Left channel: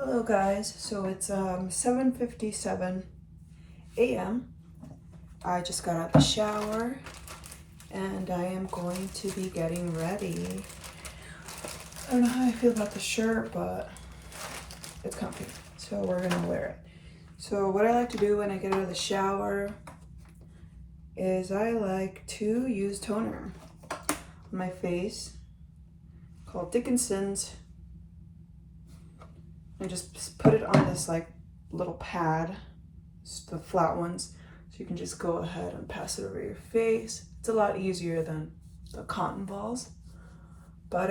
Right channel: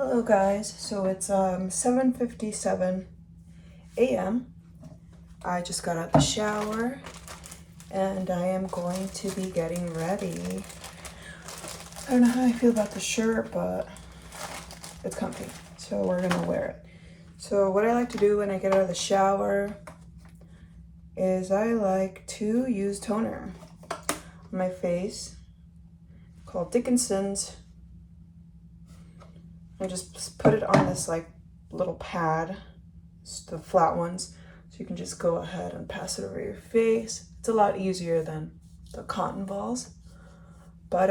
Hello guys, so it's 7:57 a.m. I just got out of the shower and I am going to be getting ready. I don't know how I feel about the shirt, but it's comfy, so we're gonna wear it. So what I like to do when I get out of the shower is I like to use toner on my face called Dickinson's. I just put it on this like little pad, the flat ones, so you can just go ahead and pass it over your face. It's a lot easier than the cotton balls. But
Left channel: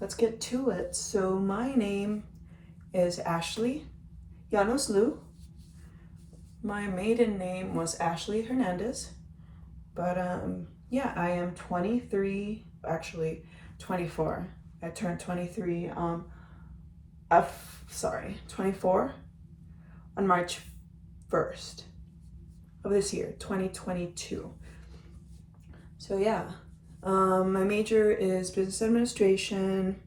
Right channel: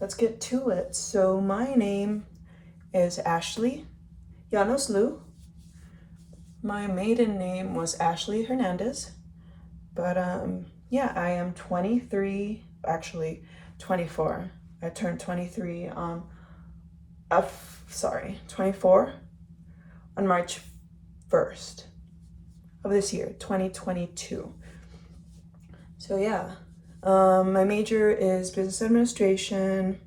let's get to it. So my name is Ashley Llanos Lu. My maiden name was Ashley Hernandez. But yeah, I am 23, actually 24. I turned 23 24 on March 1st of this year, 2022. So yeah, my major is business administration.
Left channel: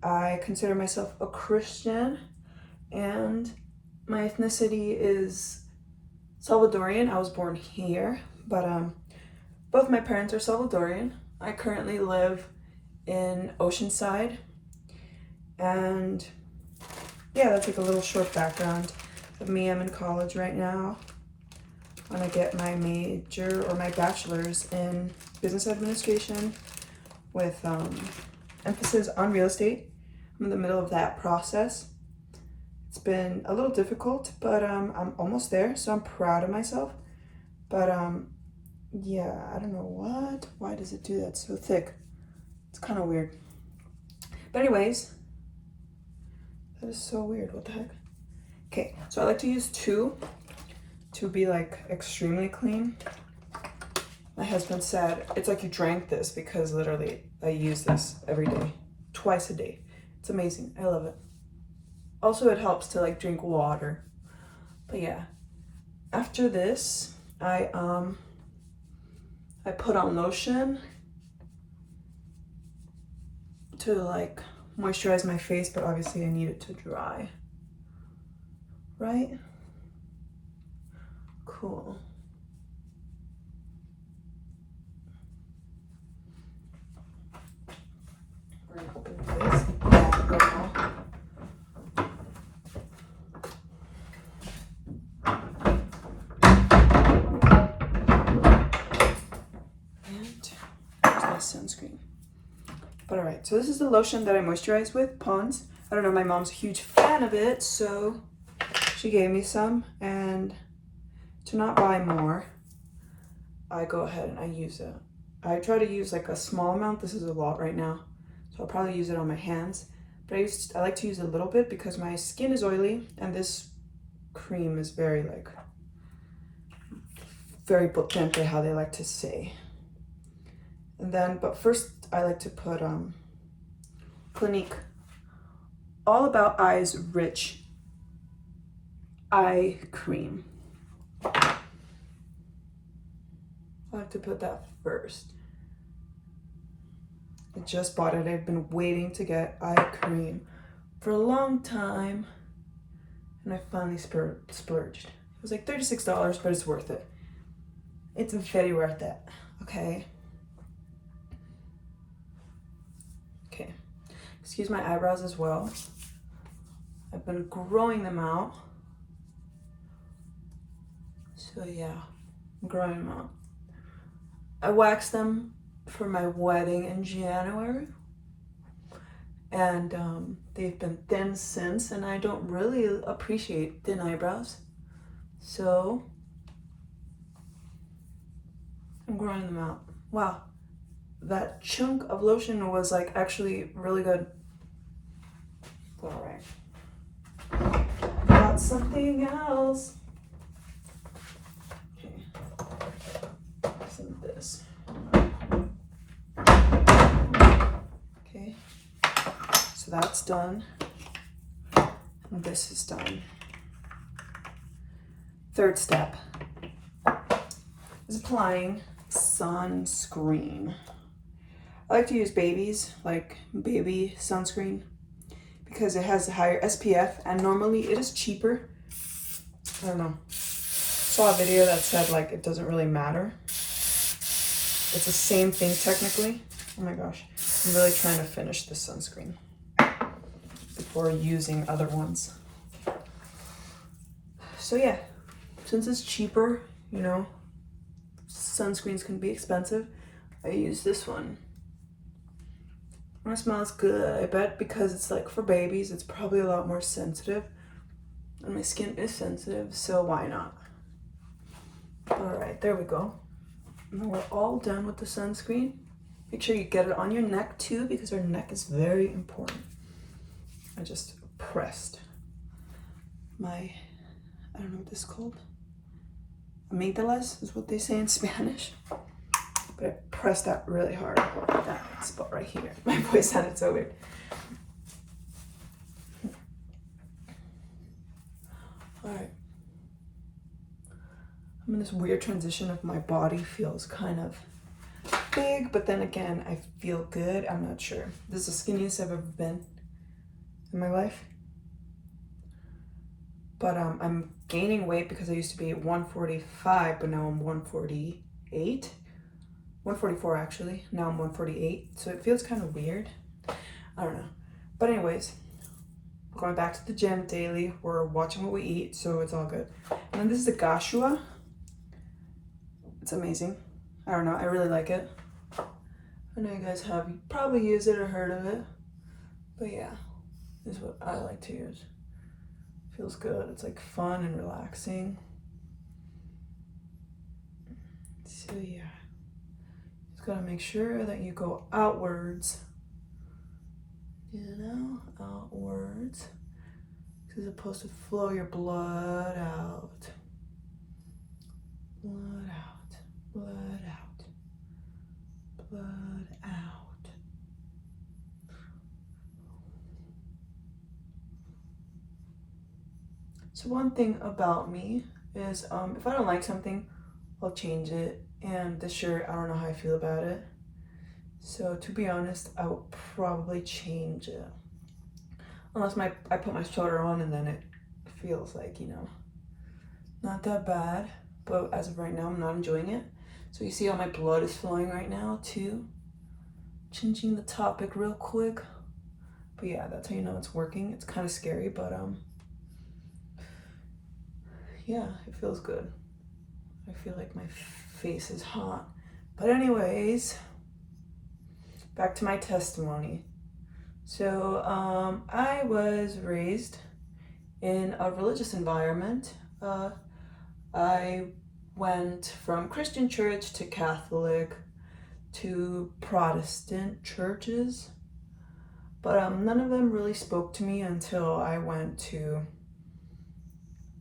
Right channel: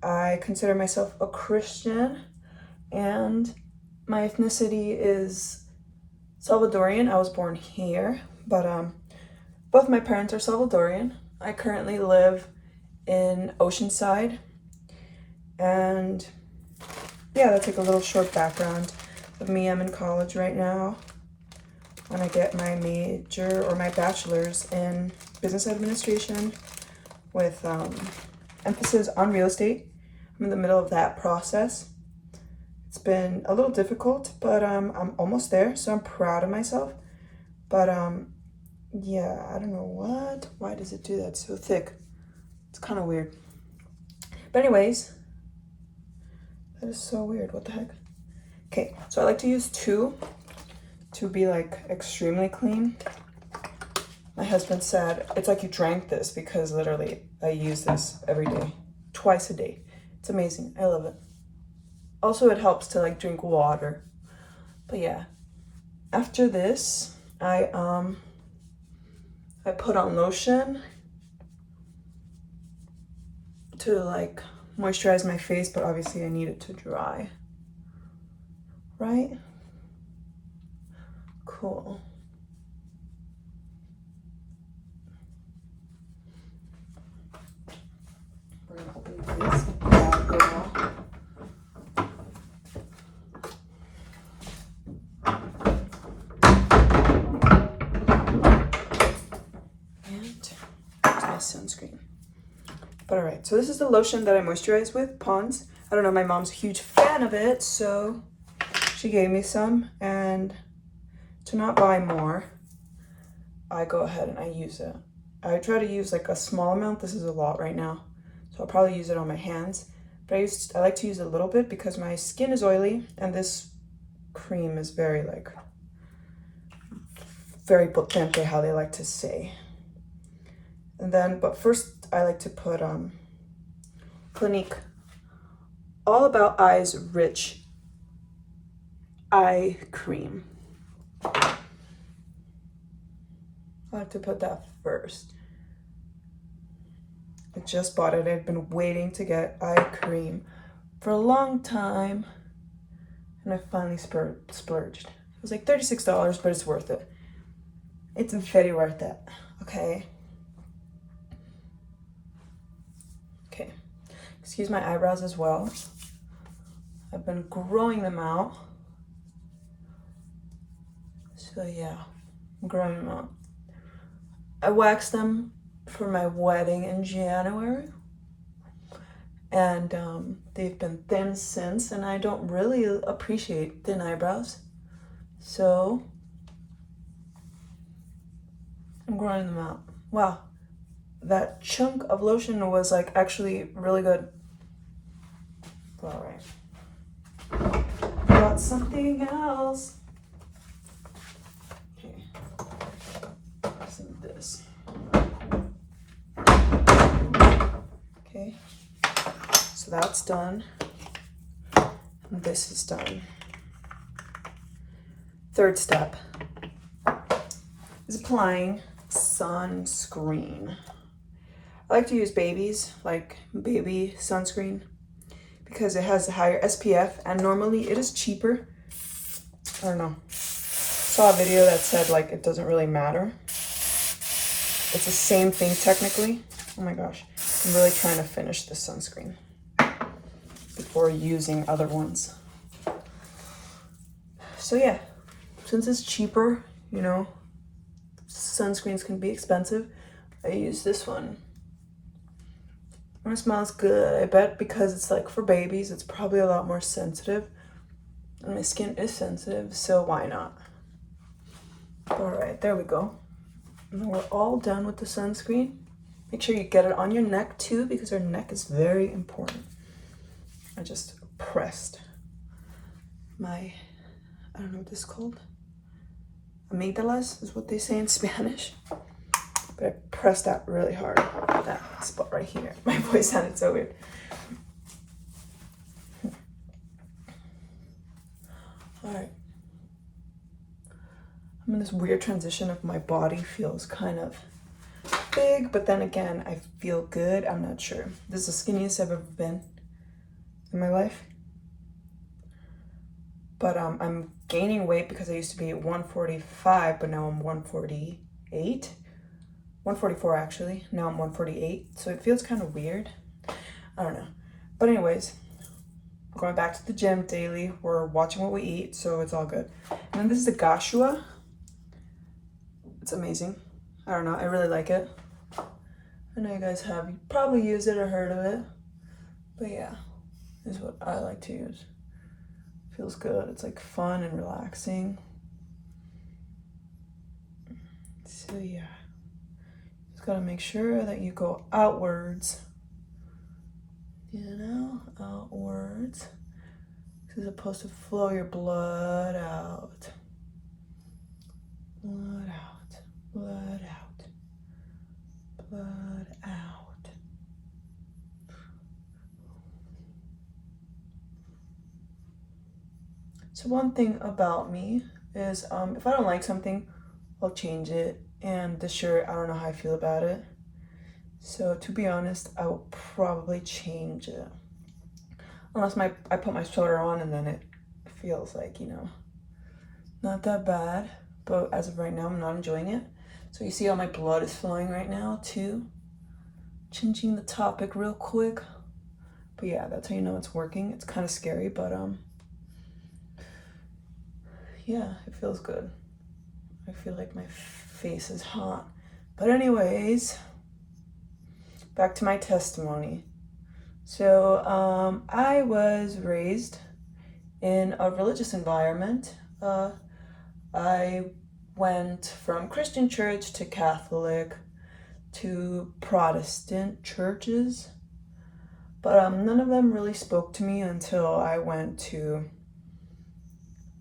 I consider myself a Christian and my ethnicity is Salvadorian. I was born here, but both my parents are Salvadorian. I currently live in Oceanside. And yeah, that's like a little short background of me. I'm in college right now when I get my major or my bachelor's in business administration with emphasis on real estate. I'm in the middle of that process. It's been a little difficult, but I'm almost there, so I'm proud of myself. But yeah, I don't know why does it do that? It's so thick. It's kind of weird. But anyways, that is so weird. What the heck? Okay, so I like to use two to be like extremely clean. My husband said it's like you drank this because literally I use this every day, twice a day. It's amazing. I love it. Also, it helps to like drink water. But yeah, after this, I put on lotion to like moisturize my face, but obviously I need it to dry. Right? Cool. We're gonna open this bag right now. And there's my sunscreen. But all right, so this is the lotion that I moisturize with, Pond's. I don't know, my mom's a huge fan of it, so she gave me some. And to not buy more, I go ahead and I use it. I try to use like a small amount. This is a lot right now, so I'll probably use it on my hands. But I like to use a little bit because my skin is oily, and this cream is very potente, how they like to say. And then, but first I like to put Clinique All About Eyes Rich Eye Cream. I have to put that first. I just bought it. I've been waiting to get eye cream for a long time, and I finally splurged. It was like $36, but it's worth it. It's very worth it. Okay. Excuse my eyebrows as well. I've been growing them out. So yeah, I'm growing them out. I waxed them for my wedding in January. And they've been thin since, and I don't really appreciate thin eyebrows. So I'm growing them out. Wow, that chunk of lotion was like actually really good. All right, got something else. Okay, some of this. Okay, so that's done. And this is done. Third step is applying sunscreen. I like to use baby sunscreen because it has a higher SPF, and normally it is cheaper. I don't know. Saw a video that said like it doesn't really matter. It's the same thing technically. Oh my gosh. I'm really trying to finish this sunscreen before using other ones. So yeah, since it's cheaper, you know, sunscreens can be expensive, I use this one. And it smells good. I bet because it's like for babies, it's probably a lot more sensitive. And my skin is sensitive, so why not? All right, there we go. And we're all done with the sunscreen. Make sure you get it on your neck too, because our neck is very important. I just pressed my, I don't know what this is called. Amygdalas is what they say in Spanish. But I pressed that really hard. That spot right here. My voice sounded so weird. All right. I'm in this weird transition of my body feels kind of big, but then again, I feel good. I'm not sure. This is the skinniest I've ever been in my life. But I'm gaining weight because I used to be 145, but now I'm 148. 144 actually. Now I'm 148. So it feels kind of weird. I don't know. But anyways, we're going back to the gym daily. We're watching what we eat, so it's all good. And then this is the Gashua. It's amazing. I don't know. I really like it. I know you guys have probably used it or heard of it. But yeah, this is what I like to use. Feels good. It's like fun and relaxing. So yeah. Just gotta make sure that you go outwards. You know, outwards. It's supposed to flow your blood out. Blood out. Blood out. Blood out. So one thing about me is if I don't like something, I'll change it. And this shirt, I don't know how I feel about it. So to be honest, I will probably change it. Unless I put my sweater on and then it feels like, you know, not that bad. But as of right now, I'm not enjoying it. So you see how my blood is flowing right now too. Changing the topic real quick. But yeah, that's how you know it's working. It's kind of scary, but yeah, it feels good. I feel like my face is hot. But anyways, back to my testimony. So I was raised in a religious environment. I went from Christian church to Catholic to Protestant churches, but none of them really spoke to me until I went to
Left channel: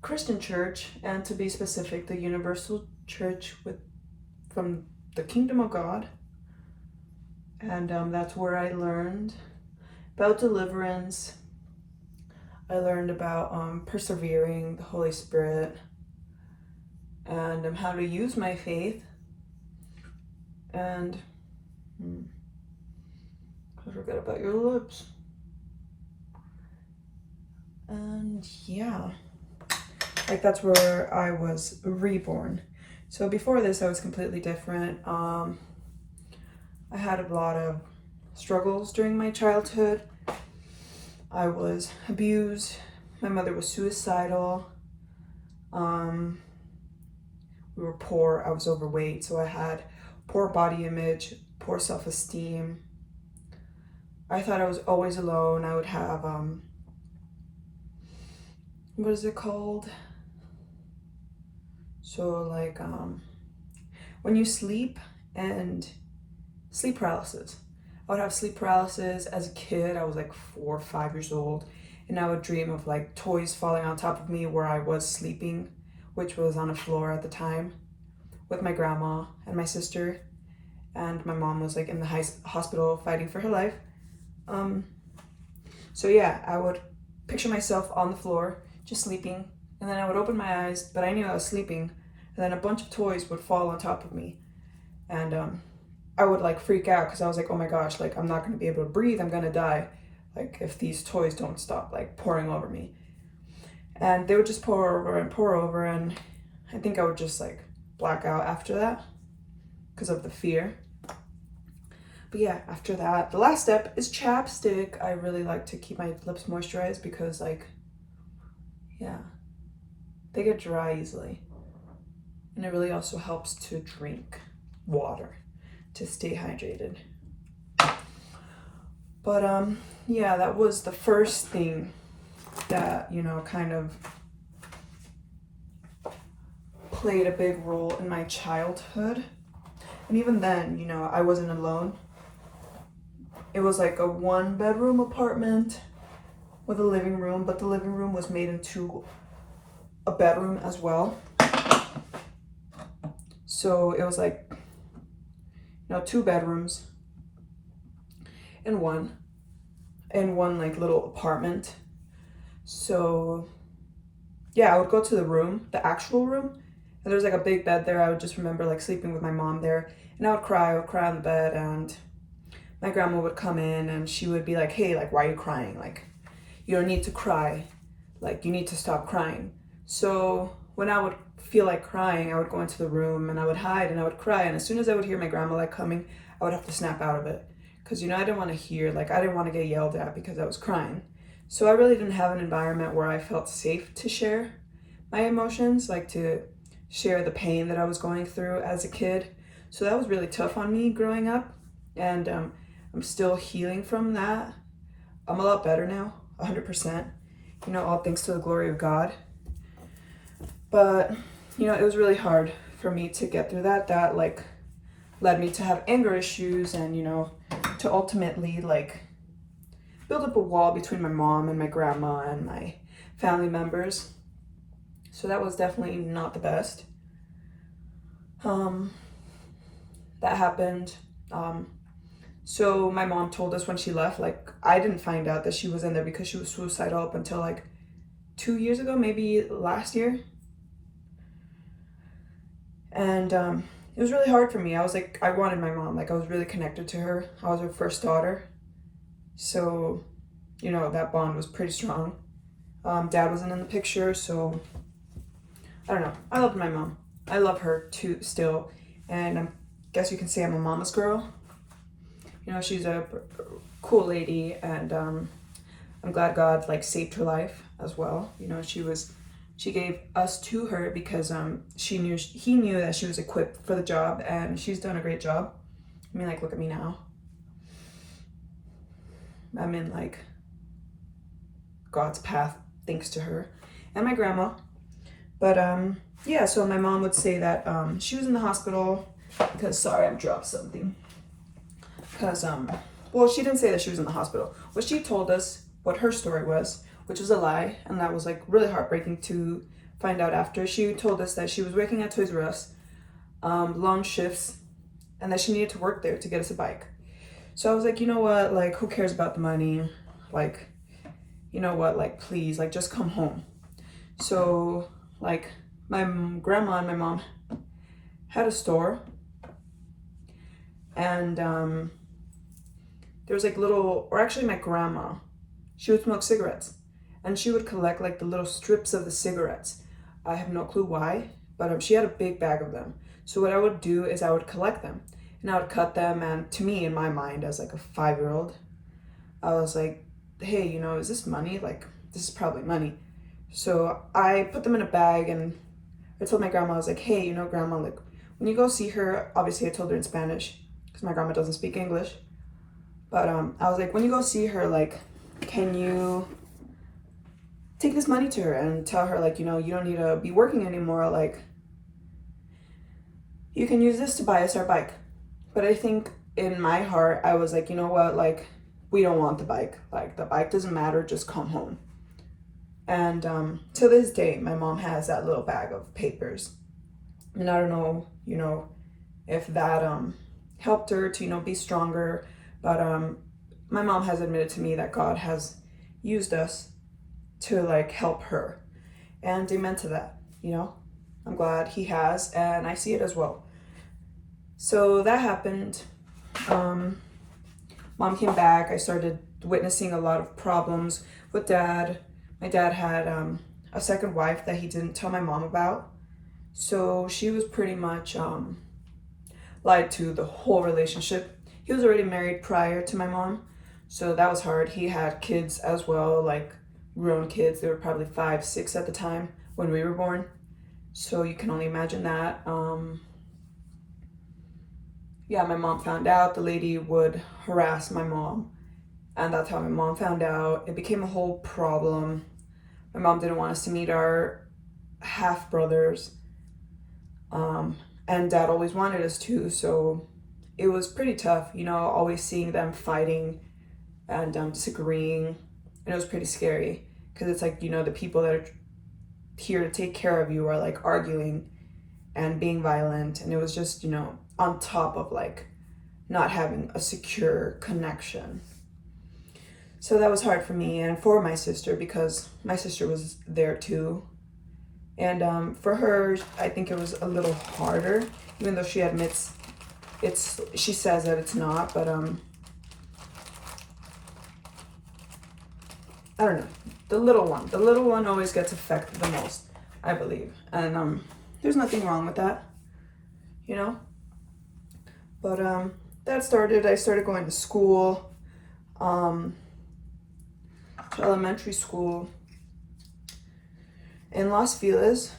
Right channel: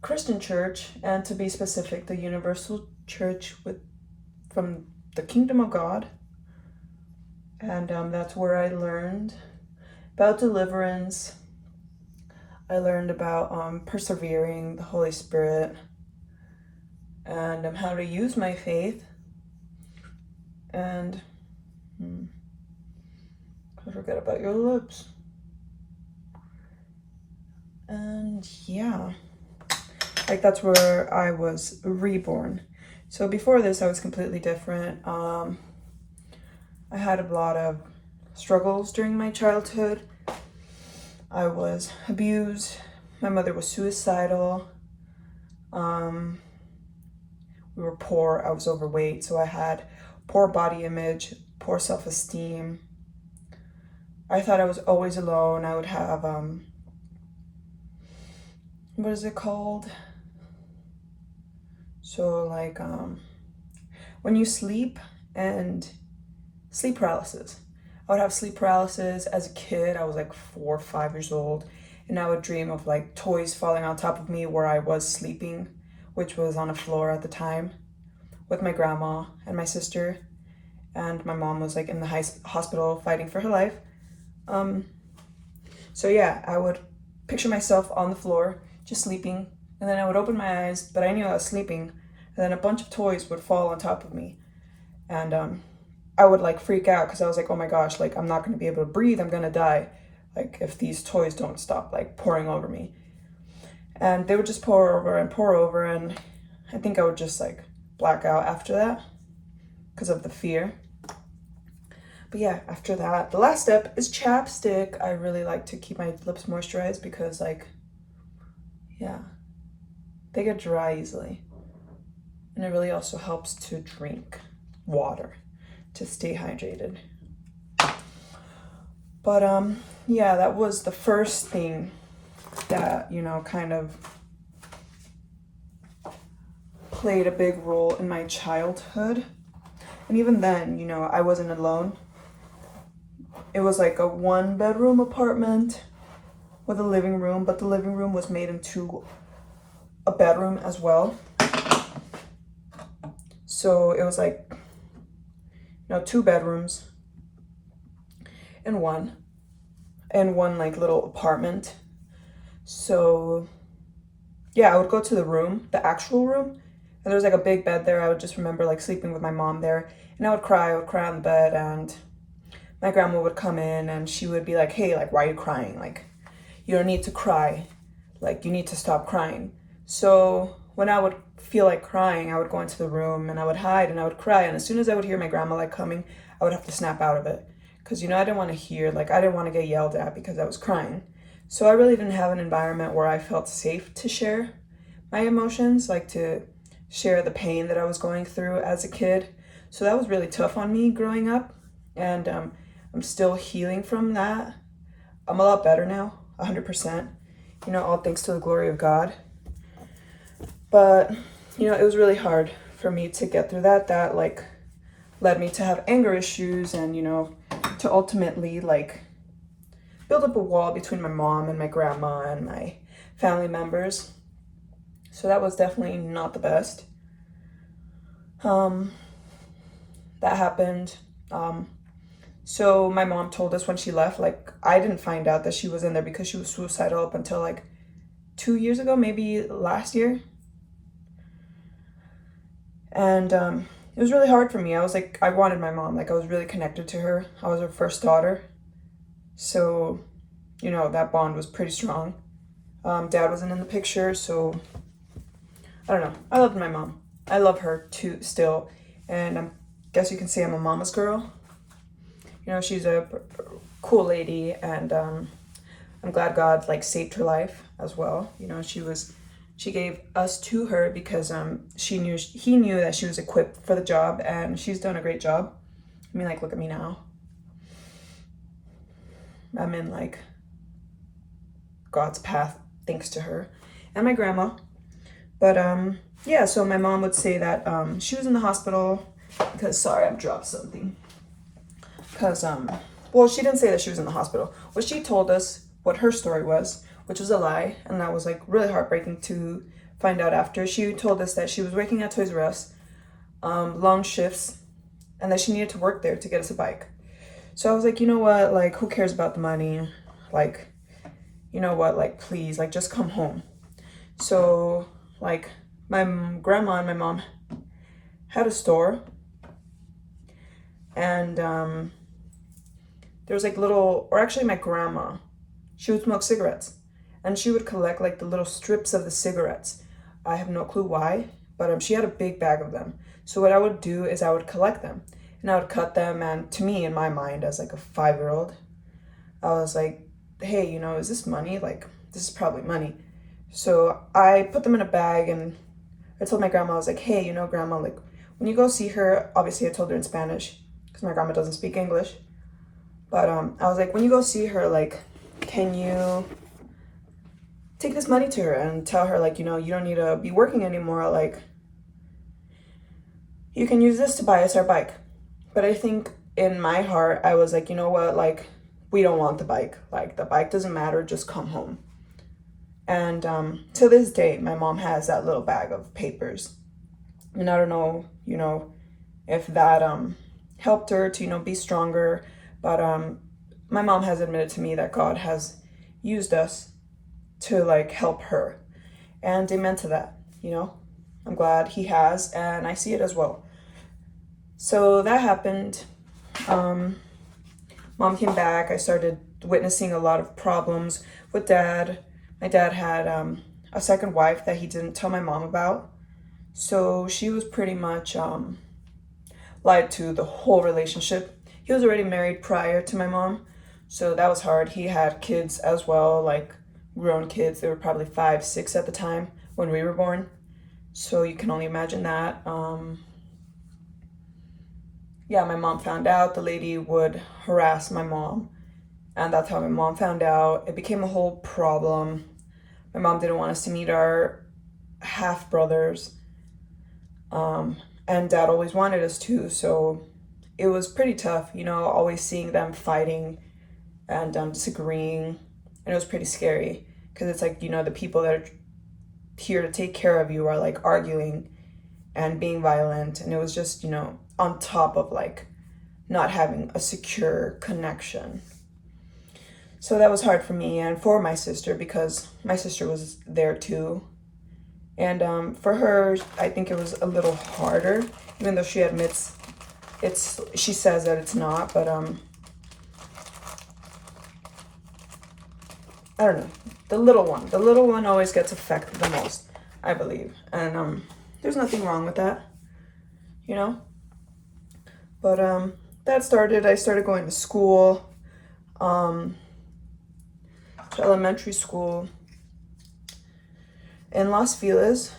Christian church, and to be specific, the Universal Church from the Kingdom of God. And that's where I learned about deliverance. I learned about persevering, the Holy Spirit, and how to use my faith. And don't forget about your lips. And yeah, like that's where I was reborn. So before this, I was completely different. I had a lot of struggles during my childhood. I was abused. My mother was suicidal. We were poor. I was overweight, so I had poor body image, poor self-esteem. I thought I was always alone. I would have what is it called? So like when you sleep and sleep paralysis. I would have sleep paralysis as a kid. I was like 4 or 5 years old, and I would dream of like toys falling on top of me where I was sleeping, which was on a floor at the time, with my grandma and my sister, and my mom was like in the hospital fighting for her life. So yeah, I would picture myself on the floor, just sleeping, and then I would open my eyes, but I knew I was sleeping, and then a bunch of toys would fall on top of me, and I would like freak out because I was like, oh my gosh, like I'm not going to be able to breathe, I'm going to die. like if these toys don't stop like pouring over me. And they would just pour over, and I think I would just like black out after that because of the fear. But yeah, after that, the last step is chapstick. I really like to keep my lips moisturized because like, yeah, they get dry easily. And it really also helps to drink water to stay hydrated. But yeah, that was the first thing that, you know, kind of played a big role in my childhood. And even then, you know, I wasn't alone. It was like a 1-bedroom apartment with a living room, but the living room was made into a bedroom as well. So it was like, you know, 2 bedrooms in one like little apartment. So yeah, I would go to the room, the actual room, and there was like a big bed there. I would just remember like sleeping with my mom there, and I would cry on the bed, and my grandma would come in and she would be like, hey, like, why are you crying? Like, you don't need to cry. Like, you need to stop crying. So when I would feel like crying, I would go into the room and I would hide and I would cry. And as soon as I would hear my grandma like coming, I would have to snap out of it. Because, you know, I didn't want to hear, like, I didn't want to get yelled at because I was crying. So I really didn't have an environment where I felt safe to share my emotions, like to share the pain that I was going through as a kid. So that was really tough on me growing up. And I'm still healing from that. I'm a lot better now, 100%. You know, all thanks to the glory of God. But, you know, it was really hard for me to get through that. That, like, led me to have anger issues and, you know, to ultimately, like, build up a wall between my mom and my grandma and my family members. So that was definitely not the best. That happened. So my mom told us when she left, like, I didn't find out that she was in there because she was suicidal up until like 2 years ago, maybe last year. And it was really hard for me. I was like, I wanted my mom. Like, I was really connected to her. I was her first daughter. So, you know, that bond was pretty strong. Dad wasn't in the picture, so I don't know. I loved my mom. I love her too still. And I guess you can say I'm a mama's girl. You know, she's a cool lady, and I'm glad God like saved her life as well. You know, she gave us to her because he knew that she was equipped for the job, and she's done a great job. I mean, like, look at me now. I'm in like God's path thanks to her and my grandma. But yeah, so my mom would say that she was in the hospital because, sorry, I've dropped something. Because, well, she didn't say that she was in the hospital. Well, she told us what her story was, which was a lie. And that was like really heartbreaking to find out after. She told us that she was working at Toys R Us, long shifts, and that she needed to work there to get us a bike. So I was like, you know what? Like, who cares about the money? Like, you know what? Like, please, like, just come home. So, like, my grandma and my mom had a store. And, there was like little, or actually my grandma, she would smoke cigarettes and she would collect like the little strips of the cigarettes. I have no clue why, but she had a big bag of them. So what I would do is I would collect them and I would cut them. And to me, in my mind, as like a 5-year-old, I was like, hey, you know, is this money? Like, this is probably money. So I put them in a bag and I told my grandma, I was like, hey, you know, grandma, like when you go see her, obviously I told her in Spanish because my grandma doesn't speak English. But I was like, when you go see her, like, can you take this money to her and tell her, like, you know, you don't need to be working anymore. Like, you can use this to buy us our bike. But I think in my heart, I was like, you know what? Like, we don't want the bike. Like, the bike doesn't matter. Just come home. And to this day, my mom has that little bag of papers. And I don't know, you know, if that helped her to, you know, be stronger. But my mom has admitted to me that God has used us to like help her. And amen to that, you know. I'm glad he has, and I see it as well. So that happened. Mom came back. I started witnessing a lot of problems with dad. My dad had a second wife that he didn't tell my mom about. So she was pretty much lied to the whole relationship. He was already married prior to my mom, so that was hard. He had kids as well, like grown kids. They were probably 5, 6 at the time when we were born. So you can only imagine that. Yeah, my mom found out. The lady would harass my mom, and that's how my mom found out. It became a whole problem. My mom didn't want us to meet our half brothers, and dad always wanted us to. So it was pretty tough, always seeing them fighting and disagreeing, and it was pretty scary because it's like the people that are here to take care of you are like arguing and being violent, and it was just on top of like not having a secure connection. So that was hard for me and for my sister, because my sister was there too. And for her, I think it was a little harder, even though she admits she says that it's not, but I don't know. The little one always gets affected the most, I believe. And there's nothing wrong with that, But I started going to school, to elementary school in Los Feliz,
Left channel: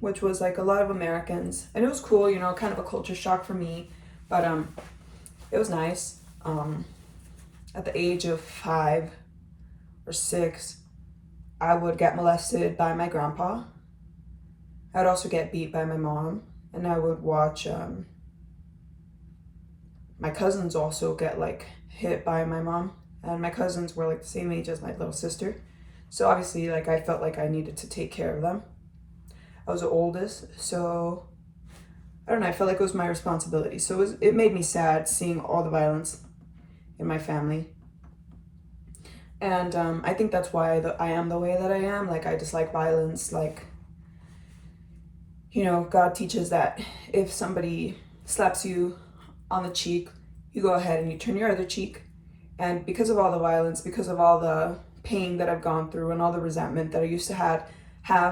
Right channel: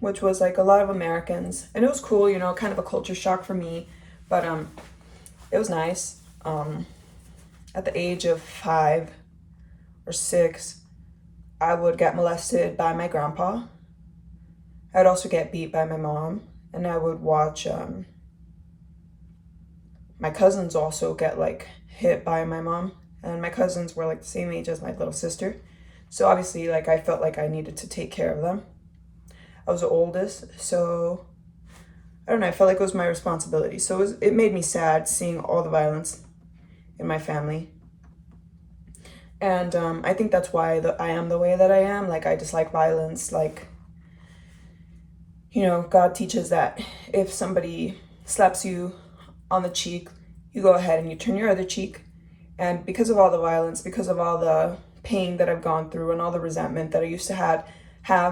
which was like a lot of Americans, and it was cool, kind of a culture shock for me, but it was nice. At the age of 5 or 6, I would get molested by my grandpa. I would also get beat by my mom, and I would watch my cousins also get like hit by my mom, and my cousins were like the same age as my little sister. So obviously, like, I felt like I needed to take care of them. I was the oldest, so I don't know, I felt like it was my responsibility. So it made me sad seeing all the violence in my family. And I think that's why I am the way that I am. Like, I dislike violence. Like, God teaches that if somebody slaps you on the cheek, you go ahead and you turn your other cheek. And because of all the violence, because of all the pain that I've gone through and all the resentment that I used to have,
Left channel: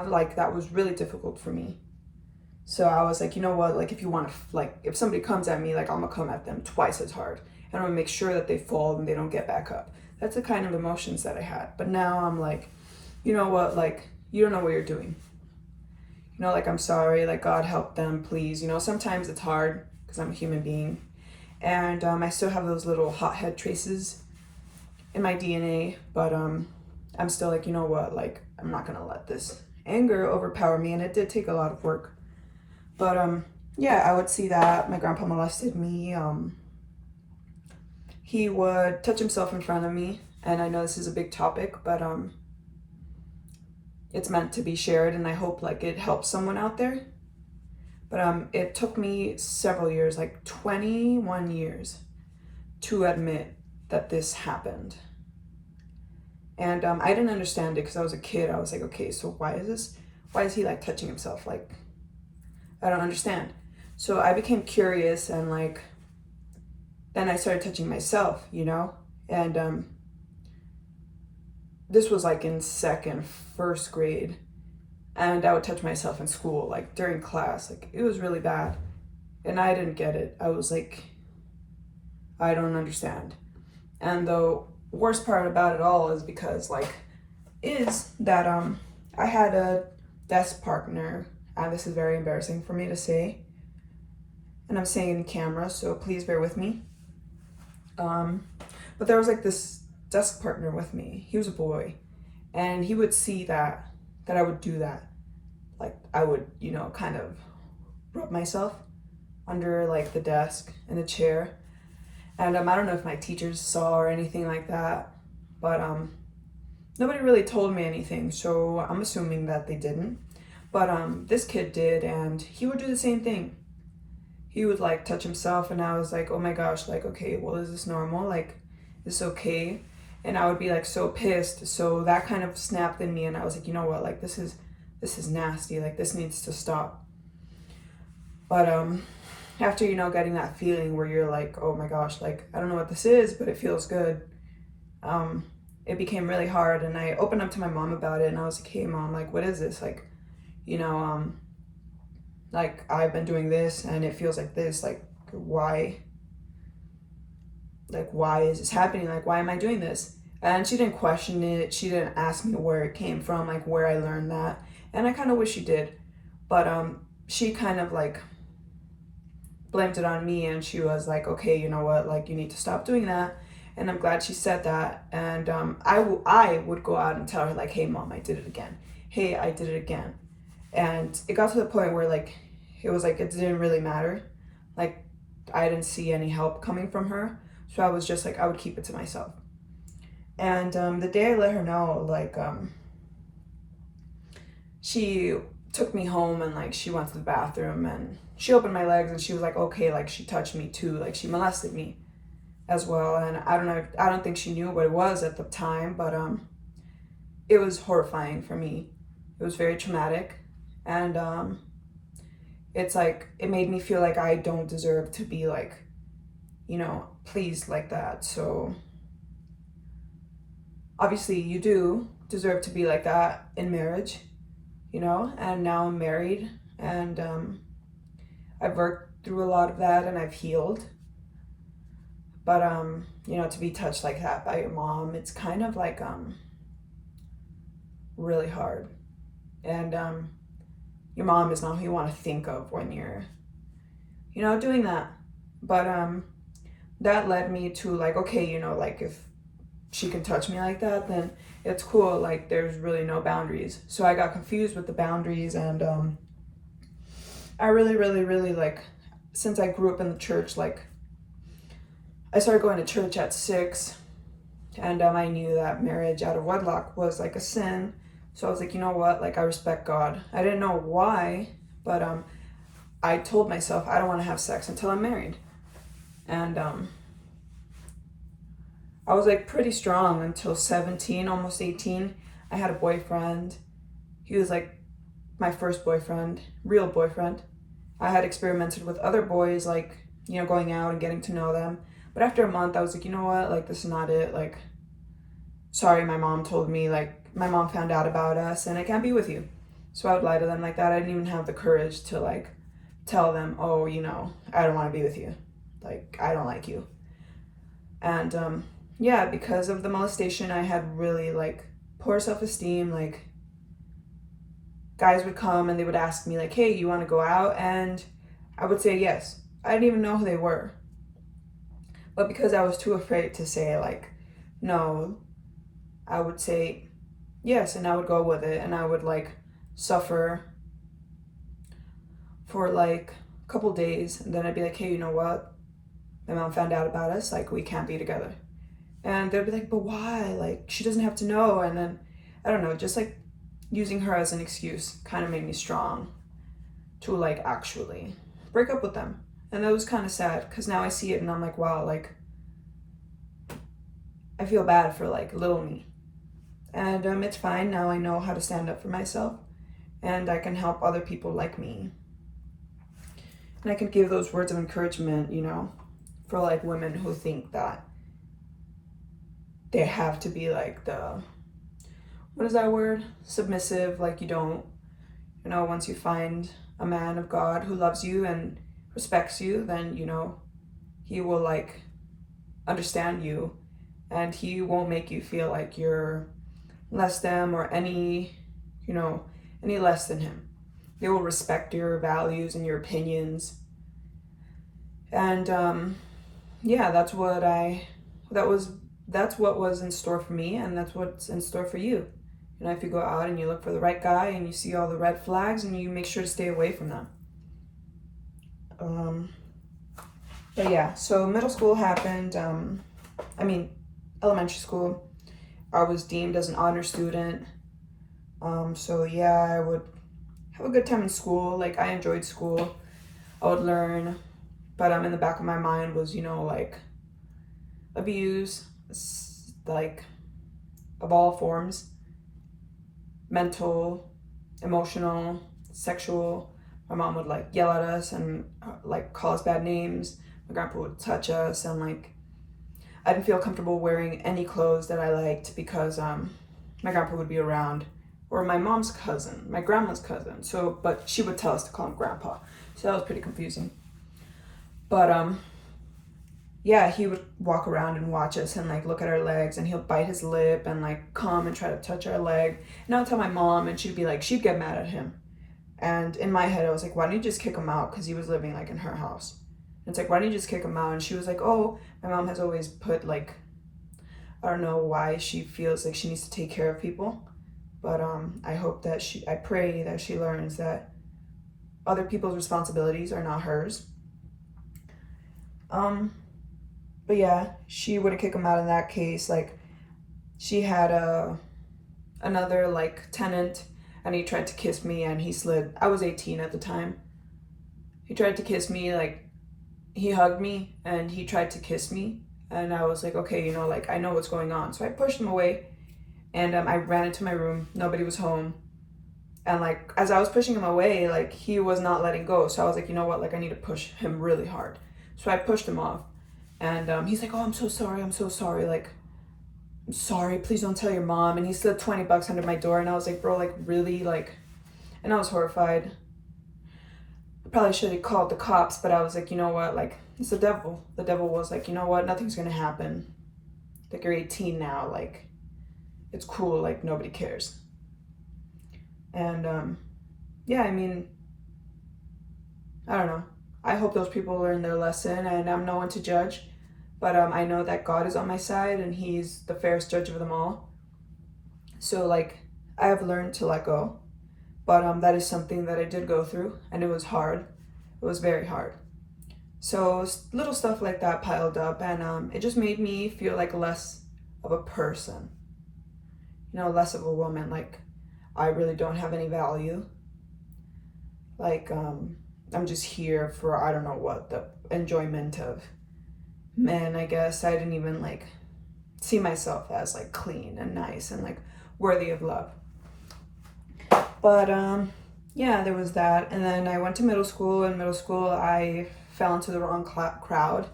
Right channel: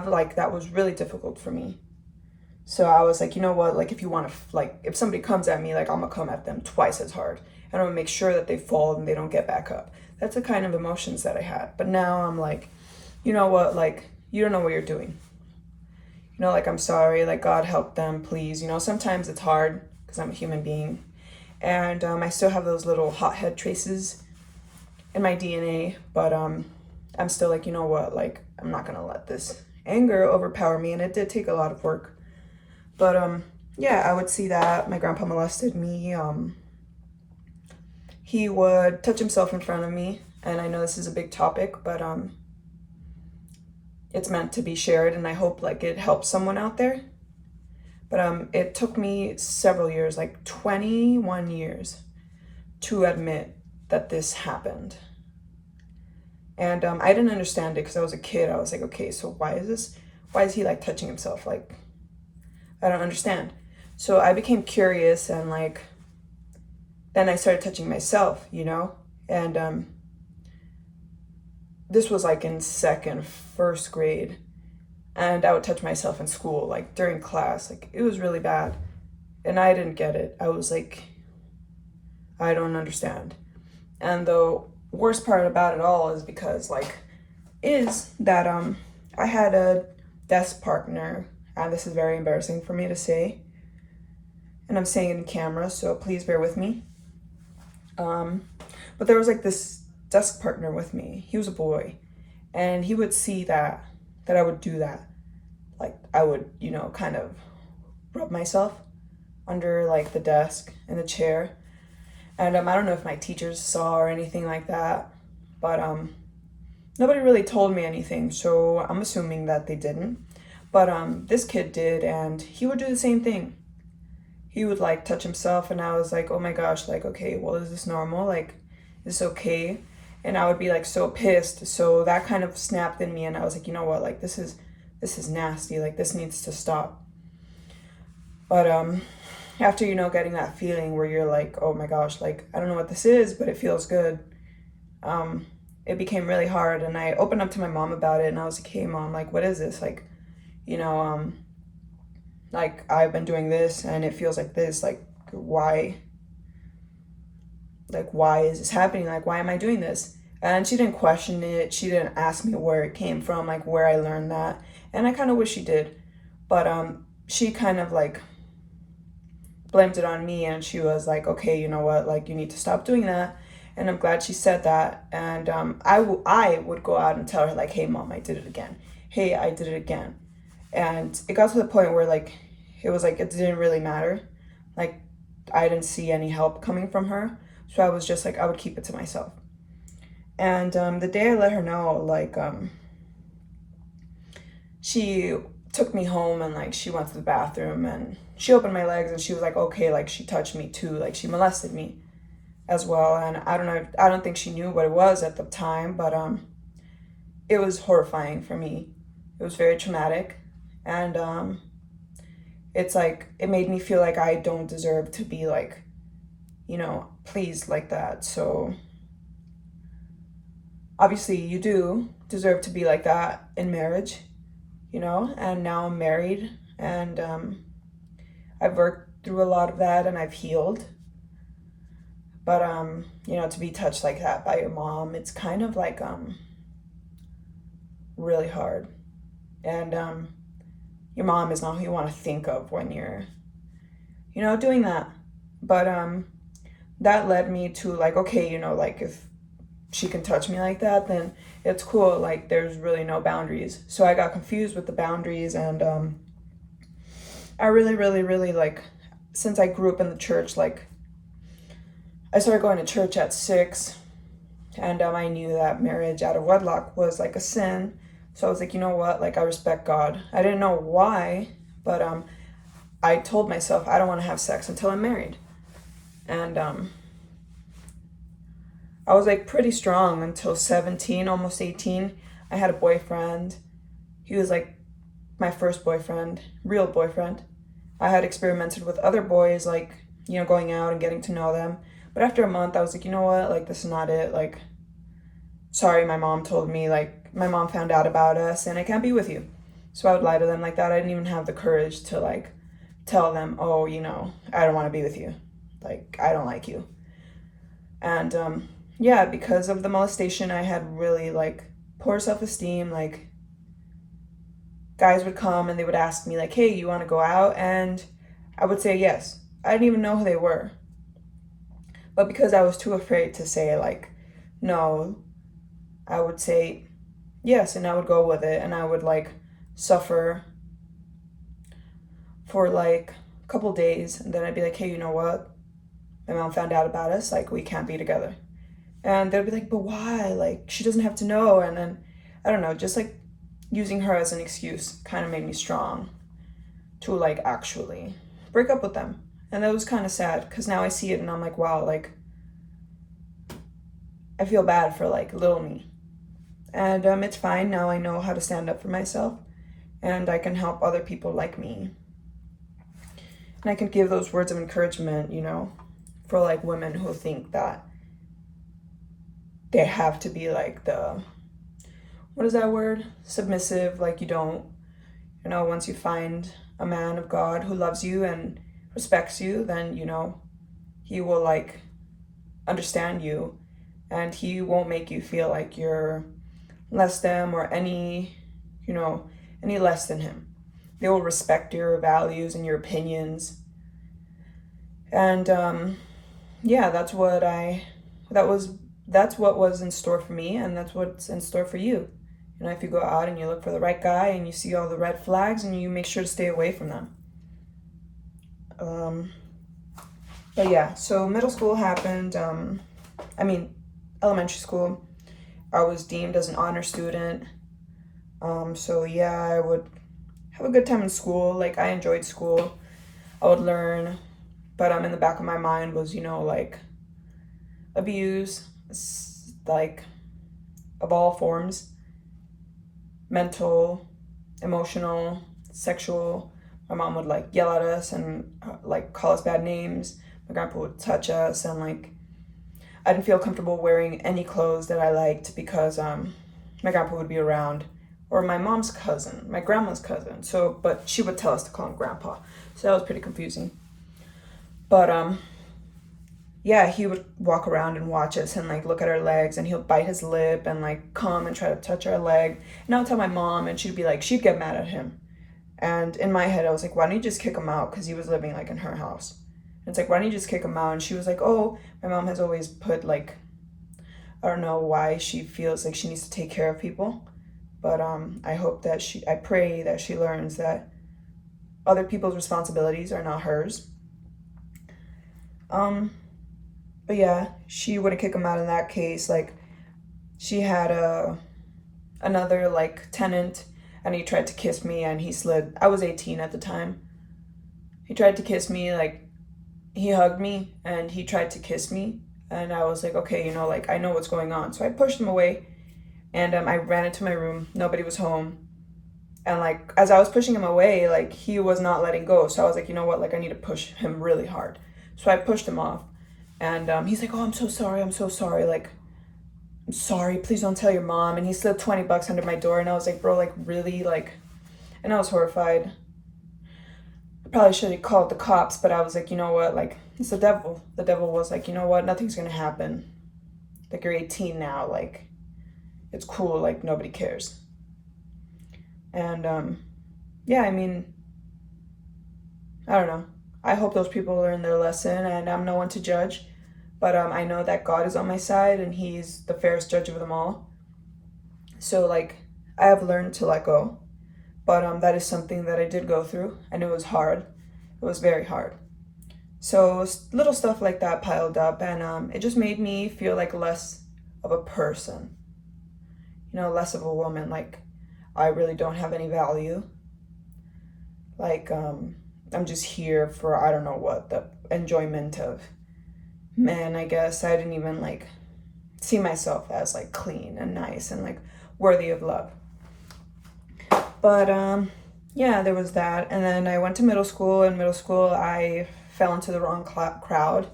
like, that was really difficult for me. So I was like, you know what, like, if you want to, like, if somebody comes at me, like, I'm gonna come at them twice as hard. And I'm gonna make sure that they fall and they don't get back up. That's the kind of emotions that I had. But now I'm like, you know what, like, you don't know what you're doing. Like, I'm sorry, like, God help them, please. Sometimes it's hard because I'm a human being. And I still have those little hothead traces in my DNA, but I'm still like, you know what, like, I'm not gonna let this anger overpower me. And it did take a lot of work. But yeah, I would see that my grandpa molested me. He would touch himself in front of me, and I know this is a big topic, but it's meant to be shared, and I hope like it helps someone out there. But it took me several years, like 21 years, to admit that this happened. And I didn't understand it because I was a kid. I was like, okay, so why is he like touching himself? Like, I don't understand. So I became curious, and like, then I started touching myself, and this was like in first grade, and I would touch myself in school, like during class. Like, it was really bad, and I didn't get it. I was like, I don't understand. And the worst part about it all is that I had a desk partner, and this is very embarrassing for me to say, and I'm saying it in camera, so please bear with me. But there was like this desk partner with me. He was a boy, and he would see that I would do that. Like, I would, kind of rub myself under like the desk and the chair. And I don't know if my teachers saw or anything like that, but nobody really told me anything, so I'm assuming that they didn't. But this kid did, and he would do the same thing. He would like touch himself, and I was like, oh my gosh, like, okay, well, is this normal? Like, is this okay? And I would be like so pissed. So that kind of snapped in me, and I was like, you know what, like, this is nasty. Like, this needs to stop. But after getting that feeling where you're like, oh my gosh, like, I don't know what this is, but it feels good, it became really hard, and I opened up to my mom about it, and I was like, hey mom, like, what is this? Like, you know, like, I've been doing this and it feels like this, like, why is this happening? Like, why am I doing this? And she didn't question it. She didn't ask me where it came from, like where I learned that. And I kind of wish she did. But she kind of like blamed it on me, and she was like, okay, you know what? Like, you need to stop doing that. And I'm glad she said that. And I would go out and tell her like, hey mom, I did it again. Hey, I did it again. And it got to the point where like, it was like, it didn't really matter. Like, I didn't see any help coming from her. So I was just like, I would keep it to myself. And the day I let her know, like, she took me home, and like, she went to the bathroom and she opened my legs, and she was like, okay, like, she touched me too. Like, she molested me as well. And I don't know, I don't think she knew what it was at the time, but it was horrifying for me. It was very traumatic. And it's like, it made me feel like I don't deserve to be like, you know, pleased like that. So obviously you do deserve to be like that in marriage, you know. And now I'm married, and I've worked through a lot of that, and I've healed. But you know, to be touched like that by your mom, it's kind of like really hard. And your mom is not who you want to think of when you're, you know, doing that. But that led me to like, okay, you know, like, if she can touch me like that, then it's cool. Like, there's really no boundaries. So I got confused with the boundaries, and I really like, since I grew up in the church, like, I started going to church at 6, and I knew that marriage out of wedlock was like a sin. So I was like, you know what, like, I respect God. I didn't know why, but I told myself I don't want to have sex until I'm married. And I was like pretty strong until 17, almost 18. I had a boyfriend. He was like my first boyfriend, real boyfriend. I had experimented with other boys, like, you know, going out and getting to know them. But after a month, I was like, you know what, like, this is not it. Like, sorry, my mom told me, like, my mom found out about us and I can't be with you. So I would lie to them like that. I didn't even have the courage to like tell them, oh, you know, I don't want to be with you. Like, I don't like you. And yeah, because of the molestation, I had really like poor self-esteem. Like, guys would come and they would ask me like, hey, you want to go out? And I would say yes. I didn't even know who they were. But because I was too afraid to say like no, I would say yes, and I would go with it, and I would like suffer for like a couple days, and then I'd be like, hey, you know what? My mom found out about us, like, we can't be together. And they'd be like, but why? Like, she doesn't have to know. And then, I don't know, just like using her as an excuse kind of made me strong to like actually break up with them. And that was kind of sad, because now I see it and I'm like, wow, like, I feel bad for like little me. And it's fine. Now I know how to stand up for myself, and I can help other people like me. And I can give those words of encouragement, you know, for like women who think that they have to be like the, what is that word? Submissive. Like, you don't, you know, once you find a man of God who loves you and respects you, then, you know, he will like understand you, and he won't make you feel like you're less than or any, you know, any less than him. They will respect your values and your opinions. And yeah, that's what was in store for me, and that's what's in store for you. You know, if you go out and you look for the right guy and you see all the red flags, and you make sure to stay away from them. But yeah, so middle school happened. Elementary school, I was deemed as an honor student. So yeah, I would have a good time in school. Like, I enjoyed school. I would learn, but in the back of my mind was, you know, like, abuse, like, of all forms, mental, emotional, sexual. My mom would like yell at us and like call us bad names. My grandpa would touch us, and like, I didn't feel comfortable wearing any clothes that I liked because my grandpa would be around, or my mom's cousin, my grandma's cousin. So, but she would tell us to call him grandpa. So that was pretty confusing. But yeah, he would walk around and watch us and like look at our legs, and he'll bite his lip and like come and try to touch our leg. And I'll tell my mom, and she'd be like, she'd get mad at him. And in my head, I was like, why don't you just kick him out? Because he was living like in her house. And it's like, why don't you just kick him out? And she was like, oh, my mom has always put like, I don't know why she feels like she needs to take care of people. But I pray that she learns that other people's responsibilities are not hers. But yeah, she wouldn't kick him out in that case. Like, she had another like tenant, and he tried to kiss me, and he slid. I was 18 at the time. He tried to kiss me, like, he hugged me, and he tried to kiss me, and I was like, okay, you know, like, I know what's going on. So I pushed him away, and I ran into my room. Nobody was home. And like, as I was pushing him away, like, he was not letting go. So I was like, you know what, like, I need to push him really hard. So I pushed him off, and he's like, oh, I'm so sorry, like, I'm sorry, please don't tell your mom. And he slipped $20 under my door, and I was like, bro, like, really, like, and I was horrified. I probably should have called the cops, but I was like, you know what, like, it's the devil. The devil was like, you know what, nothing's gonna happen. Like, you're 18 now, like, it's cool, like, nobody cares. And yeah, I mean, I don't know. I hope those people learn their lesson, and I'm no one to judge. But I know that God is on my side, and he's the fairest judge of them all. So like, I have learned to let go. But that is something that I did go through, and it was hard. It was very hard. So little stuff like that piled up, and it just made me feel like less of a person. You know, less of a woman. Like, I really don't have any value. Like, I'm just here for, I don't know what, the enjoyment of men, I guess. I didn't even like see myself as like clean and nice and like worthy of love. But yeah, there was that. And then I went to middle school. In middle school, I fell into the wrong crowd.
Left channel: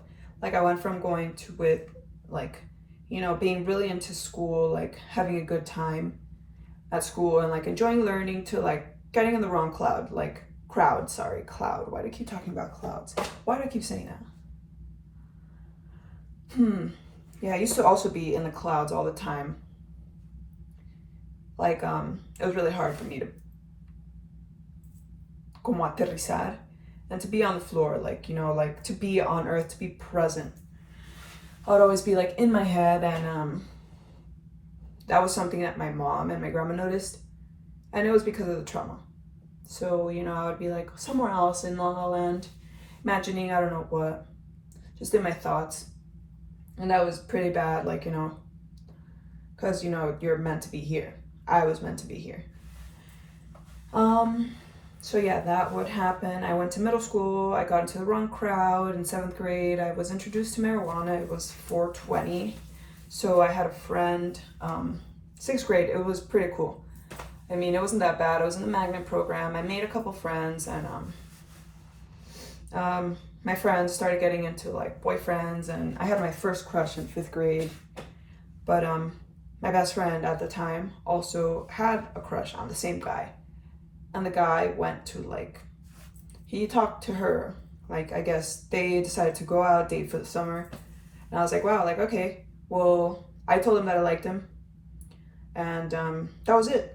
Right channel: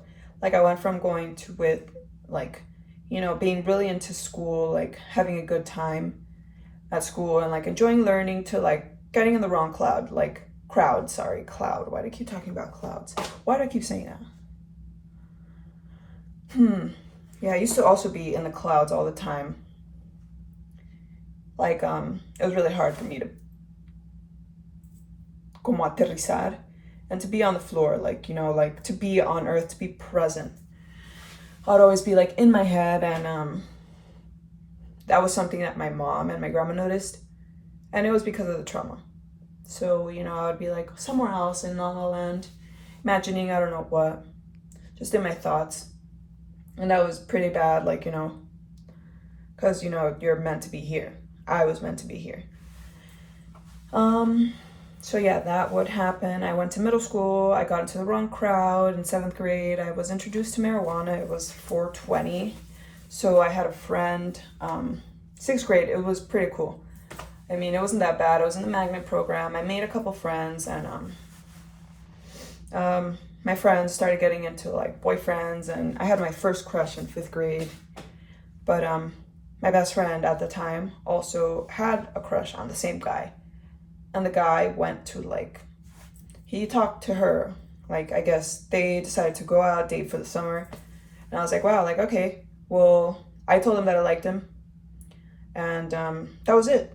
Like, I went from going to with like, you know, being really into school, like having a good time at school and like enjoying learning, to like getting in the wrong cloud. Cloud. Why do I keep talking about clouds? Why do I keep saying that? Yeah, I used to also be in the clouds all the time. Like, it was really hard for me to como aterrizar and to be on the floor, like, you know, like to be on earth, to be present. I would always be like in my head, and that was something that my mom and my grandma noticed, and it was because of the trauma. So, you know, I would be like somewhere else in La La Land, imagining I don't know what, just in my thoughts. And that was pretty bad, like, you know, because, you know, you're meant to be here. I was meant to be here. So yeah, that would happen. I went to middle school. I got into the wrong crowd. In 7th grade, I was introduced to marijuana. It was 420. So I had a friend. 6th grade, it was pretty cool. I mean, it wasn't that bad. I was in the magnet program. I made a couple friends, and my friends started getting into like boyfriends, and I had my first crush in 5th grade. But my best friend at the time also had a crush on the same guy. And the guy went to like, he talked to her. Like, I guess they decided to go out, date for the summer. And I was like, wow, like, okay. Well, I told him that I liked him. And that was it.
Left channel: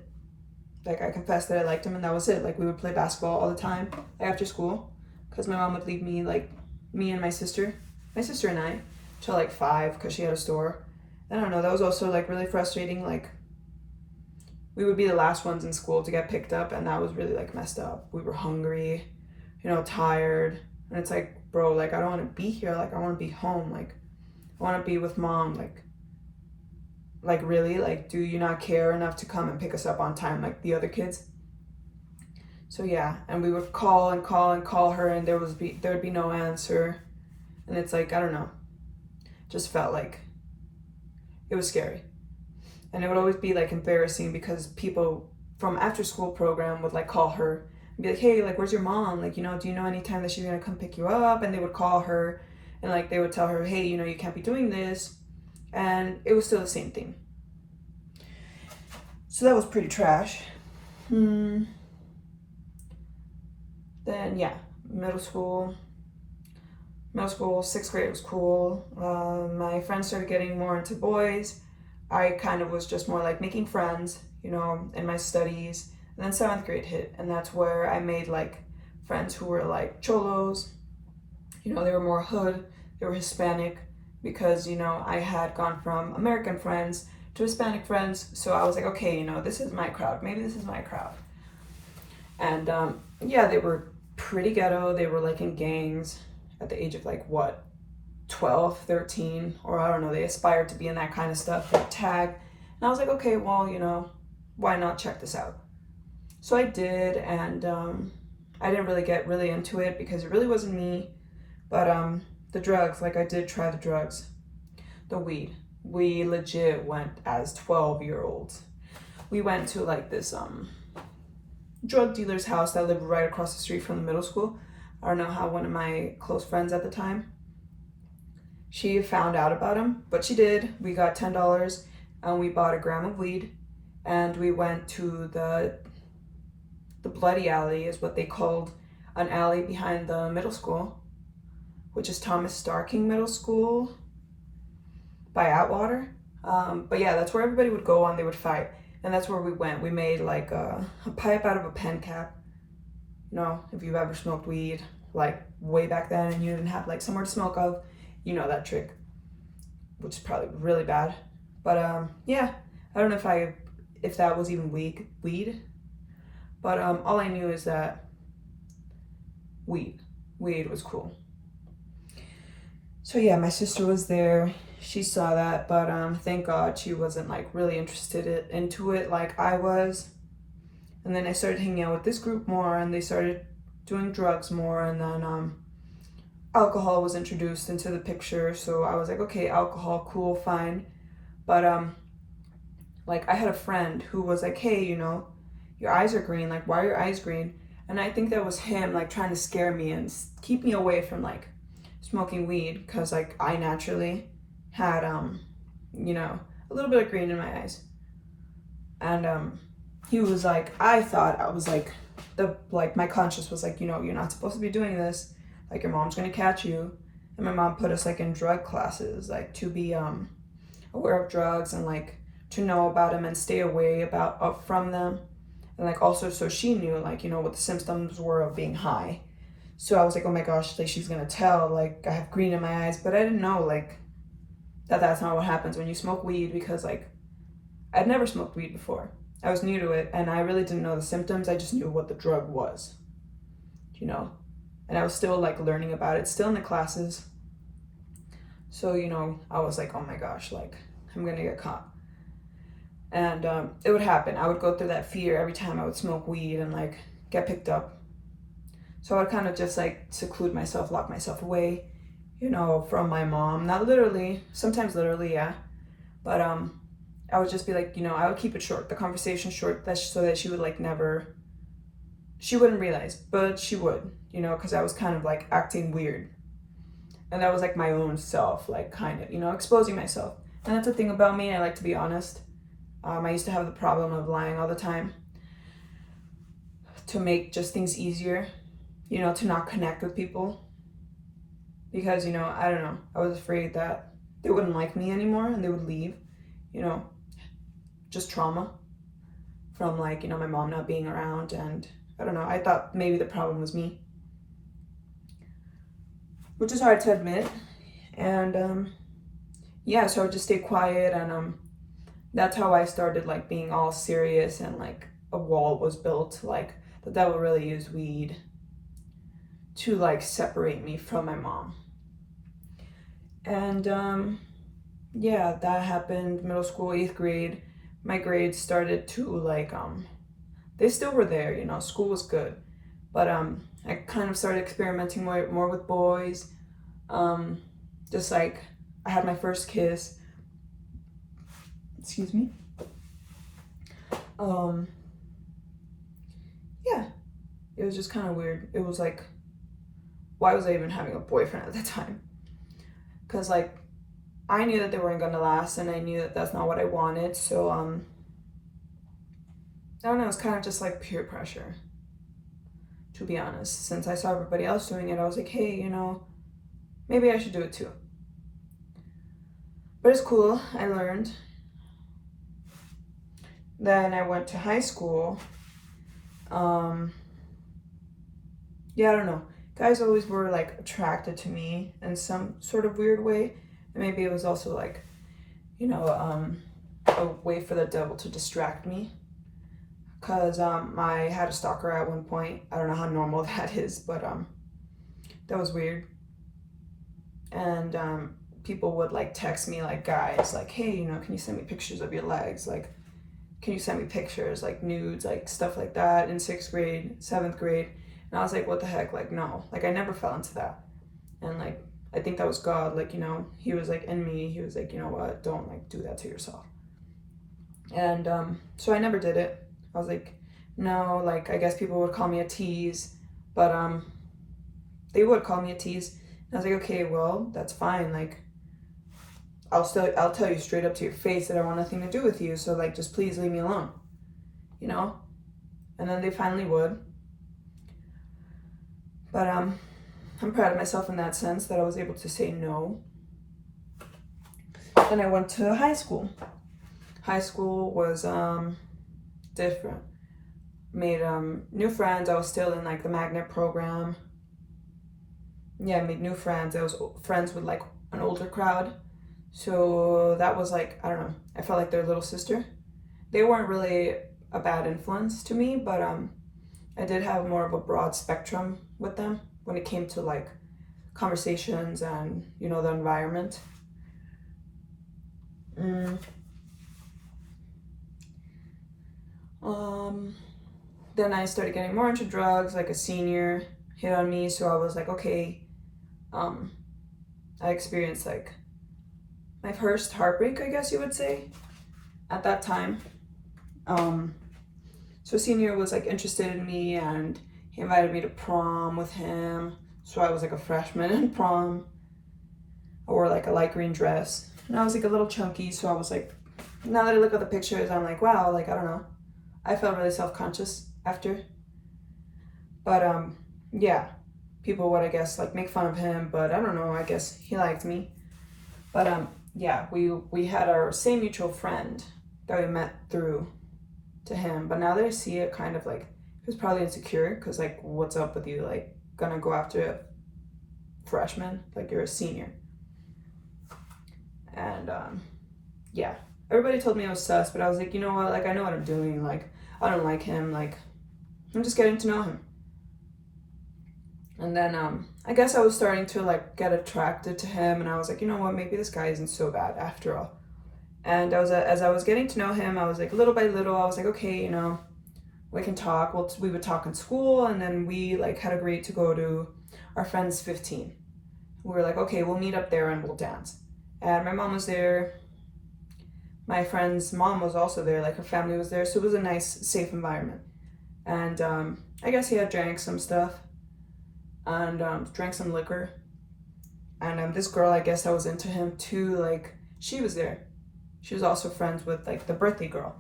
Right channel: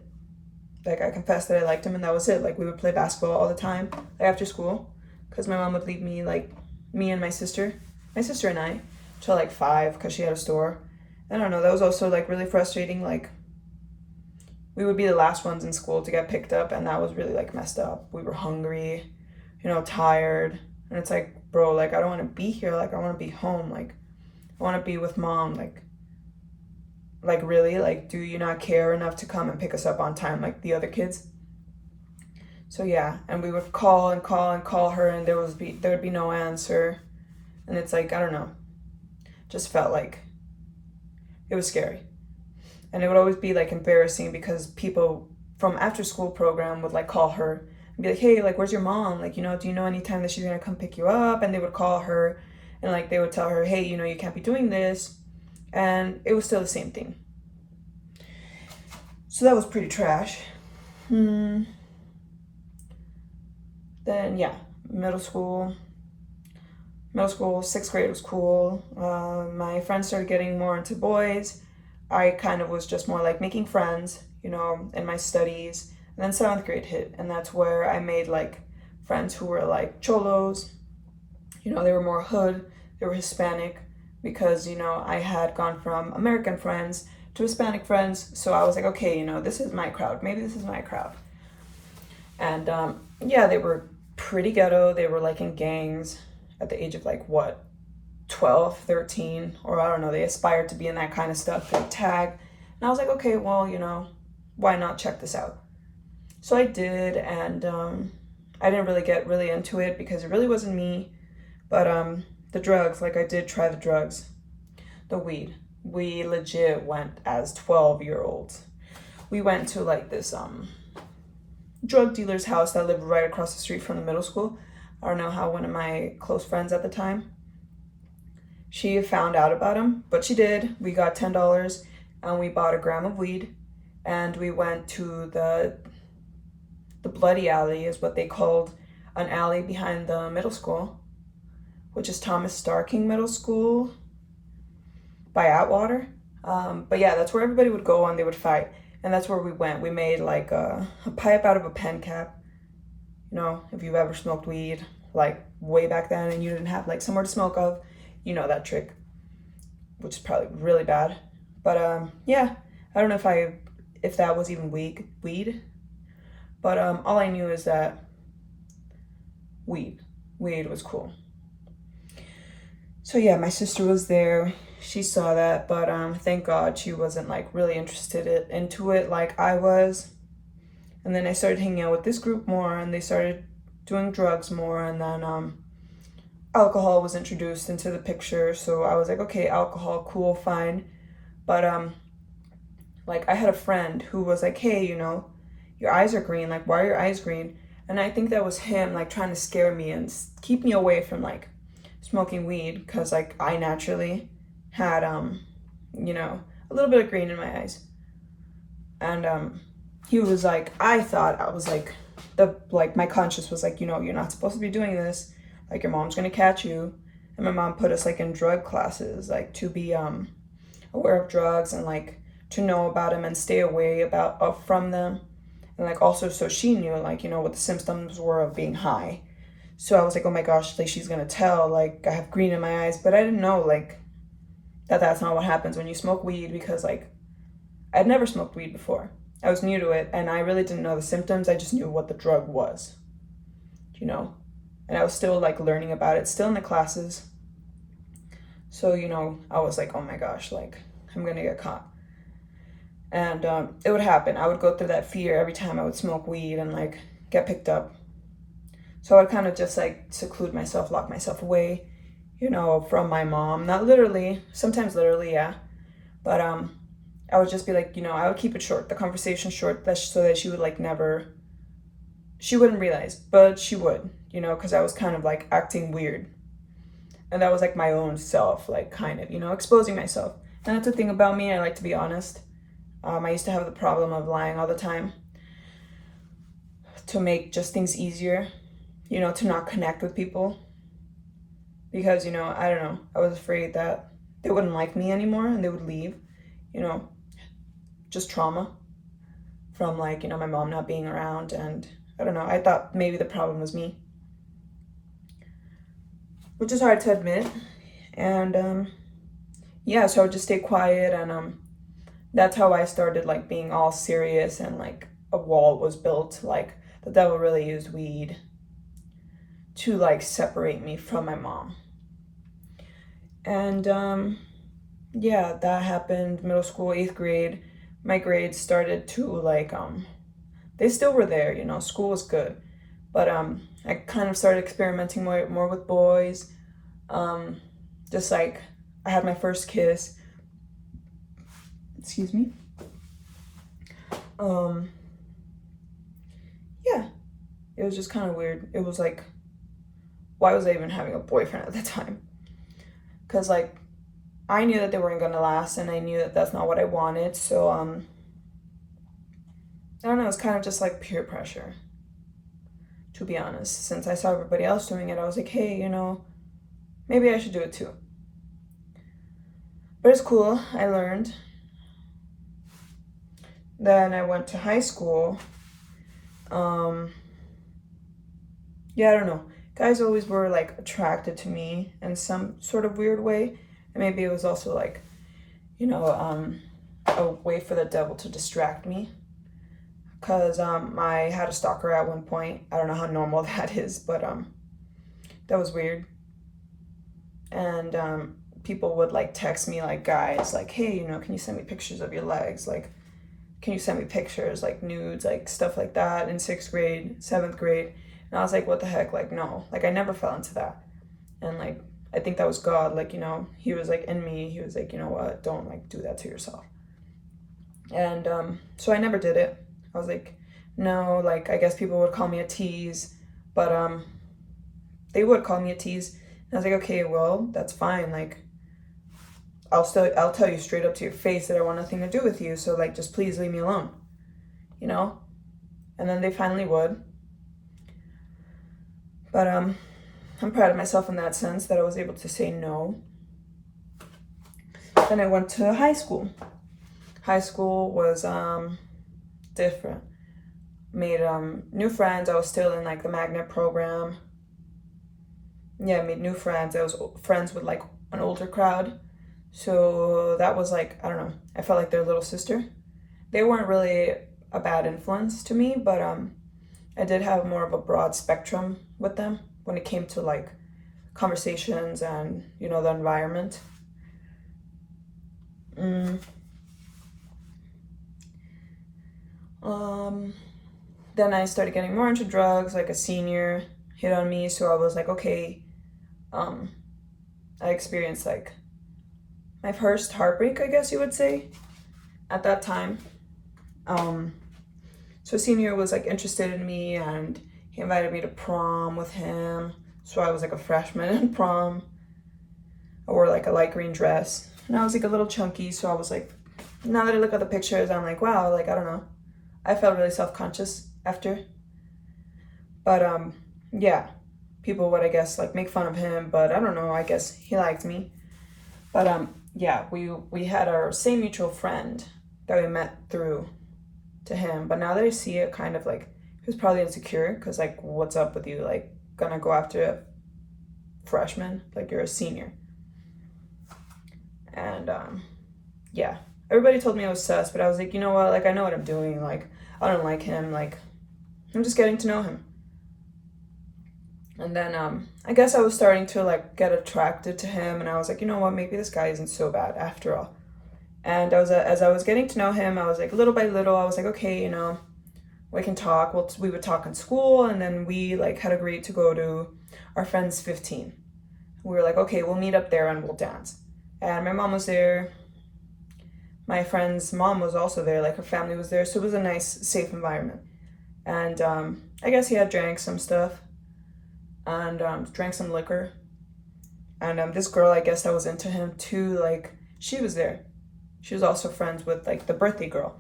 Like, I confessed that I liked him, and that was it. Like, we would play basketball all the time, like after school. Because my mom would leave me, like, me and my sister and I, till like 5, because she had a store. I don't know, that was also like really frustrating. Like, we would be the last ones in school to get picked up, and that was really like messed up. We were hungry, you know, tired, and it's like, bro, like, I don't want to be here. Like, I want to be home. Like, I want to be with mom. Like really, like, do you not care enough to come and pick us up on time like the other kids? So yeah, and we would call her, and there would be no answer. And it's like, I don't know, just felt like it was scary. And it would always be like embarrassing, because people from after school program would like call her and be like, hey, like, where's your mom? Like, you know, do you know any time that she's gonna come pick you up? And they would call her, and like they would tell her, hey, you know, you can't be doing this. and it was still the same thing. So that was pretty trash. Then yeah, middle school, 6th grade was cool. My friends started getting more into boys. I kind of was just more like making friends, you know, in my studies. And then 7th grade hit, and that's where I made like friends who were like cholos. You know, they were more hood, they were Hispanic, because, you know, I had gone from American friends to Hispanic friends. So I was like, okay, you know, this is my crowd. Maybe this is my crowd. And yeah, they were pretty ghetto. They were like in gangs at the age of like what, 12, 13, or I don't know. They aspired to be in that kind of stuff, like tag. And I was like, okay, well, you know, why not check this out? So I did, and I didn't really get really into it because it really wasn't me. But the drugs, like I did try the drugs, the weed. We legit went as 12-year-olds. We went to like this drug dealer's house that lived right across the street from the middle school. I don't know how one of my close friends at the time, she found out about him, but she did. We got $10 and we bought a gram of weed, and we went to the Bloody Alley is what they called an alley behind the middle school, which is Thomas Starking Middle School by Atwater. But yeah, that's where everybody would go and they would fight. And that's where we went. We made like a pipe out of a pen cap. You know, if you've ever smoked weed, like way back then, and you didn't have like somewhere to smoke of, you know that trick, which is probably really bad. But yeah, I don't know if that was even weed. But all I knew is that weed was cool. So yeah, my sister was there. She saw that, but thank God she wasn't like really interested into it like I was. And then I started hanging out with this group more, and they started doing drugs more, and then alcohol was introduced into the picture. So I was like, okay, alcohol, cool, fine. But like I had a friend who was like, hey, you know, your eyes are green. Like, why are your eyes green? And I think that was him like trying to scare me and keep me away from like smoking weed, because like I naturally had you know, a little bit of green in my eyes. And he was like, I thought I was like my conscience was like, you know, you're not supposed to be doing this, like your mom's gonna catch you. And my mom put us like in drug classes, like to be aware of drugs and like to know about them and stay away from them. And like also so she knew like, you know, what the symptoms were of being high. So I was like, oh my gosh, like she's gonna tell, like I have green in my eyes. But I didn't know like that's not what happens when you smoke weed, because like I'd never smoked weed before. I was new to it, and I really didn't know the symptoms. I just knew what the drug was, you know. And I was still like learning about it, still in the classes. So, you know, I was like, oh my gosh, like I'm gonna get caught. And it would happen. I would go through that fear every time I would smoke weed and like get picked up. So I would kind of just like seclude myself, lock myself away, you know, from my mom. Not literally, sometimes literally, yeah. But I would just be like, you know, I would keep it short, the conversation short, so that she would like she wouldn't realize, but she would, you know, because I was kind of like acting weird. And that was like my own self, like kind of, you know, exposing myself. And that's the thing about me, I like to be honest. I used to have the problem of lying all the time to make just things easier, you know, to not connect with people. Because, you know, I don't know, I was afraid that they wouldn't like me anymore and they would leave, you know, just trauma from like, you know, my mom not being around. And I don't know, I thought maybe the problem was me, which is hard to admit. And yeah, so I would just stay quiet, and that's how I started like being all serious, and like a wall was built. Like the devil really used weed to like separate me from my mom. And yeah, that happened middle school, 8th grade. My grades started to like they still were there, you know, school was good. But I kind of started experimenting more with boys. Just like I had my first kiss. Excuse me. Yeah, it was just kind of weird. It was like, why was I even having a boyfriend at the time? Because like I knew that they weren't gonna last, and I knew that that's not what I wanted. So I don't know, it's kind of just like peer pressure, to be honest. Since I saw everybody else doing it, I was like, hey, maybe I should do it too. But it's cool. I learned. Then I went to high school. Yeah, I don't know. Guys always were like attracted to me in some sort of weird way. And maybe it was also like, a way for the devil to distract me. Because I had a stalker at one point. I don't know how normal that is, but that was weird. And people would like text me, like guys, like, hey, can you send me pictures of your legs? Like, can you send me pictures, like nudes, like stuff like that in 6th grade, 7th grade? And I was like, what the heck? Like, no, like I never fell into that. And like, I think that was God, like, he was like in me. He was like, you know what? Don't like do that to yourself. And so I never did it. I was like, no, like, I guess people would call me a tease, but they would call me a tease. And I was like, okay, well, that's fine. Like, I'll tell you straight up to your face that I want nothing to do with you. So like, just please leave me alone, And then they finally would. But I'm proud of myself in that sense that I was able to say no. Then I went to high school. High school was different. Made new friends. I was still in like the magnet program. Yeah, I made new friends. I was friends with like an older crowd. So that was like, I don't know, I felt like their little sister. They weren't really a bad influence to me, but I did have more of a broad spectrum with them when it came to like conversations and, the environment. Then I started getting more into drugs, like a senior hit on me, so I was like, okay, I experienced like my first heartbreak, I guess you would say, at that time. So senior was like interested in me, and he invited me to prom with him. So I was like a freshman in prom. I wore like a light green dress, and I was like a little chunky. So I was like, now that I look at the pictures, I'm like, wow, like, I don't know. I felt really self-conscious after. But yeah, people would, I guess, like make fun of him, but I don't know, I guess he liked me. But yeah, we had our same mutual friend that we met through to him. But now that I see it, kind of like, he was probably insecure, because like, what's up with you, like gonna go after a freshman, like you're a senior. And yeah, everybody told me I was sus, but I was like, you know what, like, I know what I'm doing, like, I don't like him, like, I'm just getting to know him. And then I guess I was starting to like get attracted to him, and I was like, you know what, maybe this guy isn't so bad after all. And as I was getting to know him, I was like, little by little, I was like, okay, we can talk. Well, we would talk in school, and then we like had agreed to go to our friend's 15. We were like, okay, we'll meet up there and we'll dance. And my mom was there. My friend's mom was also there, like her family was there, so it was a nice, safe environment. And I guess he had drank some stuff, and drank some liquor. And this girl, I guess, that was into him too, like, she was there. She was also friends with like the birthday girl.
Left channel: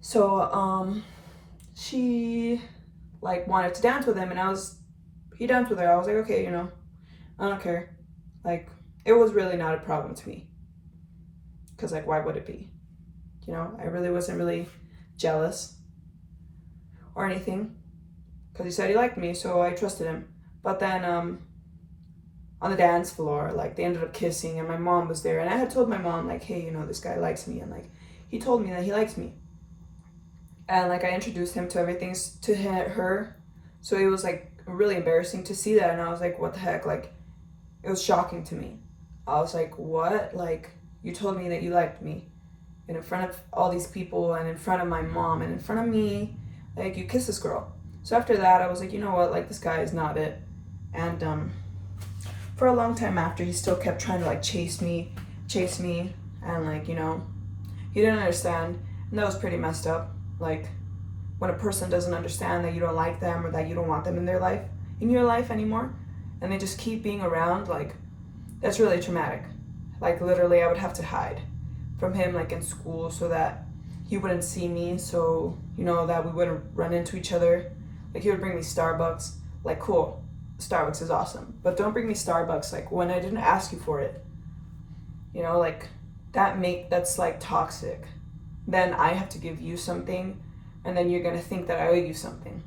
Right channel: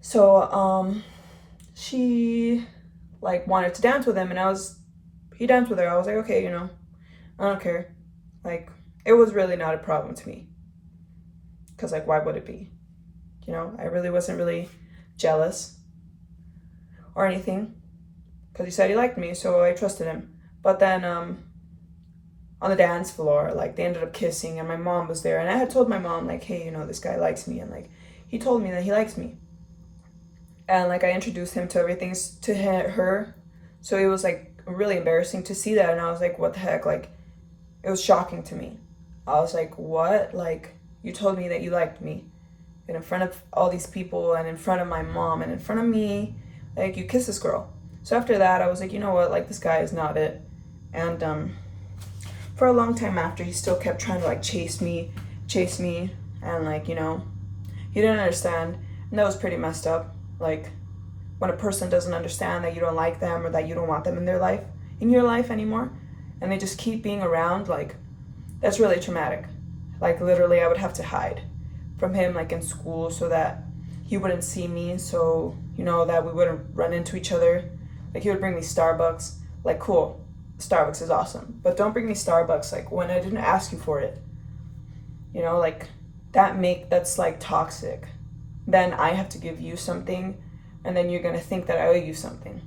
So she like wanted to dance with him, and he danced with her. I was like, okay, I don't care. Like, it was really not a problem to me, because like, why would it be? I really wasn't really jealous or anything, because he said he liked me, so I trusted him. But then on the dance floor, like, they ended up kissing, and my mom was there, and I had told my mom, like, hey, this guy likes me, and like, he told me that he likes me. And like, I introduced him to everything to her, so it was like really embarrassing to see that. And I was like, what the heck, like, it was shocking to me. I was like, what? Like, you told me that you liked me, and in front of all these people, and in front of my mom, and in front of me, like, you kissed this girl. So after that, I was like, you know what, like, this guy is not it. And for a long time after, he still kept trying to like chase me, and like, he didn't understand. And that was pretty messed up. Like, when a person doesn't understand that you don't like them, or that you don't want them in your life anymore, and they just keep being around, like, that's really traumatic. Like literally I would have to hide from him like in school so that he wouldn't see me, so you know that we wouldn't run into each other. Like he would bring me Starbucks. Like cool, Starbucks is awesome, but don't bring me Starbucks like when I didn't ask you for it. You know, like that's like toxic. Then I have to give you something, and then you're gonna think that I owe you something.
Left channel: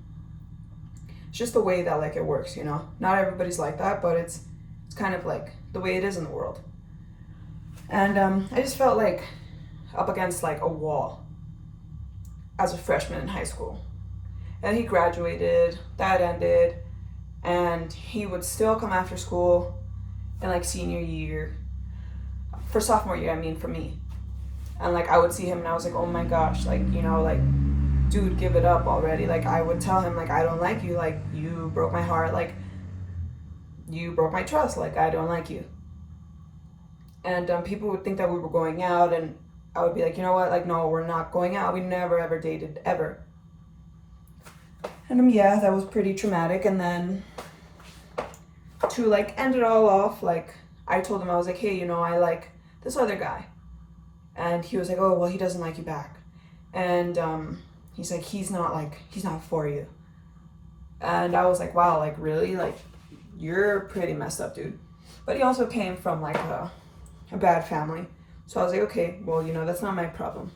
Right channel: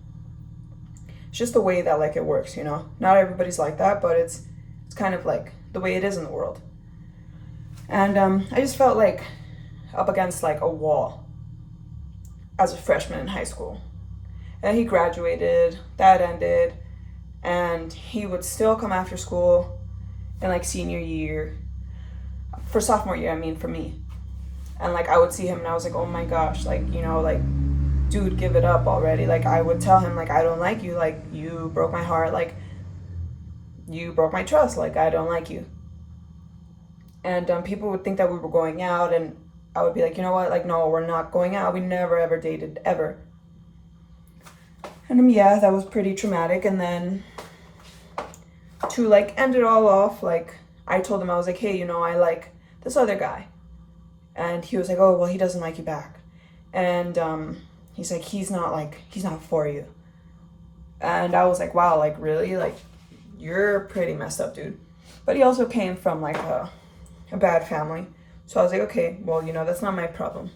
It's just the way that like it works, you know. Not everybody's like that, but it's kind of like the way it is in the world. And I just felt like up against like a wall as a freshman in high school. And he graduated, that ended, and he would still come after school in like senior year. For sophomore year, I mean, for me. And like I would see him and I was like, oh my gosh, like, you know, like, dude, give it up already. Like I would tell him like, I don't like you, like you broke my heart, like you broke my trust, like I don't like you. And people would think that we were going out, and I would be like, you know what, like no, we're not going out, we never ever dated ever. And yeah, that was pretty traumatic. And then to like end it all off, like I told him, I was like, hey, you know, I like this other guy. And he was like, oh, well, he doesn't like you back. And he's like, he's not for you. And I was like, wow, like really? Like you're pretty messed up, dude. But he also came from like a bad family. So I was like, okay, well, you know, that's not my problem.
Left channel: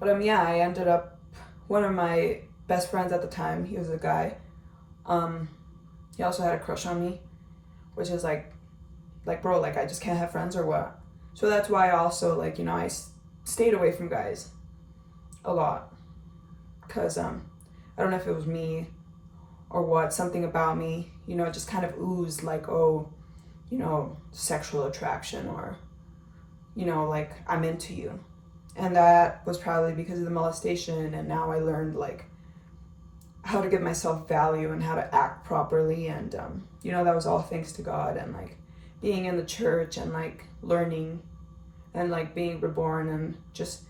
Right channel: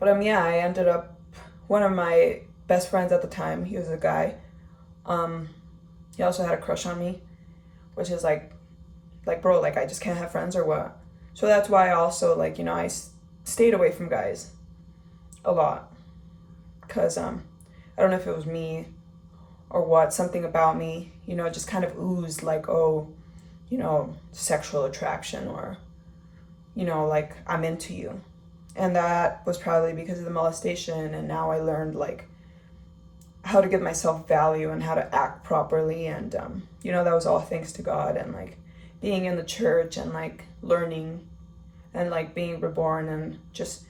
But yeah, I ended up, one of my best friends at the time, he was a guy. He also had a crush on me, which is like bro, like I just can't have friends or what? So that's why I also like, you know, I stayed away from guys a lot. Cause I don't know if it was me or what, something about me, you know, just kind of oozed like, oh, you know, sexual attraction, or, you know, like I'm into you. And that was probably because of the molestation. And now I learned like how to give myself value and how to act properly. And, you know, that was all thanks to God and like being in the church and like learning and like being reborn and just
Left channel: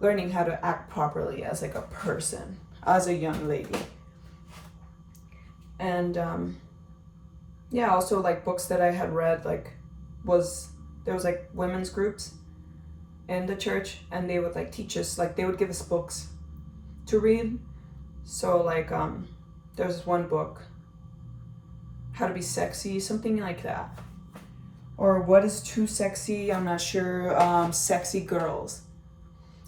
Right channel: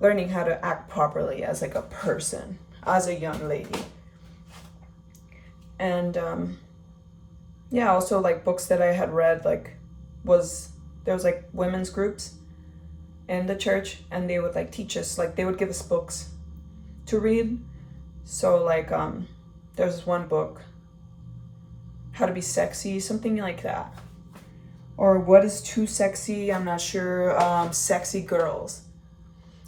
learning how to act properly as like a person, as a young lady. And yeah, also like books that I had read, like there was like women's groups in the church, and they would like teach us, like they would give us books to read. So like there was this one book, How to Be Sexy, something like that, or What is Too Sexy, I'm not sure, Sexy Girls.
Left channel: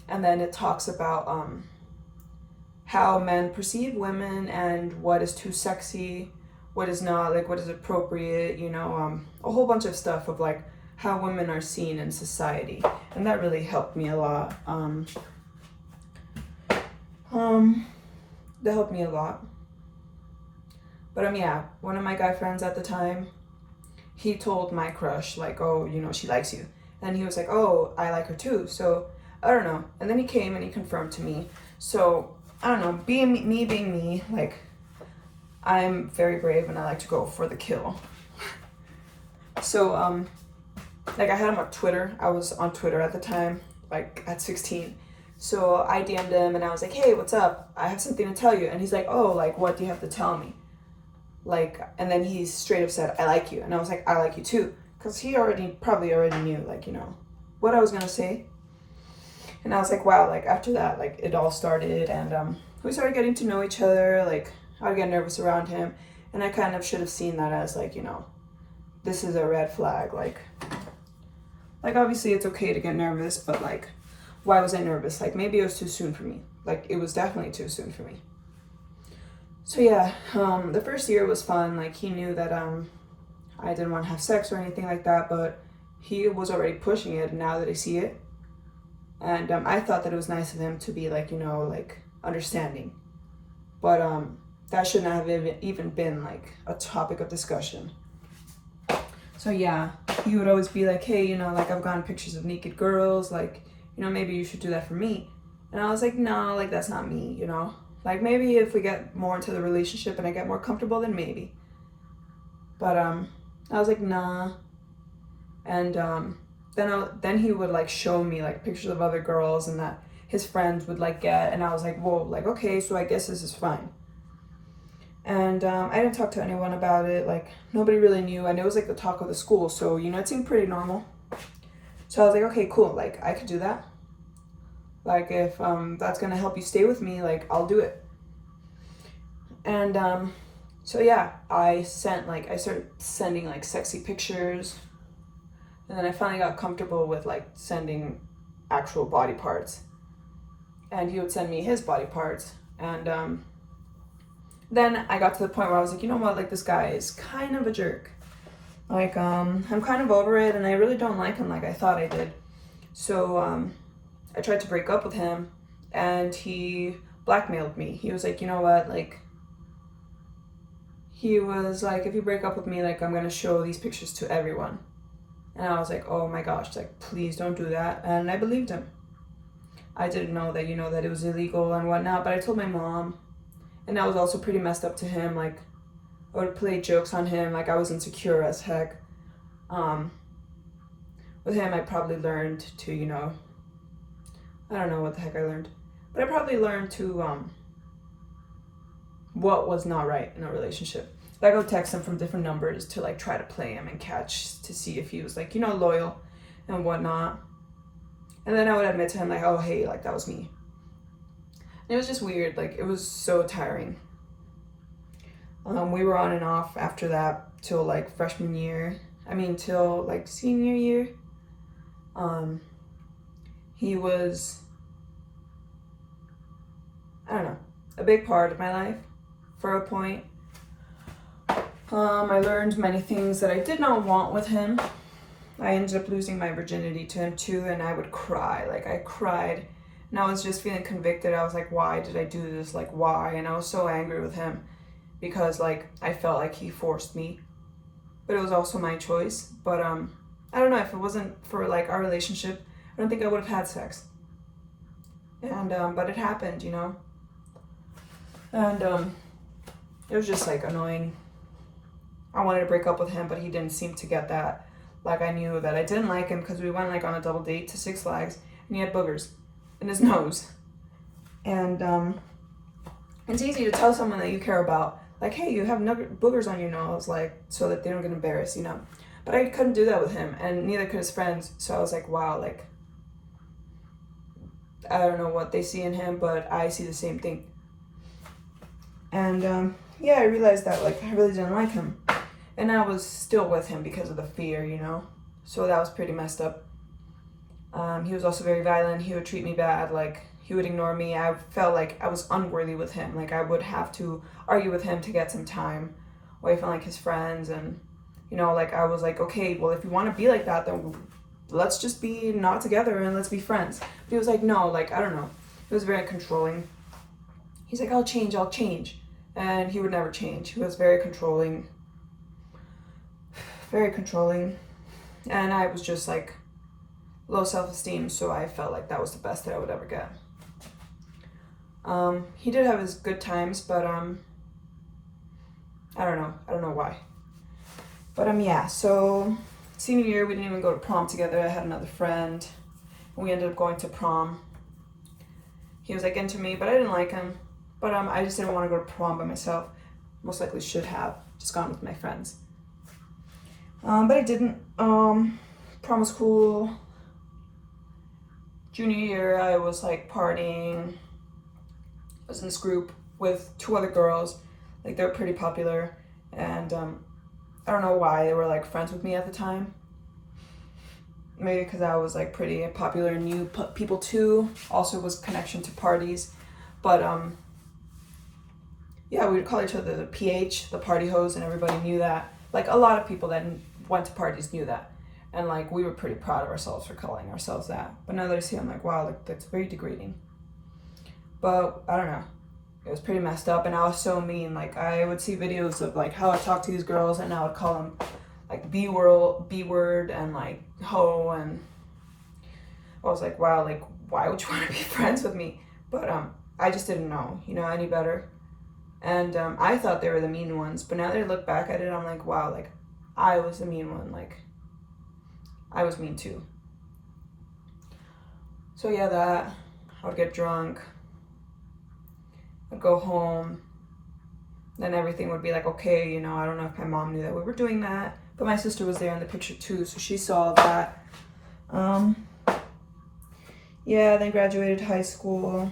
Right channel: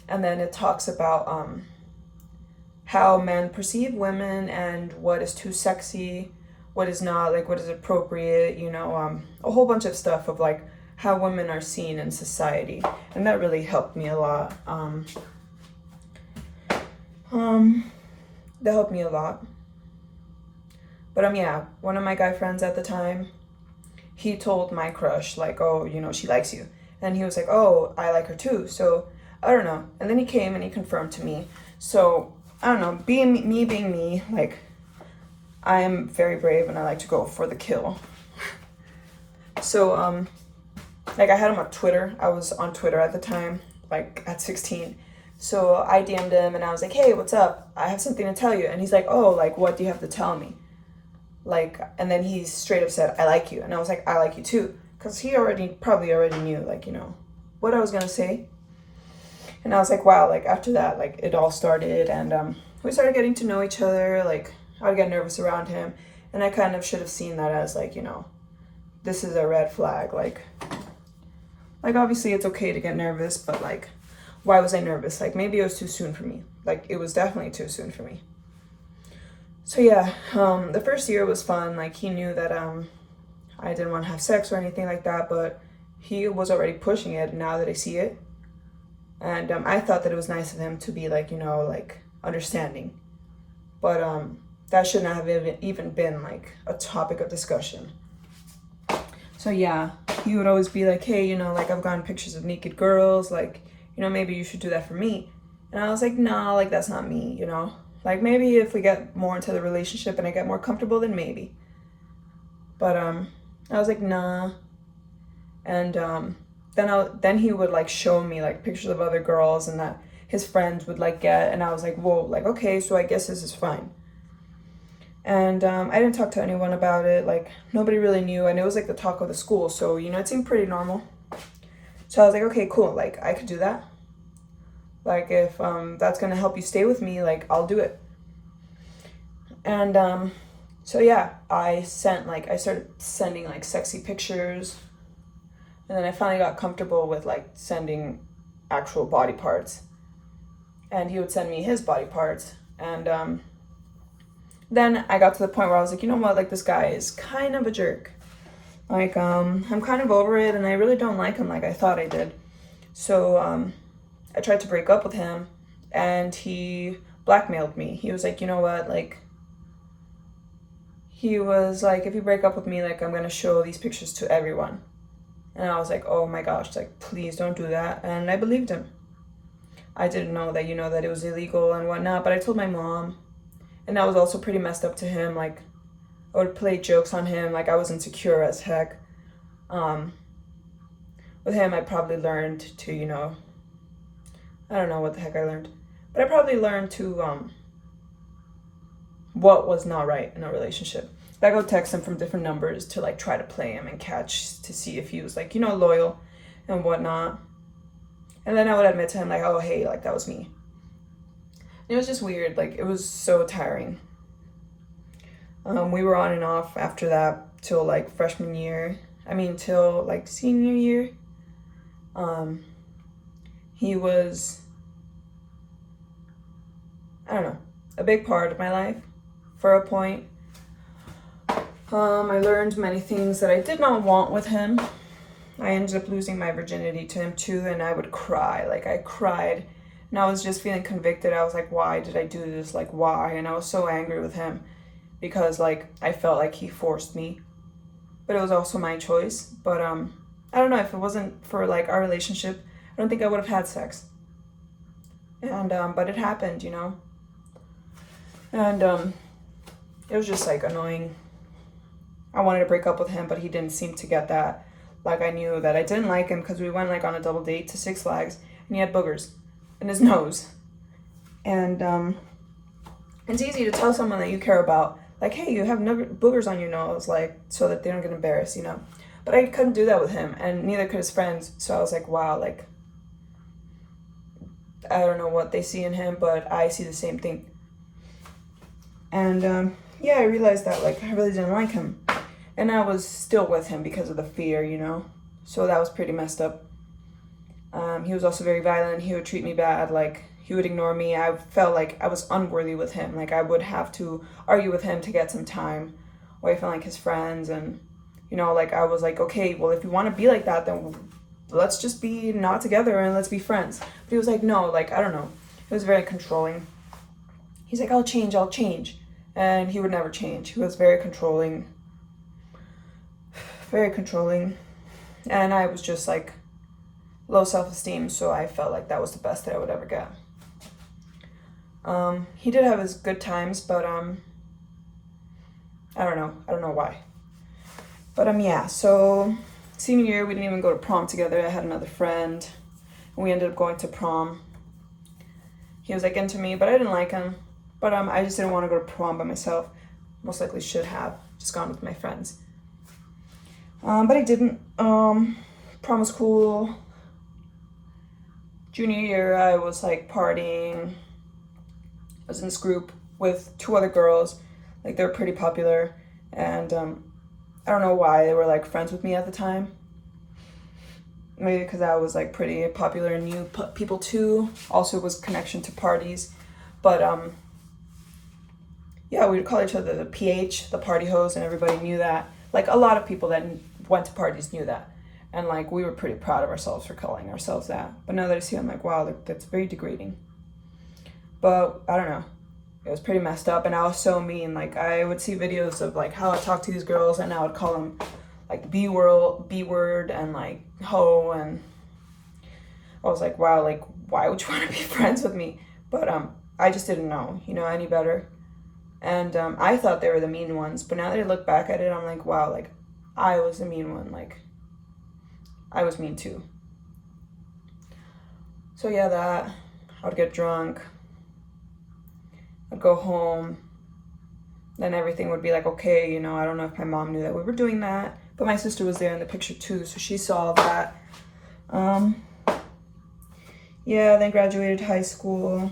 And then it talks about how men perceive women and what is too sexy, what is not, like what is appropriate, you know, a whole bunch of stuff of like how women are seen in society. And that really helped me a lot. That helped me a lot. But yeah, one of my guy friends at the time, he told my crush like, oh, you know, she likes you. And he was like, oh, I like her too. So I don't know. And then he came and he confirmed to me. So I don't know, being me, like I am very brave and I like to go for the kill. So like I had him on Twitter. I was on Twitter at the time, like at 16. So I DM'd him and I was like, hey, what's up? I have something to tell you. And he's like, oh, like what do you have to tell me? Like, and then he straight up said, I like you. And I was like, I like you too. Because he probably already knew, like, you know, what I was going to say. And I was like, wow, like after that, like it all started, and we started getting to know each other. Like I would get nervous around him, and I kind of should have seen that as like, you know, this is a red flag. Like obviously it's okay to get nervous, but like, why was I nervous? Like maybe it was too soon for me. Like it was definitely too soon for me. So yeah, the first year was fun. Like he knew that I didn't want to have sex or anything like that, but he was already pushing it now that I see it. And I thought that it was nice of him to be like, you know, like understanding. But that should not have even been like a topic of discussion. So yeah, he would always be like, hey, you know, like I've gotten pictures of naked girls, like, you know, maybe you should do that for me. And I was like, no, like that's not me, you know. Like maybe if we get more into the relationship and I get more comfortable, then maybe. But I was like, nah. And then he would like show me like pictures of other girls and that his friends would like get, and I was like, whoa, like okay, so I guess this is fine. And I didn't talk to anyone about it. Like, nobody really knew, and it was like the talk of the school, so it seemed pretty normal. So I was like, okay, cool, like I could do that. Like, if that's gonna help you stay with me, like I'll do it. And so yeah, I started sending like sexy pictures, and then I finally got comfortable with like sending actual body parts, and he would send me his body parts. And then I got to the point where I was like, you know what, like this guy is kind of a jerk. Like, I'm kind of over it, and I really don't like him like I thought I did. So I tried to break up with him, and he blackmailed me. He was like, you know what, like, he was like, if you break up with me, like, I'm gonna show these pictures to everyone. And I was like, oh my gosh, like, please don't do that. And I believed him. I didn't know that, that it was illegal and whatnot, but I told my mom. And that was also pretty messed up to him. Like, I would play jokes on him, like I was insecure as heck. With him, I probably learned to, I don't know what the heck I learned, but I probably learned to, what was not right in a relationship. Like, I would text him from different numbers to like try to play him and catch to see if he was like, loyal and whatnot. And then I would admit to him like, oh, hey, like that was me. And it was just weird. Like, it was so tiring. We were on and off after that till like freshman year. Till like senior year. He was, I don't know, a big part of my life for a point. I learned many things that I did not want with him. I ended up losing my virginity to him too, and I would cry. Like, I cried, and I was just feeling convicted. I was like, why did I do this? Like, why? And I was so angry with him because, like, I felt like he forced me. But it was also my choice. But, I don't know, if it wasn't for, like, our relationship, I don't think I would have had sex. And, but it happened, And, it was just, like, annoying. I wanted to break up with him, but he didn't seem to get that. Like, I knew that I didn't like him because we went, like, on a double date to Six Flags, and he had boogers in his nose. And, it's easy to tell someone that you care about, like, hey, you have boogers on your nose, like, so that they don't get embarrassed, But I couldn't do that with him, and neither could his friends. So I was like, wow, like, I don't know what they see in him, but I see the same thing. And, yeah, I realized that, like, I really didn't like him. And I was still with him because of the fear, So that was pretty messed up. He was also very violent. He would treat me bad. Like, he would ignore me. I felt like I was unworthy with him. Like, I would have to argue with him to get some time away from, like, his friends. And, like, I was like, okay, well, if you want to be like that, then let's just be not together and let's be friends. But he was like, no, like, I don't know. He was very controlling. He's like, I'll change. And he would never change. He was very controlling. And I was just like low self-esteem, so I felt like that was the best that I would ever get. He did have his good times, but I don't know why. But yeah, so senior year we didn't even go to prom together. I had another friend, and we ended up going to prom. He was like into me, but I didn't like him. But I just didn't want to go to prom by myself. Most likely should have just gone with my friends. But I didn't. Prom was cool. Junior year, I was like partying. I was in this group with 2 other girls. Like, they were pretty popular. And I don't know why they were like friends with me at the time. Maybe because I was like pretty popular and knew people too. Also was connection to parties. But yeah, we would call each other the PH, the party hose, and everybody knew that. Like, a lot of people that went to parties knew that. And, like, we were pretty proud of ourselves for calling ourselves that. But now that I see it, I'm like, wow, that's very degrading. But, I don't know. It was pretty messed up, and I was so mean. Like, I would see videos of, like, how I talked to these girls, and I would call them, like, B-word, and, like, hoe, and I was like, wow, like, why would you want to be friends with me? But, I just didn't know, any better. And I thought they were the mean ones, but now that I look back at it, I'm like, wow, like, I was the mean one. Like, I was mean too. So yeah, that. I would get drunk. I'd go home. then everything would be like, okay, you know, I don't know if my mom knew that we were doing that, but my sister was there in the picture too, so she saw that. Yeah, then graduated high school.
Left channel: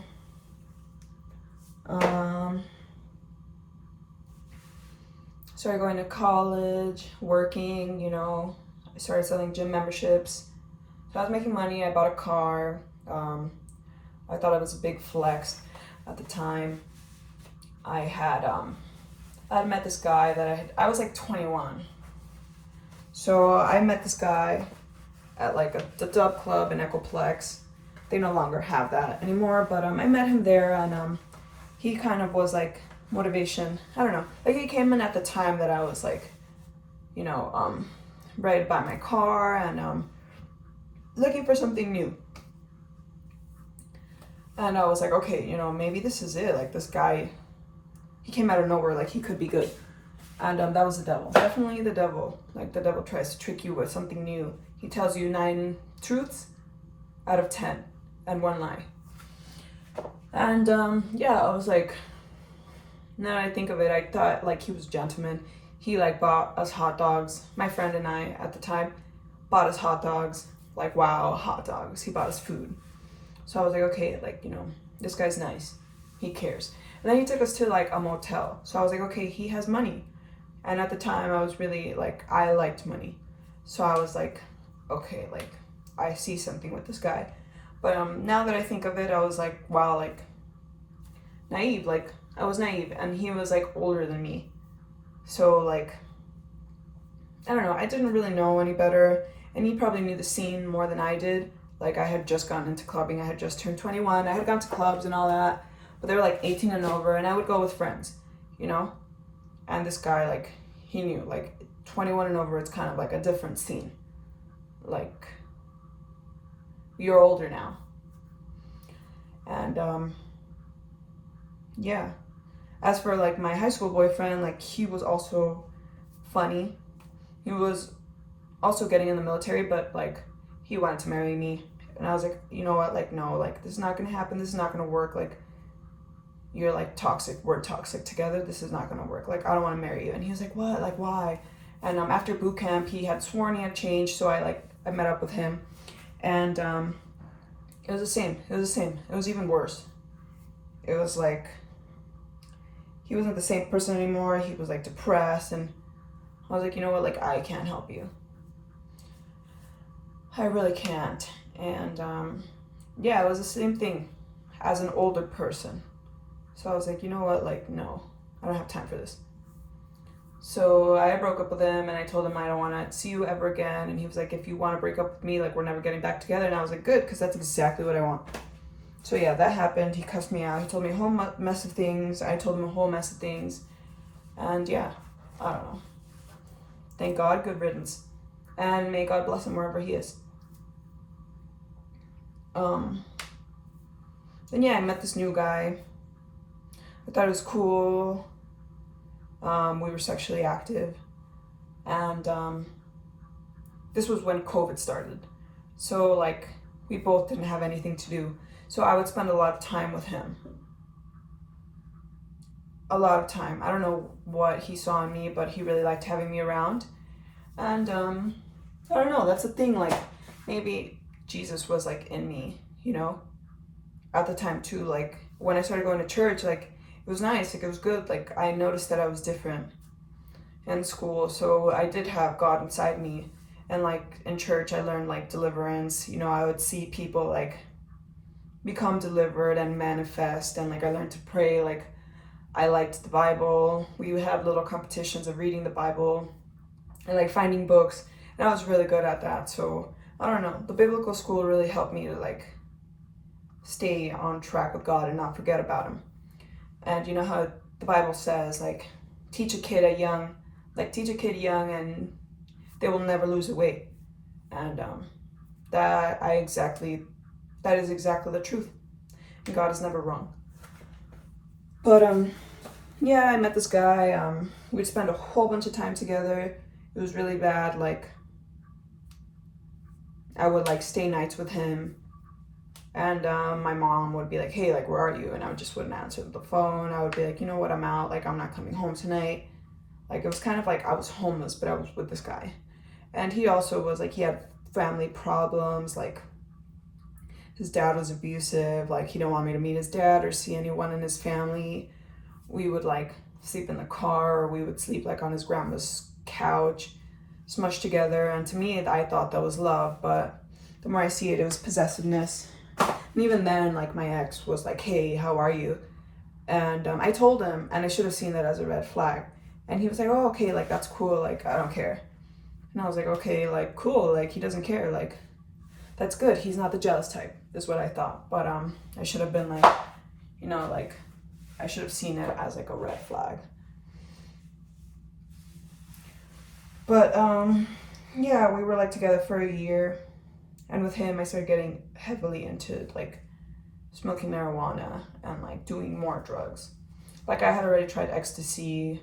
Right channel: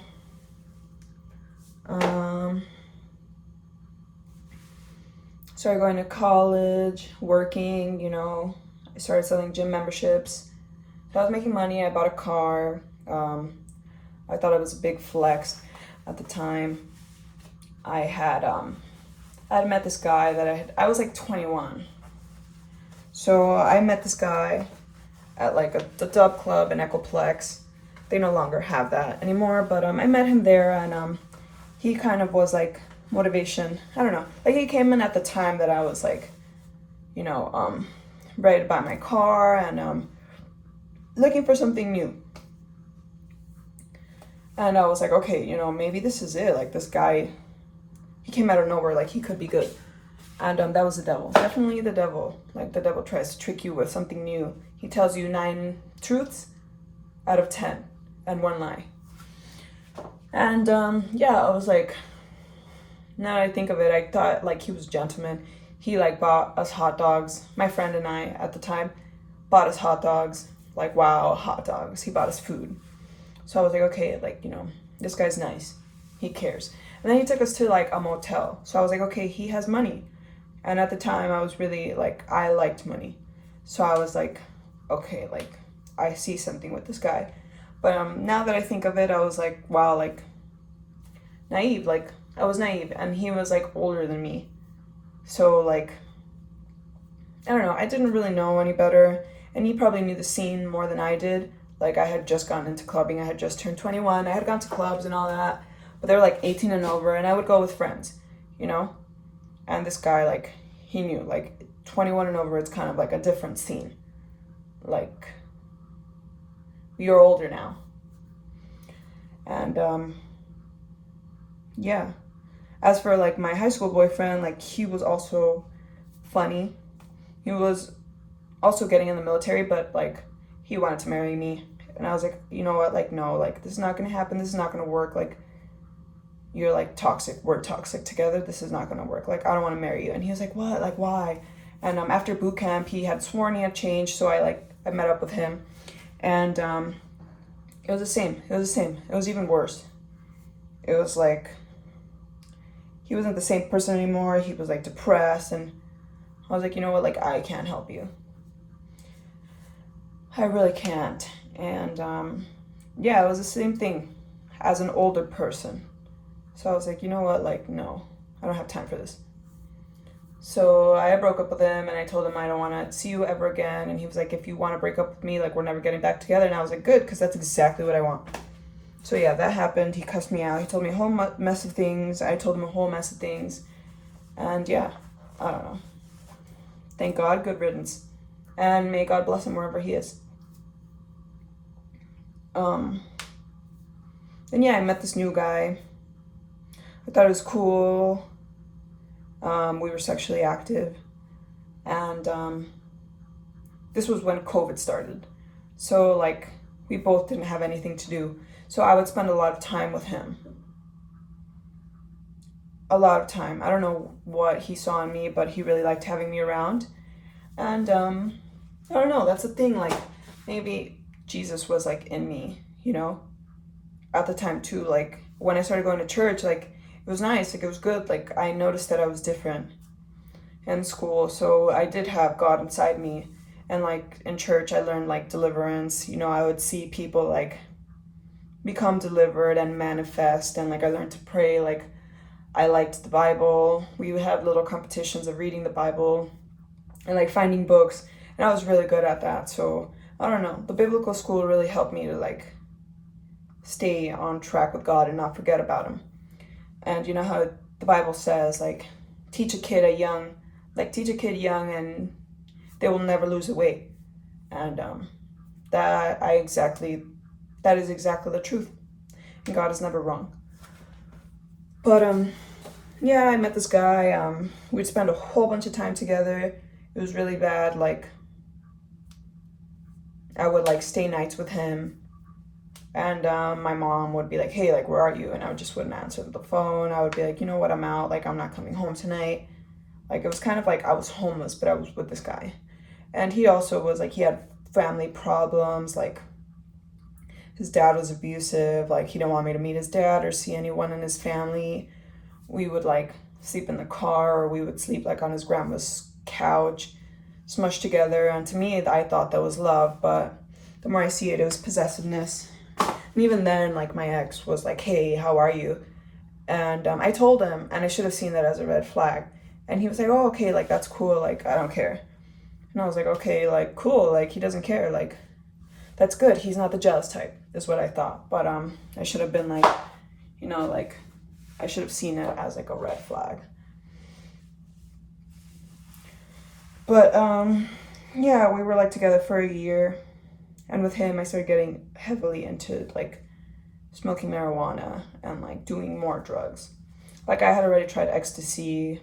Started going to college, working, you know. I started selling gym memberships. So I was making money. I bought a car. I thought it was a big flex at the time. I had met this guy that I was like 21. So I met this guy at like the Dub Club in Echoplex. They no longer have that anymore, but I met him there, and he kind of was like motivation. I don't know. Like, he came in at the time that I was like, you know, ready to buy my car and looking for something new. And I was like, okay, you know, maybe this is it. Like, this guy, he came out of nowhere, like he could be good. And that was the devil. Definitely the devil. Like, the devil tries to trick you with something new. He tells you 9 truths out of 10 and 1 lie. And yeah, I was like, now that I think of it, I thought like he was a gentleman. He like bought us hot dogs. My friend and I at the time bought us hot dogs. Like, wow, hot dogs. He bought us food. So I was like, okay, like, you know, this guy's nice. He cares. And then he took us to like a motel. So I was like, okay, he has money. And at the time I was really like, I liked money. So I was like, okay, like, I see something with this guy. But now that I think of it, I was like, wow, like, naive. Like, I was naive, and he was like older than me. So like, I don't know, I didn't really know any better, and he probably knew the scene more than I did. Like, I had just gotten into clubbing. I had just turned 21. I had gone to clubs and all that, but they were like 18 and over, and I would go with friends, you know? And this guy, like, he knew, like, 21 and over, it's kind of like a different scene. Like, you're older now. And yeah. As for like my high school boyfriend, like, he was also funny. He was also getting in the military, but like, he wanted to marry me. And I was like, you know what, like, no, like, this is not gonna happen. This is not gonna work. Like, you're like toxic. We're toxic together. This is not gonna work. Like, I don't want to marry you. And he was like, what? Like, why? And after boot camp, he had sworn he had changed. So I met up with him, and it was the same. It was the same. It was even worse. It was like, he wasn't the same person anymore. He was like depressed, and I was like, you know what, like, I can't help you. I really can't. And yeah, it was the same thing as an older person. So I was like, you know what, like, no, I don't have time for this. So I broke up with him, and I told him I don't want to see you ever again. And he was like, if you want to break up with me, like, we're never getting back together. And I was like, good, because that's exactly what I want. So yeah, that happened. He cussed me out. He told me a whole mess of things. I told him a whole mess of things. And yeah, I don't know. Thank God, good riddance. And may God bless him wherever he is. Then yeah, I met this new guy. I thought it was cool. We were sexually active. And this was when COVID started. So like, we both didn't have anything to do. So I would spend a lot of time with him. A lot of time. I don't know what he saw in me, but he really liked having me around. And I don't know, that's the thing. Like, maybe Jesus was like in me, you know, at the time too. Like, when I started going to church, like, it was nice. Like, it was good. Like, I noticed that I was different in school. So I did have God inside me. And like, in church, I learned like deliverance. You know, I would see people like become delivered and manifest, and like, I learned to pray. Like, I liked the Bible. We would have little competitions of reading the Bible and like finding books, and I was really good at that. So I don't know, the biblical school really helped me to like stay on track with God and not forget about him. And you know how the Bible says, like, teach a kid young and they will never lose the way. And that is exactly the truth. And God is never wrong. But yeah, I met this guy. We'd spend a whole bunch of time together. It was really bad. Like, I would like stay nights with him, And my mom would be like, hey, like, where are you? And I just wouldn't answer the phone. I would be like, you know what, I'm out. Like, I'm not coming home tonight. Like, it was kind of like I was homeless, but I was with this guy. And he also was like, he had family problems. Like, his dad was abusive. Like, he didn't want me to meet his dad or see anyone in his family. We would like sleep in the car, or we would sleep like on his grandma's couch, smushed together. And to me, I thought that was love, but the more I see it, it was possessiveness. And even then, like, my ex was like, hey, how are you? And I told him, and I should have seen that as a red flag. And he was like, oh, okay, like, that's cool. Like, I don't care. And I was like, okay, like, cool. Like, he doesn't care. Like, that's good. He's not the jealous type, is what I thought. But I should have been like, you know, like, I should have seen it as like a red flag. But yeah, we were like together for a year. And with him, I started getting heavily into like smoking marijuana and like doing more drugs. Like, I had already tried ecstasy.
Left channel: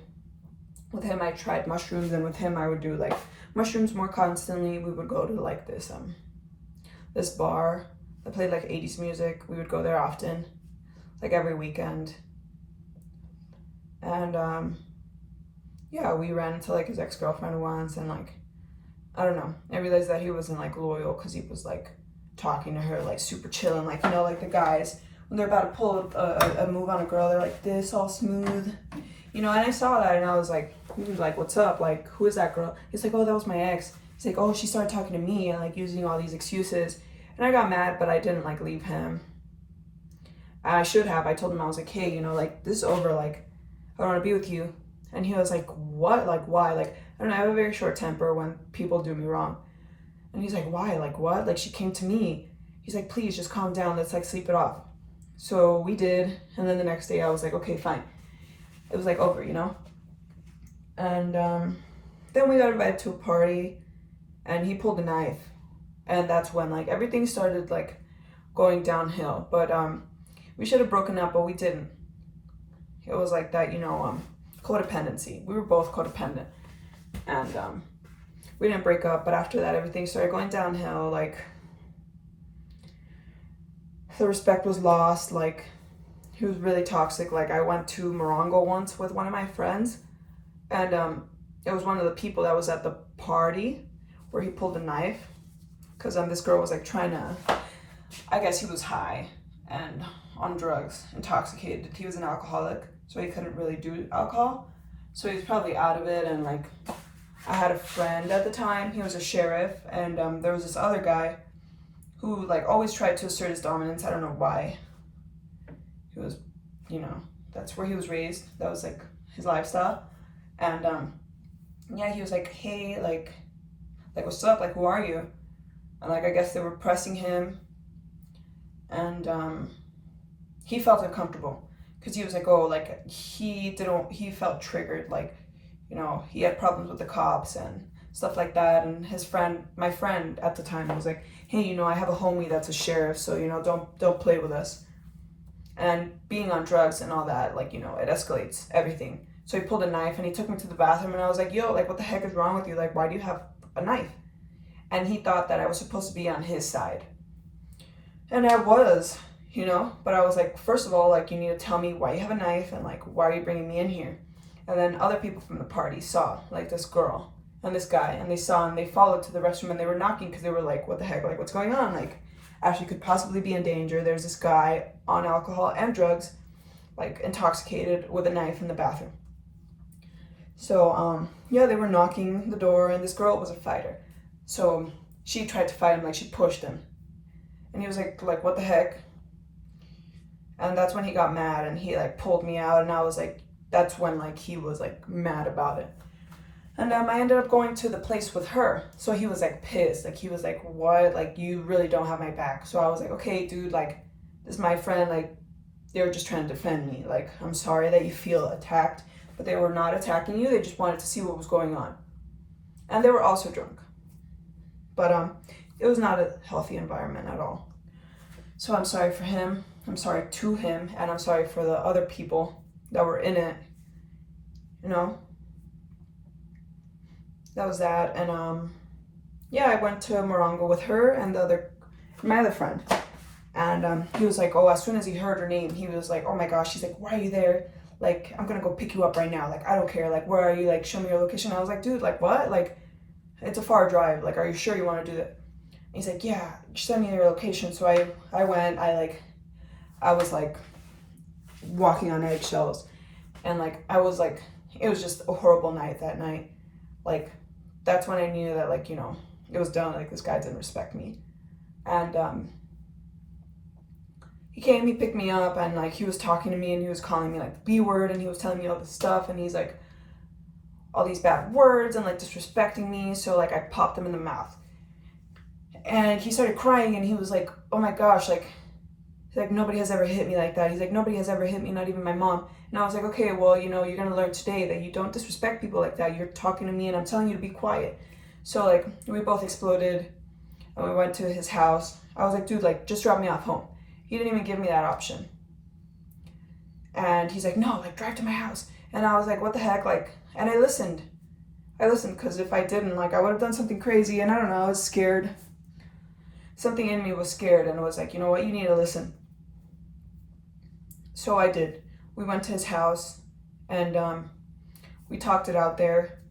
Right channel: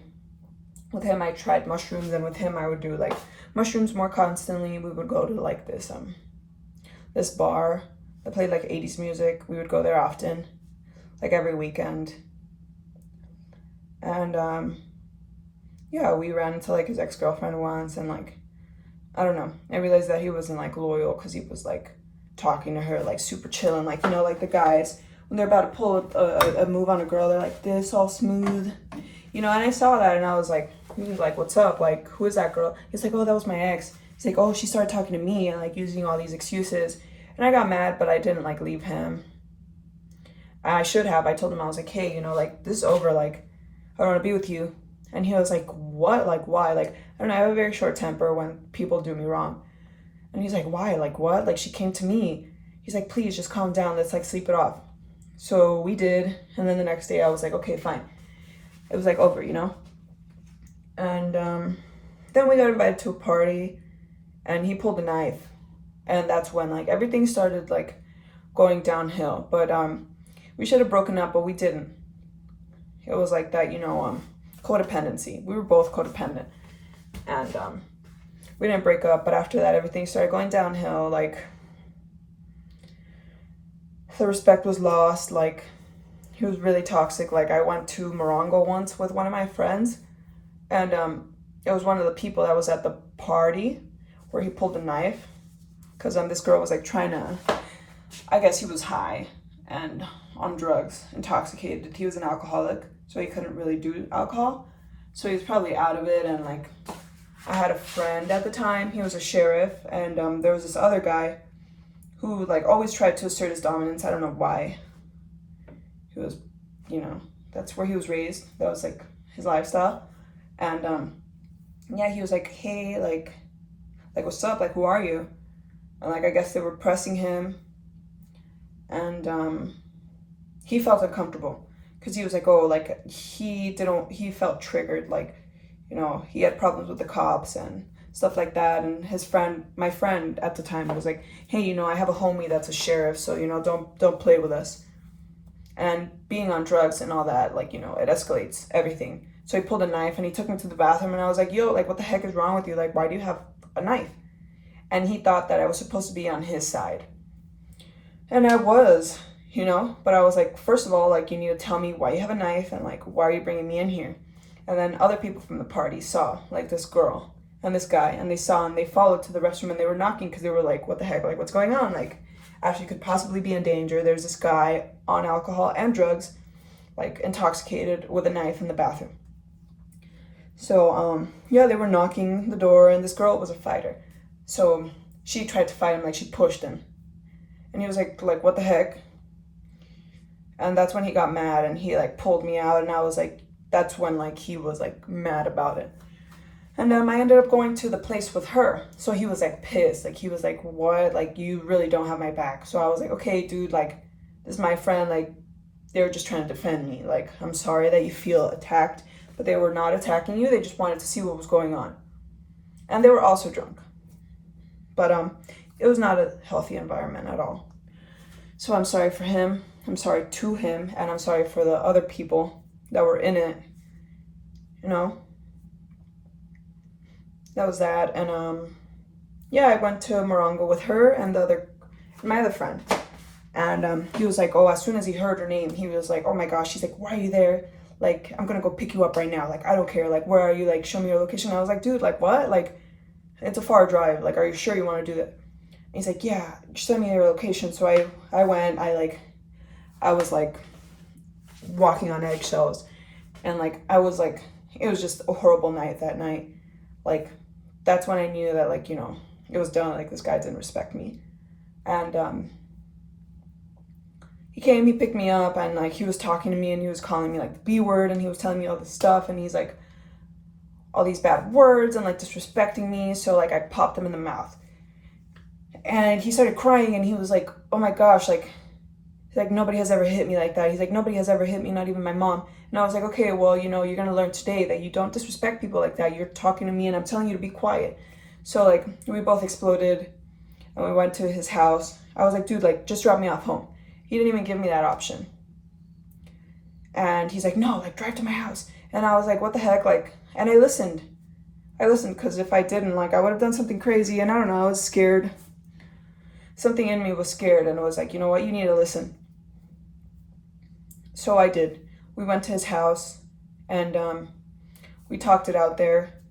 With him, I tried mushrooms, and with him, I would do like mushrooms more constantly. We would go to like this bar that played like 80s music. We would go there often, like every weekend. And yeah, we ran into like his ex-girlfriend once, and like, I don't know, I realized that he wasn't like loyal, because he was like talking to her like super chilling, like, you know, like the guys when they're about to pull a move on a girl, they're like this, all smooth, you know. And I saw that, and I was like, what's up, like, who is that girl? He's like, oh, that was my ex. He's like, oh, she started talking to me and like using all these excuses. And I got mad, but I didn't like leave him. I should have. I told him, I was like, hey, you know, like, this is over, like, I don't want to be with you. And he was like, what? Like, why? Like, I don't know, I have a very short temper when people do me wrong. And he's like, why? Like, what? Like, she came to me. He's like, please, just calm down. Let's, like, sleep it off. So we did. And then the next day I was like, okay, fine. It was, like, over, you know? And then we got invited to a party, and he pulled a knife. And that's when, like, everything started, like, going downhill. But we should have broken up, but we didn't. It was like that, you know, codependency. We were both codependent. And we didn't break up, but after that, everything started going downhill. Like, the respect was lost. Like, he was really toxic. Like, I went to Morongo once with one of my friends, and it was one of the people that was at the party where he pulled a knife, because this girl was like trying to, I guess he was high and on drugs, intoxicated. He was an alcoholic, so he couldn't really do alcohol, so he was probably out of it. And like, I had a friend at the time, he was a sheriff, and there was this other guy who like always tried to assert his dominance. I don't know why. He was, you know, that's where he was raised. That was like his lifestyle. And yeah, he was like, hey, like what's up? Like, who are you? And like, I guess they were pressing him, and he felt uncomfortable, because he was like, oh, like, he felt triggered, like, you know, he had problems with the cops and stuff like that. And my friend at the time was like, hey, you know, I have a homie that's a sheriff, so, you know, don't play with us. And being on drugs and all that, like, you know, it escalates everything. So he pulled a knife and he took me to the bathroom, and I was like, yo, like, what the heck is wrong with you? Like, why do you have a knife? And he thought that I was supposed to be on his side. And I was, you know, but I was like, first of all, like, you need to tell me why you have a knife, and like, why are you bringing me in here? And then other people from the party saw, like, this girl and this guy, and they saw, and they followed to the restroom, and they were knocking, because they were like, what the heck, like, what's going on? Like, Ashley could possibly be in danger. There's this guy on alcohol and drugs, like, intoxicated, with a knife in the bathroom. So yeah, they were knocking the door, and this girl was a fighter, so she tried to fight him. Like, she pushed him, and he was like what the heck? And that's when he got mad, and he like pulled me out, and I was like, that's when like he was like mad about it. And I ended up going to the place with her, so he was like pissed. Like, he was like, what? Like, you really don't have my back. So I was like, okay, dude, like, this is my friend. Like, they were just trying to defend me. Like, I'm sorry that you feel attacked, but they were not attacking you. They just wanted to see what was going on. And they were also drunk. But it was not a healthy environment at all. So I'm sorry for him. I'm sorry to him. And I'm sorry for the other people that were in it. You know? That was that. And yeah, I went to Morongo with her and my other friend. And he was like, oh, as soon as he heard her name, he was like, oh my gosh. He's like, why are you there? Like, I'm gonna go pick you up right now. Like, I don't care. Like, where are you? Like, show me your location. And I was like, dude, like, what? Like, it's a far drive. Like, are you sure you want to do that? And he's like, yeah, send me your location. So I went. I was like walking on eggshells, and like I was like, it was just a horrible night that night. Like, that's when I knew that, like, you know, it was done. Like, this guy didn't respect me. And he came, he picked me up, and like he was talking to me, and he was calling me like the B word, and he was telling me all this stuff, and he's like all these bad words and like disrespecting me. So like I popped him in the mouth, and he started crying, and he was like, oh my gosh, like, he's like, nobody has ever hit me like that. He's like, nobody has ever hit me, not even my mom. And I was like, okay, well, you know, you're gonna learn today that you don't disrespect people like that. You're talking to me, and I'm telling you to be quiet. So like we both exploded, and we went to his house. I was like, dude, like, just drop me off home. He didn't even give me that option. And he's like, no, like, drive to my house. And I was like, what the heck? Like, and I listened because if I didn't, like, I would have done something crazy. And I don't know, I was scared. Something in me was scared, and it was like, you know what, you need to listen. So I did. We went to his house, and we talked it out there.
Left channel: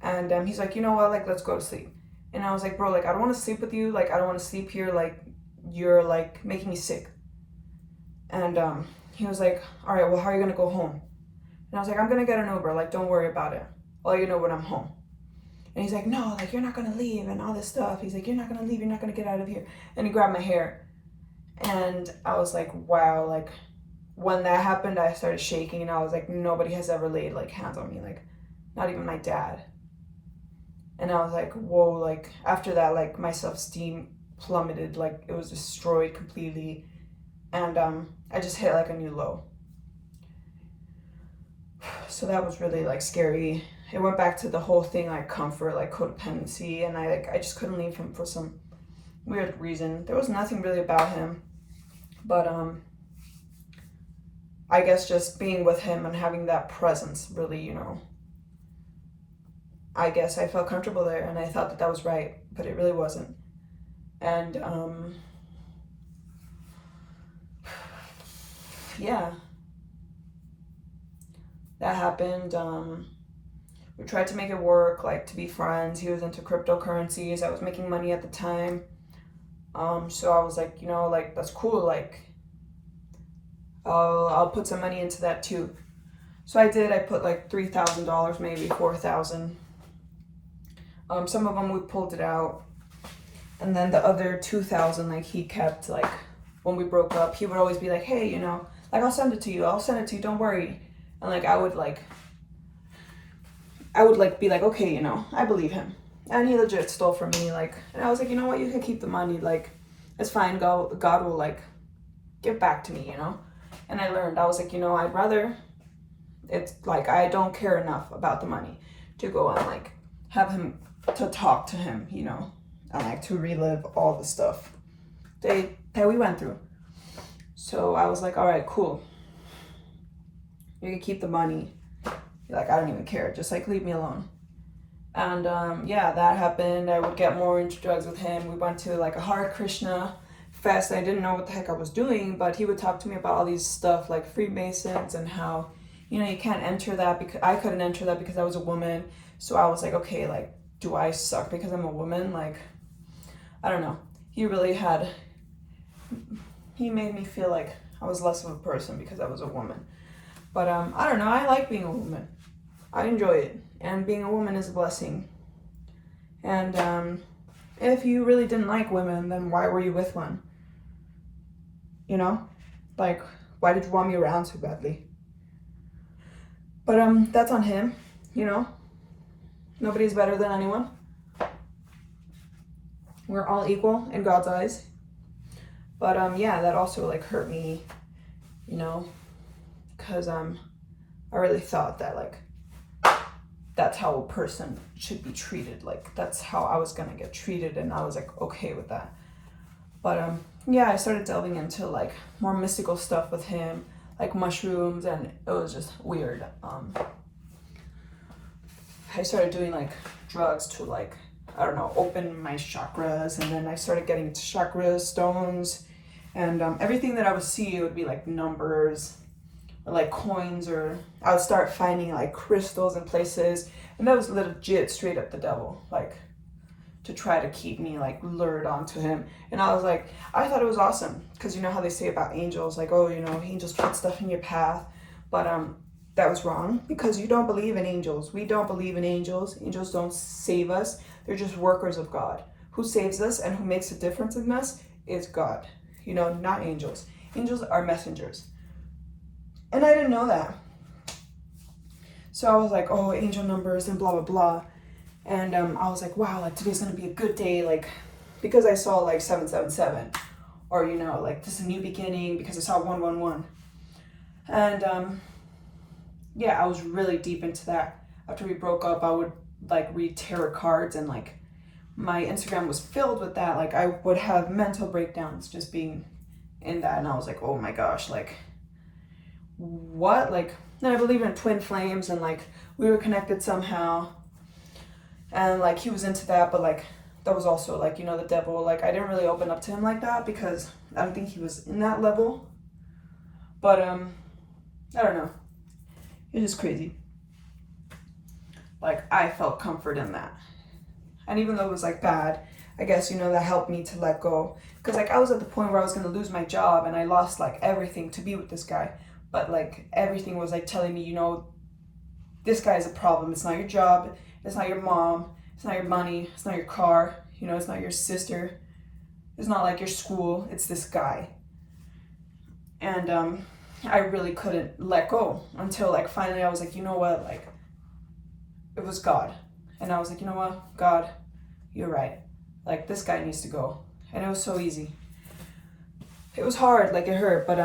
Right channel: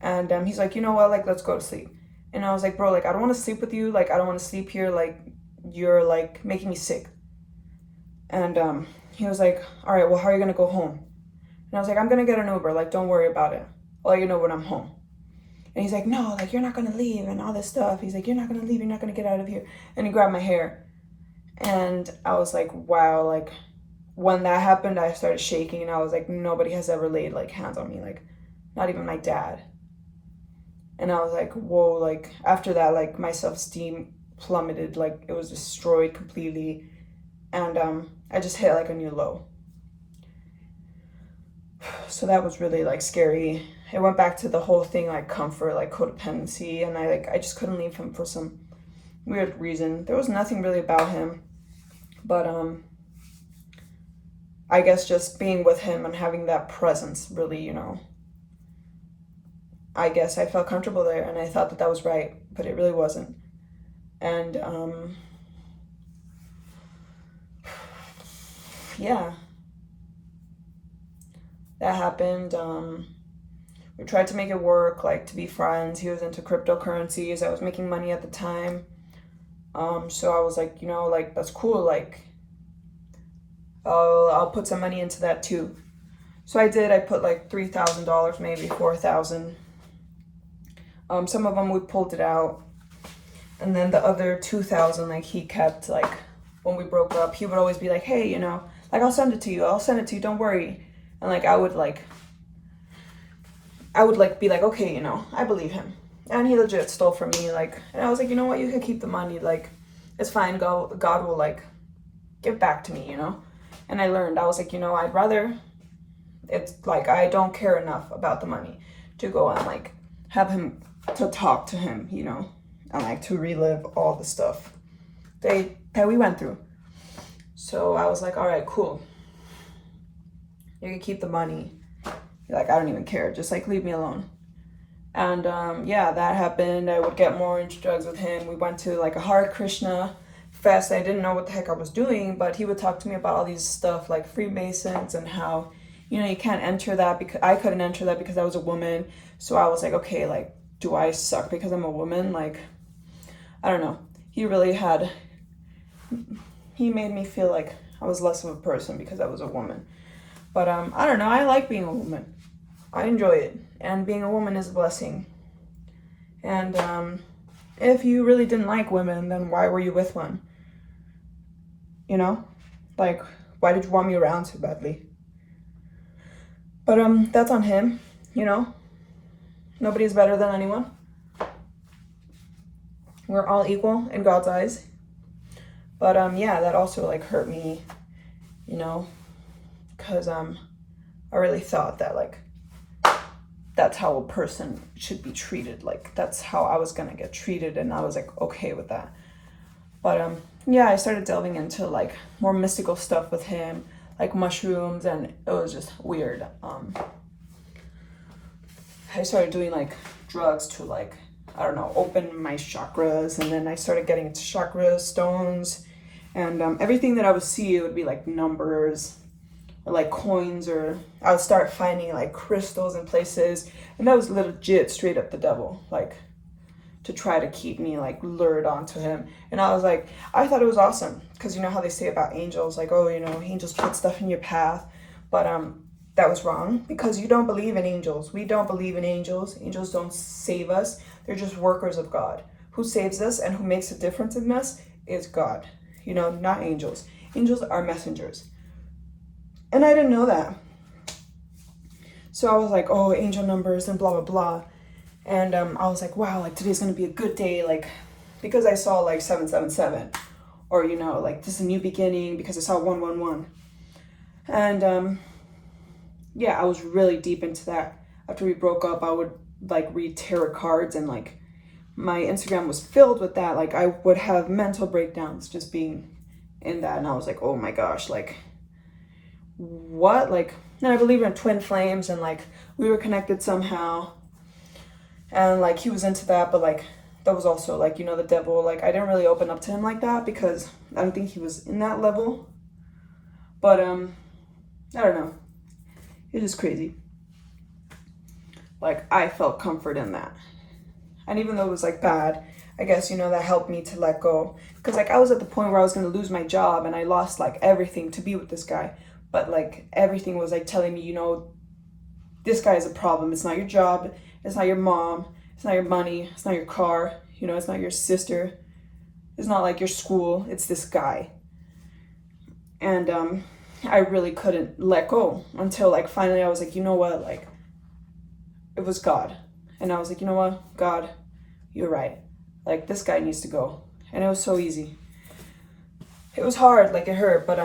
And he's like, you know what, like, let's go to sleep. And I was like, bro, like, I don't want to sleep with you. Like, I don't want to sleep here. Like, you're like making me sick. And he was like, all right, well, how are you gonna go home? And I was like, I'm gonna get an Uber. Like, don't worry about it. I'll let you know when I'm home. And he's like, no, like, you're not gonna leave and all this stuff. He's like, you're not gonna leave. You're not gonna get out of here. And he grabbed my hair. And I was like, wow. Like, when that happened, I started shaking, and I was like, nobody has ever laid like hands on me. Like, not even my dad. And I was like, whoa. Like, after that, like, my self-esteem plummeted. Like, it was destroyed completely. And I just hit like a new low. So that was really like scary. It went back to the whole thing, like comfort, like codependency, and I just couldn't leave him for some weird reason. There was nothing really about him, but I guess just being with him and having that presence really, you know, I guess I felt comfortable there, and I thought that that was right, but it really wasn't. And yeah, that happened. We tried to make it work, like, to be friends. He was into cryptocurrencies. I was making money at the time. So I was like, you know, like, that's cool. Like, I'll put some money into that too. So I did. I put like $3,000, maybe $4,000. Some of them we pulled it out, and then the other 2,000, like, he kept. Like, when we broke up, he would always be like, hey, you know, like, I'll send it to you, don't worry. And like I would be like, okay, you know, I believe him. And he legit stole from me, like, and I was like, you know what, you can keep the money, like, it's fine. God will like give back to me, you know. And I learned. I was like, you know, I'd rather, it's like, I don't care enough about the money to go and like have him, to talk to him, you know, and like to relive all the stuff that we went through. So I was like, all right, cool. You can keep the money. Like, I don't even care. Just like leave me alone. And yeah, that happened. I would get more into drugs with him. We went to like a Hare Krishna fest. I didn't know what the heck I was doing, but he would talk to me about all these stuff like Freemasons and how, you know, you can't enter that because I couldn't enter that because I was a woman. So I was like, okay, like, do I suck because I'm a woman? Like, I don't know. He made me feel like I was less of a person because I was a woman. But I don't know, I like being a woman. I enjoy it. And being a woman is a blessing. And if you really didn't like women, then why were you with one? You know? Like, why did you want me around so badly? But that's on him, you know? Nobody's better than anyone. We're all equal in God's eyes. But yeah, that also like hurt me, you know? Because I really thought that like that's how a person should be treated. Like, that's how I was gonna get treated, and I was like okay with that. But yeah, I started delving into like more mystical stuff with him, like mushrooms, and it was just weird. I started doing like drugs to open my chakras, and then I started getting into chakras, stones, And everything that I would see would be like numbers or like coins, or I would start finding like crystals in places, and that was legit straight up the devil, like to try to keep me like lured onto him. And I was like, I thought it was awesome, because you know how they say about angels, like, oh, you know, angels put stuff in your path. But that was wrong, because you don't believe in angels. We don't believe in angels. Angels don't save us. They're just workers of God. Who saves us and who makes a difference in us is God, you know, not angels. Angels are messengers. And I didn't know that. So I was like, oh, angel numbers and blah, blah, blah. And I was like, wow, like today's going to be a good day. Like, because I saw like 777, or, you know, like this is a new beginning, because I saw 111. And yeah, I was really deep into that. After we broke up, I would like read tarot cards, and like my Instagram was filled with that. Like I would have mental breakdowns just being in that. And I was like, oh my gosh, like what? Like, and I believe in twin flames, and like we were connected somehow. And like he was into that, but like that was also like, you know, the devil. Like I didn't really open up to him like that, because I don't think he was in that level. But I don't know. It was crazy. Like I felt comfort in that. And even though it was like bad, I guess, you know, that helped me to let go. Because like I was at the point where I was going to lose my job, and I lost like everything to be with this guy. But like everything was like telling me, you know, this guy is a problem. It's not your job. It's not your mom. It's not your money. It's not your car. You know, it's not your sister. It's not like your school. It's this guy. And I really couldn't let go until like finally I was like, you know what? Like it was God. And I was like, you know what? God, you're right. Like this guy needs to go. And it was so easy. It was hard, like it hurt, but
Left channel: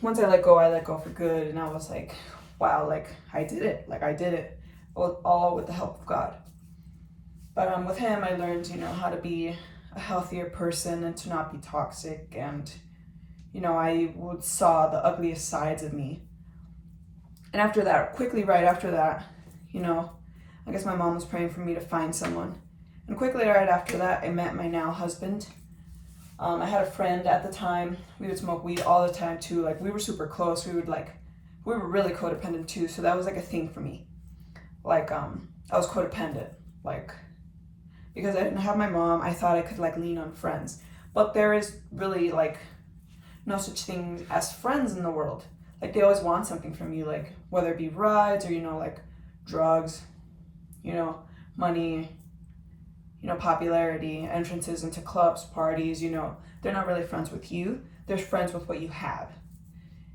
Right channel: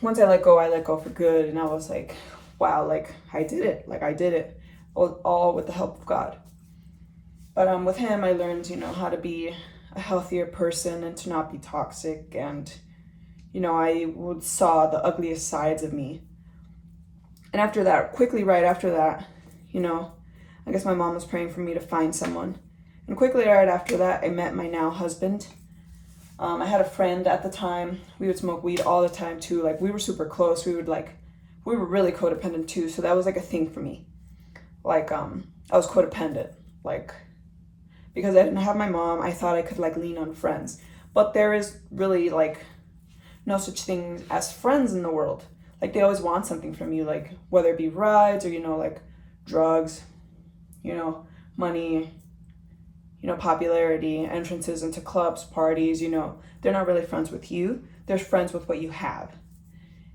once I let go for good. And I was like, wow, like I did it. Like I did it. All with the help of God. But with him, I learned, you know, how to be a healthier person and to not be toxic. And, you know, I saw the ugliest sides of me. And after that, quickly right after that, you know, I guess my mom was praying for me to find someone. And quickly right after that, I met my now husband. I had a friend at the time. We would smoke weed all the time too. Like we were super close. We were really codependent too. So that was like a thing for me. Like I was codependent. Like because I didn't have my mom, I thought I could like lean on friends. But there is really like no such thing as friends in the world. Like they always want something from you, like whether it be rides or, you know, like drugs, you know, money, you know, popularity, entrances into clubs, parties, you know. They're not really friends with you. They're friends with what you have.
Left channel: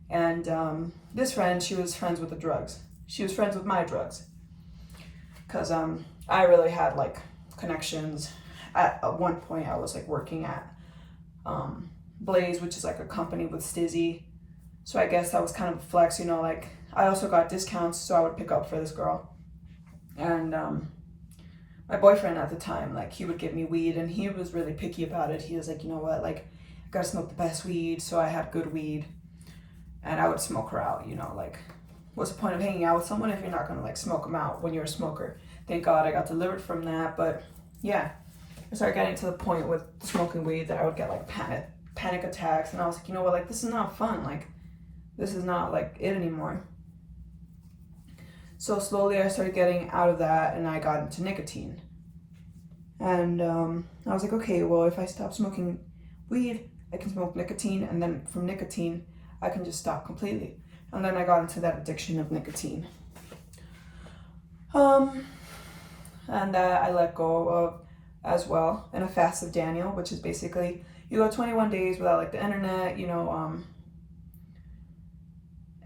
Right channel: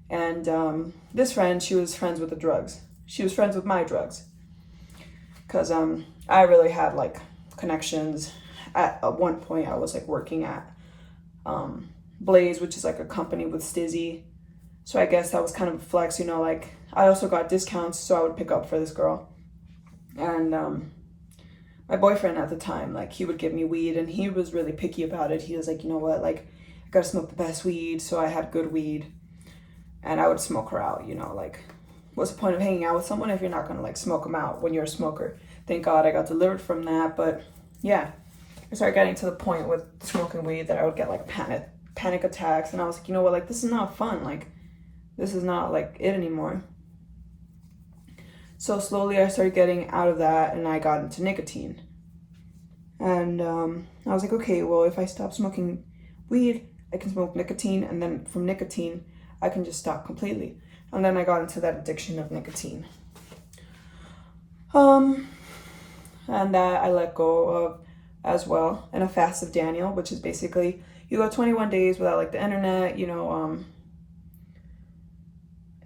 And this friend, she was friends with the drugs. She was friends with my drugs. Because I really had like connections. At one point I was like working at Blaze, which is like a company with Stizzy. So I guess that was kind of a flex, you know, like I also got discounts, so I would pick up for this girl. And my boyfriend at the time, like he would give me weed, and he was really picky about it. He was like, you know what, like I gotta smoke the best weed. So I had good weed, and I would smoke her out, you know, like what's the point of hanging out with someone if you're not gonna like smoke them out when you're a smoker? Thank God I got delivered from that. But yeah, I started getting to the point with smoking weed that I would get like panic attacks, and I was like, you know what, like this is not fun. Like this is not like it anymore. So slowly I started getting out of that, and I got into nicotine. And I was like, okay, well, if I stop smoking weed, I can smoke nicotine, and then from nicotine, I can just stop completely. And then I got into that addiction of nicotine. And I let go of as well in a fast of Daniel, which is basically you go 21 days without like the internet, you know,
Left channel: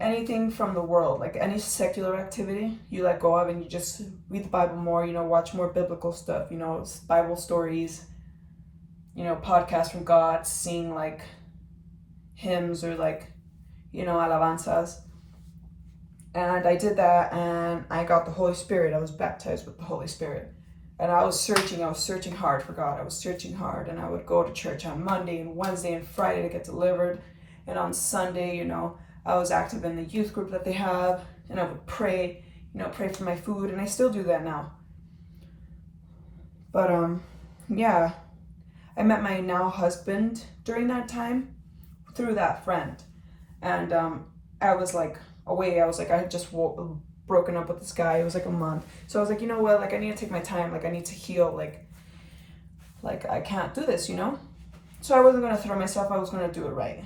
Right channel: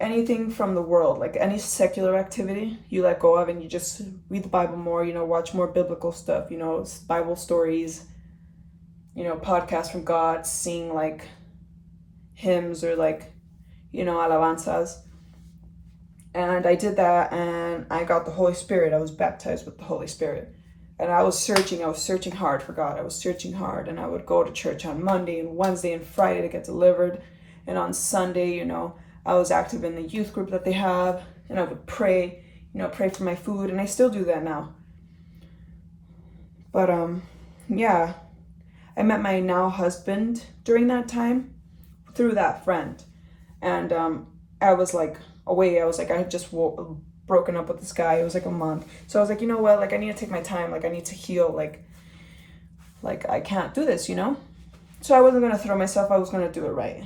anything from the world, like any secular activity you let go of, and you just read the Bible more, you know, watch more biblical stuff, you know, Bible stories, you know, podcasts from God, sing like hymns or like, you know, alabanzas. And I did that, and I got the Holy Spirit. I was baptized with the Holy Spirit. And I was searching hard for God. I was searching hard, and I would go to church on Monday and Wednesday and Friday to get delivered. And on Sunday, you know, I was active in the youth group that they have, and I would pray, you know, pray for my food, and I still do that now. But yeah, I met my now husband during that time, through that friend. And I was like away. I was like, I had just broken up with this guy. It was like a month. So I was like, you know what? Like, I need to take my time. Like, I need to heal. Like I can't do this, you know? So I wasn't going to throw myself. I was going to do it right.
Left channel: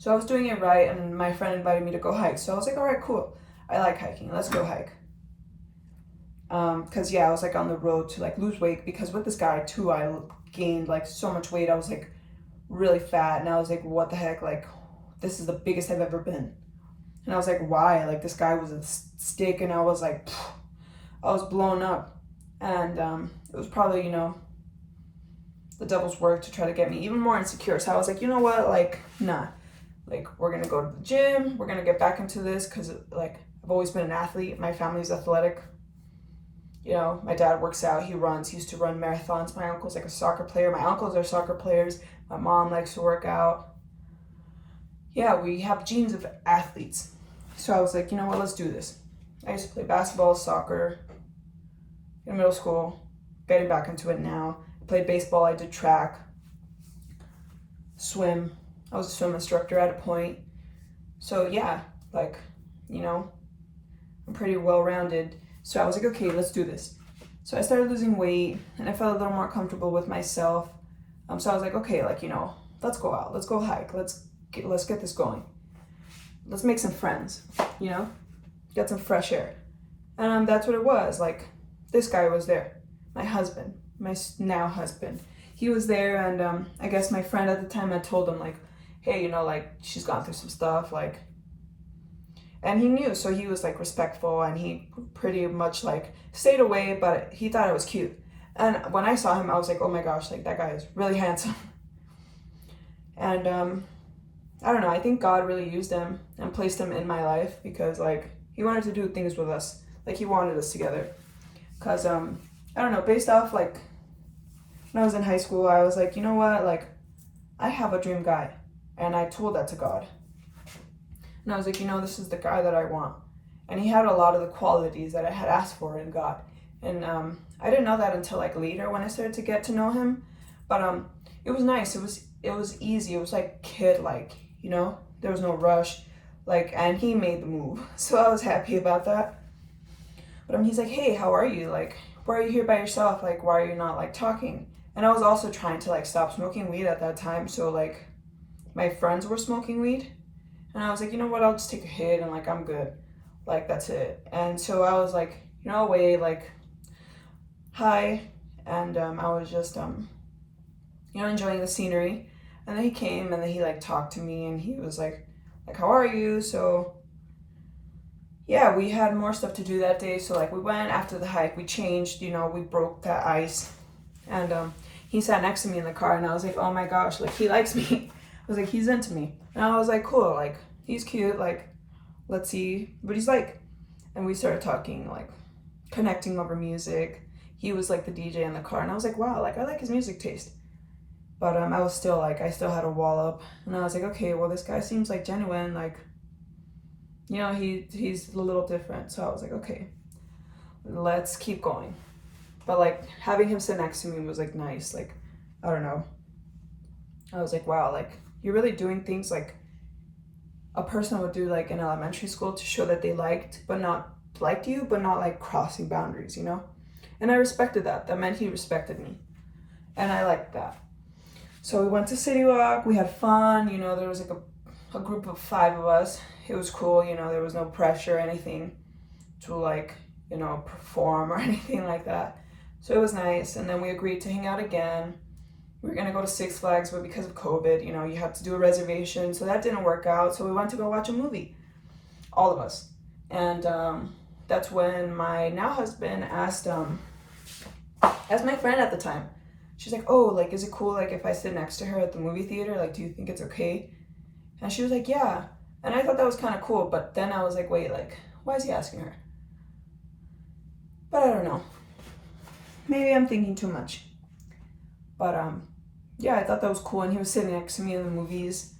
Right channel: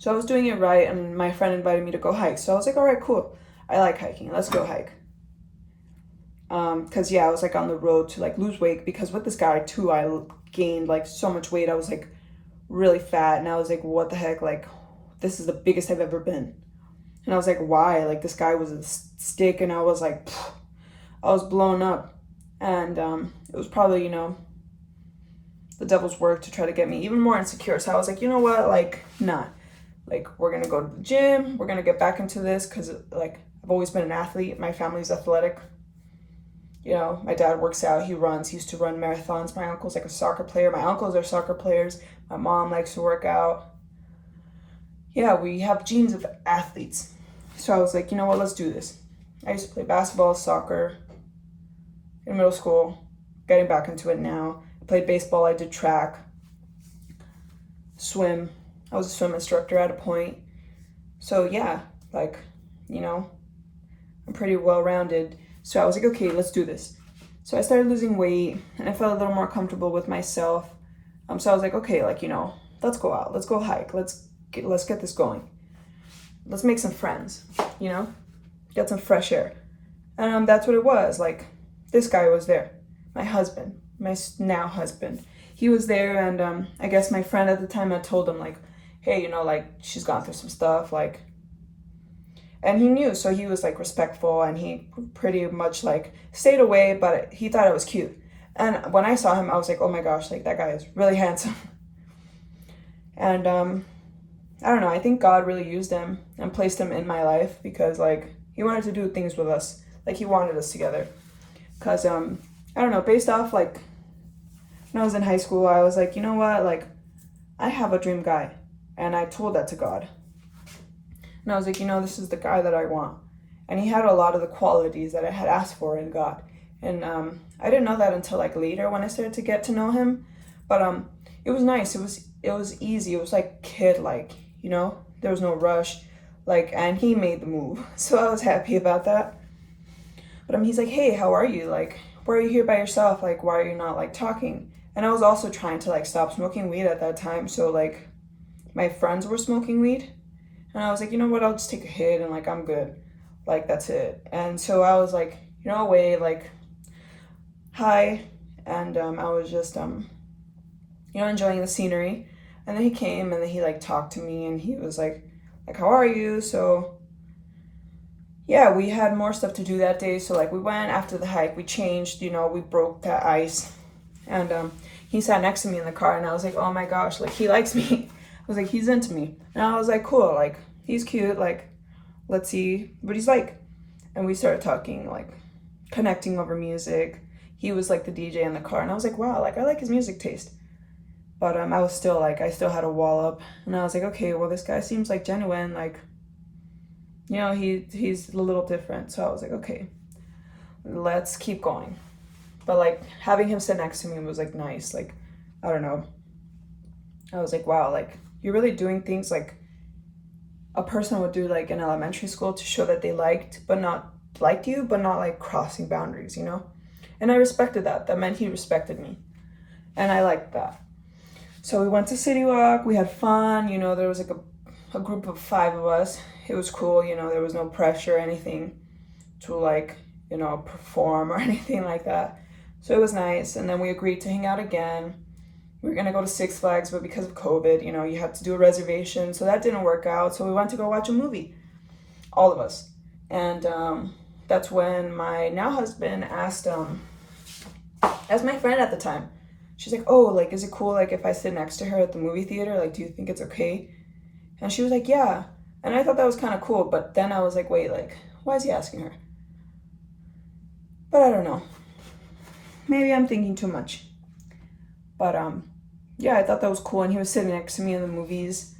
So I was doing it right, and my friend invited me to go hike. So I was like, all right, cool. I like hiking. Let's go hike. Because, yeah, I was, like, on the road to, like, lose weight. Because with this guy, too, I gained, like, so much weight. I was, like, really fat. And I was like, what the heck? Like, this is the biggest I've ever been. And I was like, why? Like, this guy was a stick, and I was, like, I was blown up. And it was probably, you know, the devil's work to try to get me even more insecure. So I was like, you know what? Like, nah. Like, we're going to go to the gym. We're going to get back into this because, like, I've always been an athlete. My family's athletic. You know, my dad works out. He runs. He used to run marathons. My uncle's, like, a soccer player. My uncles are soccer players. My mom likes to work out. Yeah, we have genes of athletes. So I was like, you know what? Let's do this. I used to play basketball, soccer in middle school. Getting back into it now. I played baseball. I did track. Swim. I was a swim instructor at a point. So yeah, like, you know, I'm pretty well-rounded. So I was like, okay, let's do this. So I started losing weight, and I felt a little more comfortable with myself. So I was like, okay, like, you know, let's go out. Let's go hike. Let's get this going. Let's make some friends, you know, get some fresh air. And that's what it was. Like, this guy was there. My husband, my now husband. He was there, and I guess my friend at the time had told him, like, hey, you know, like, she's gone through some stuff, like, and he knew, so he was, like, respectful, and he pretty much, like, stayed away, but he thought it was cute. And when I saw him, I was like, oh my gosh, like, that guy is really handsome. And I don't know, I think God really used him and placed him in my life because, like, he wanted to do things with us, like, he wanted us together. Because I don't know, based off, like, when I was in high school, I was like, you know what, like, I have a dream guy. And I told that to God. And I was like, you know, this is the guy that I want. And he had a lot of the qualities that I had asked for in God. And I didn't know that until, like, later when I started to get to know him. But it was nice. It was easy. It was, like, kid-like, you know? There was no rush. Like, and he made the move. So I was happy about that. But he's like, hey, how are you? Like, why are you here by yourself? Like, why are you not, like, talking? And I was also trying to, like, stop smoking weed at that time. So, like, my friends were smoking weed, and I was like, you know what, I'll just take a hit, and, like, I'm good. Like, that's it. And so I was like, you know, away, like, hi, and I was just, you know, enjoying the scenery. And then he came, and then he, like, talked to me, and he was like, how are you? So, yeah, we had more stuff to do that day. So, like, we went after the hike, we changed, you know, we broke that ice, and he sat next to me in the car, and I was like, oh my gosh, like, he likes me. I was like, he's into me. And I was like, cool, like, he's cute, like, let's see what he's like. And we started talking, like, connecting over music. He was, like, the DJ in the car, and I was like, wow, like, I like his music taste. But I was still, like, I still had a wall up, and I was like, okay, well, this guy seems, like, genuine, like, you know, he's a little different. So I was like, okay, let's keep going. But, like, having him sit next to me was, like, nice. Like, I don't know. I was like, wow, like, you're really doing things like a person would do, like, in elementary school to show that they liked you, but not, like, crossing boundaries, you know? And I respected that. That meant he respected me. And I liked that. So we went to City Walk. We had fun. You know, there was, like, a group of 5 of us. It was cool. You know, there was no pressure or anything to, like, you know, perform or anything like that. So it was nice. And then we agreed to hang out again. We were going to go to Six Flags, but because of COVID, you know, you had to do a reservation. So that didn't work out. So we went to go watch a movie, all of us. And that's when my now husband asked my friend at the time. She's like, oh, like, is it cool, like, if I sit next to her at the movie theater? Like, do you think it's okay? And she was like, yeah. And I thought that was kind of cool. But then I was like, wait, like, why is he asking her? But I don't know. Maybe I'm thinking too much. But, yeah, I thought that was cool. And he was sitting next to me in the movies.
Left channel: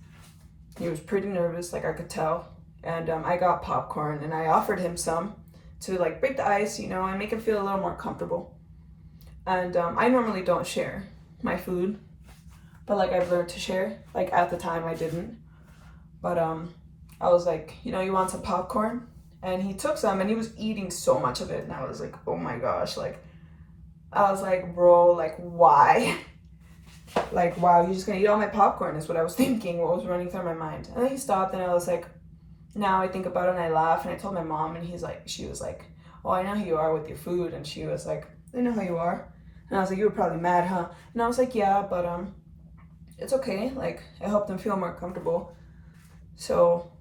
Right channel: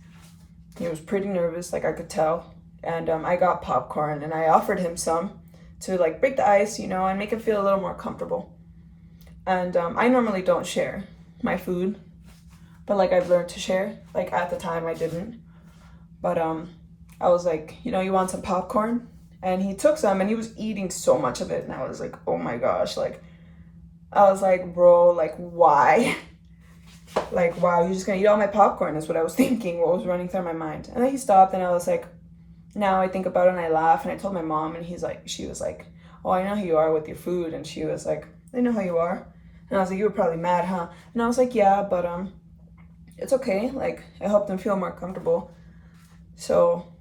He was pretty nervous, like, I could tell. And I got popcorn, and I offered him some to, like, break the ice, you know, and make him feel a little more comfortable. And I normally don't share my food. but like I've learned to share. Like at the time I didn't, but I was like, you know, you want some popcorn? And he took some and he was eating so much of it, and I was like, oh my gosh, like I was like, bro, like why? Like, wow, you're just gonna eat all my popcorn is what I was thinking, what was running through my mind. And then he stopped, and I was like, now I think about it and I laugh, and I told my mom, and she was like, oh, I know who you are with your food. And she was like, I know how you are. And I was like, you were probably mad, huh? And I was like, yeah, but it's okay. Like, I helped them feel more comfortable. So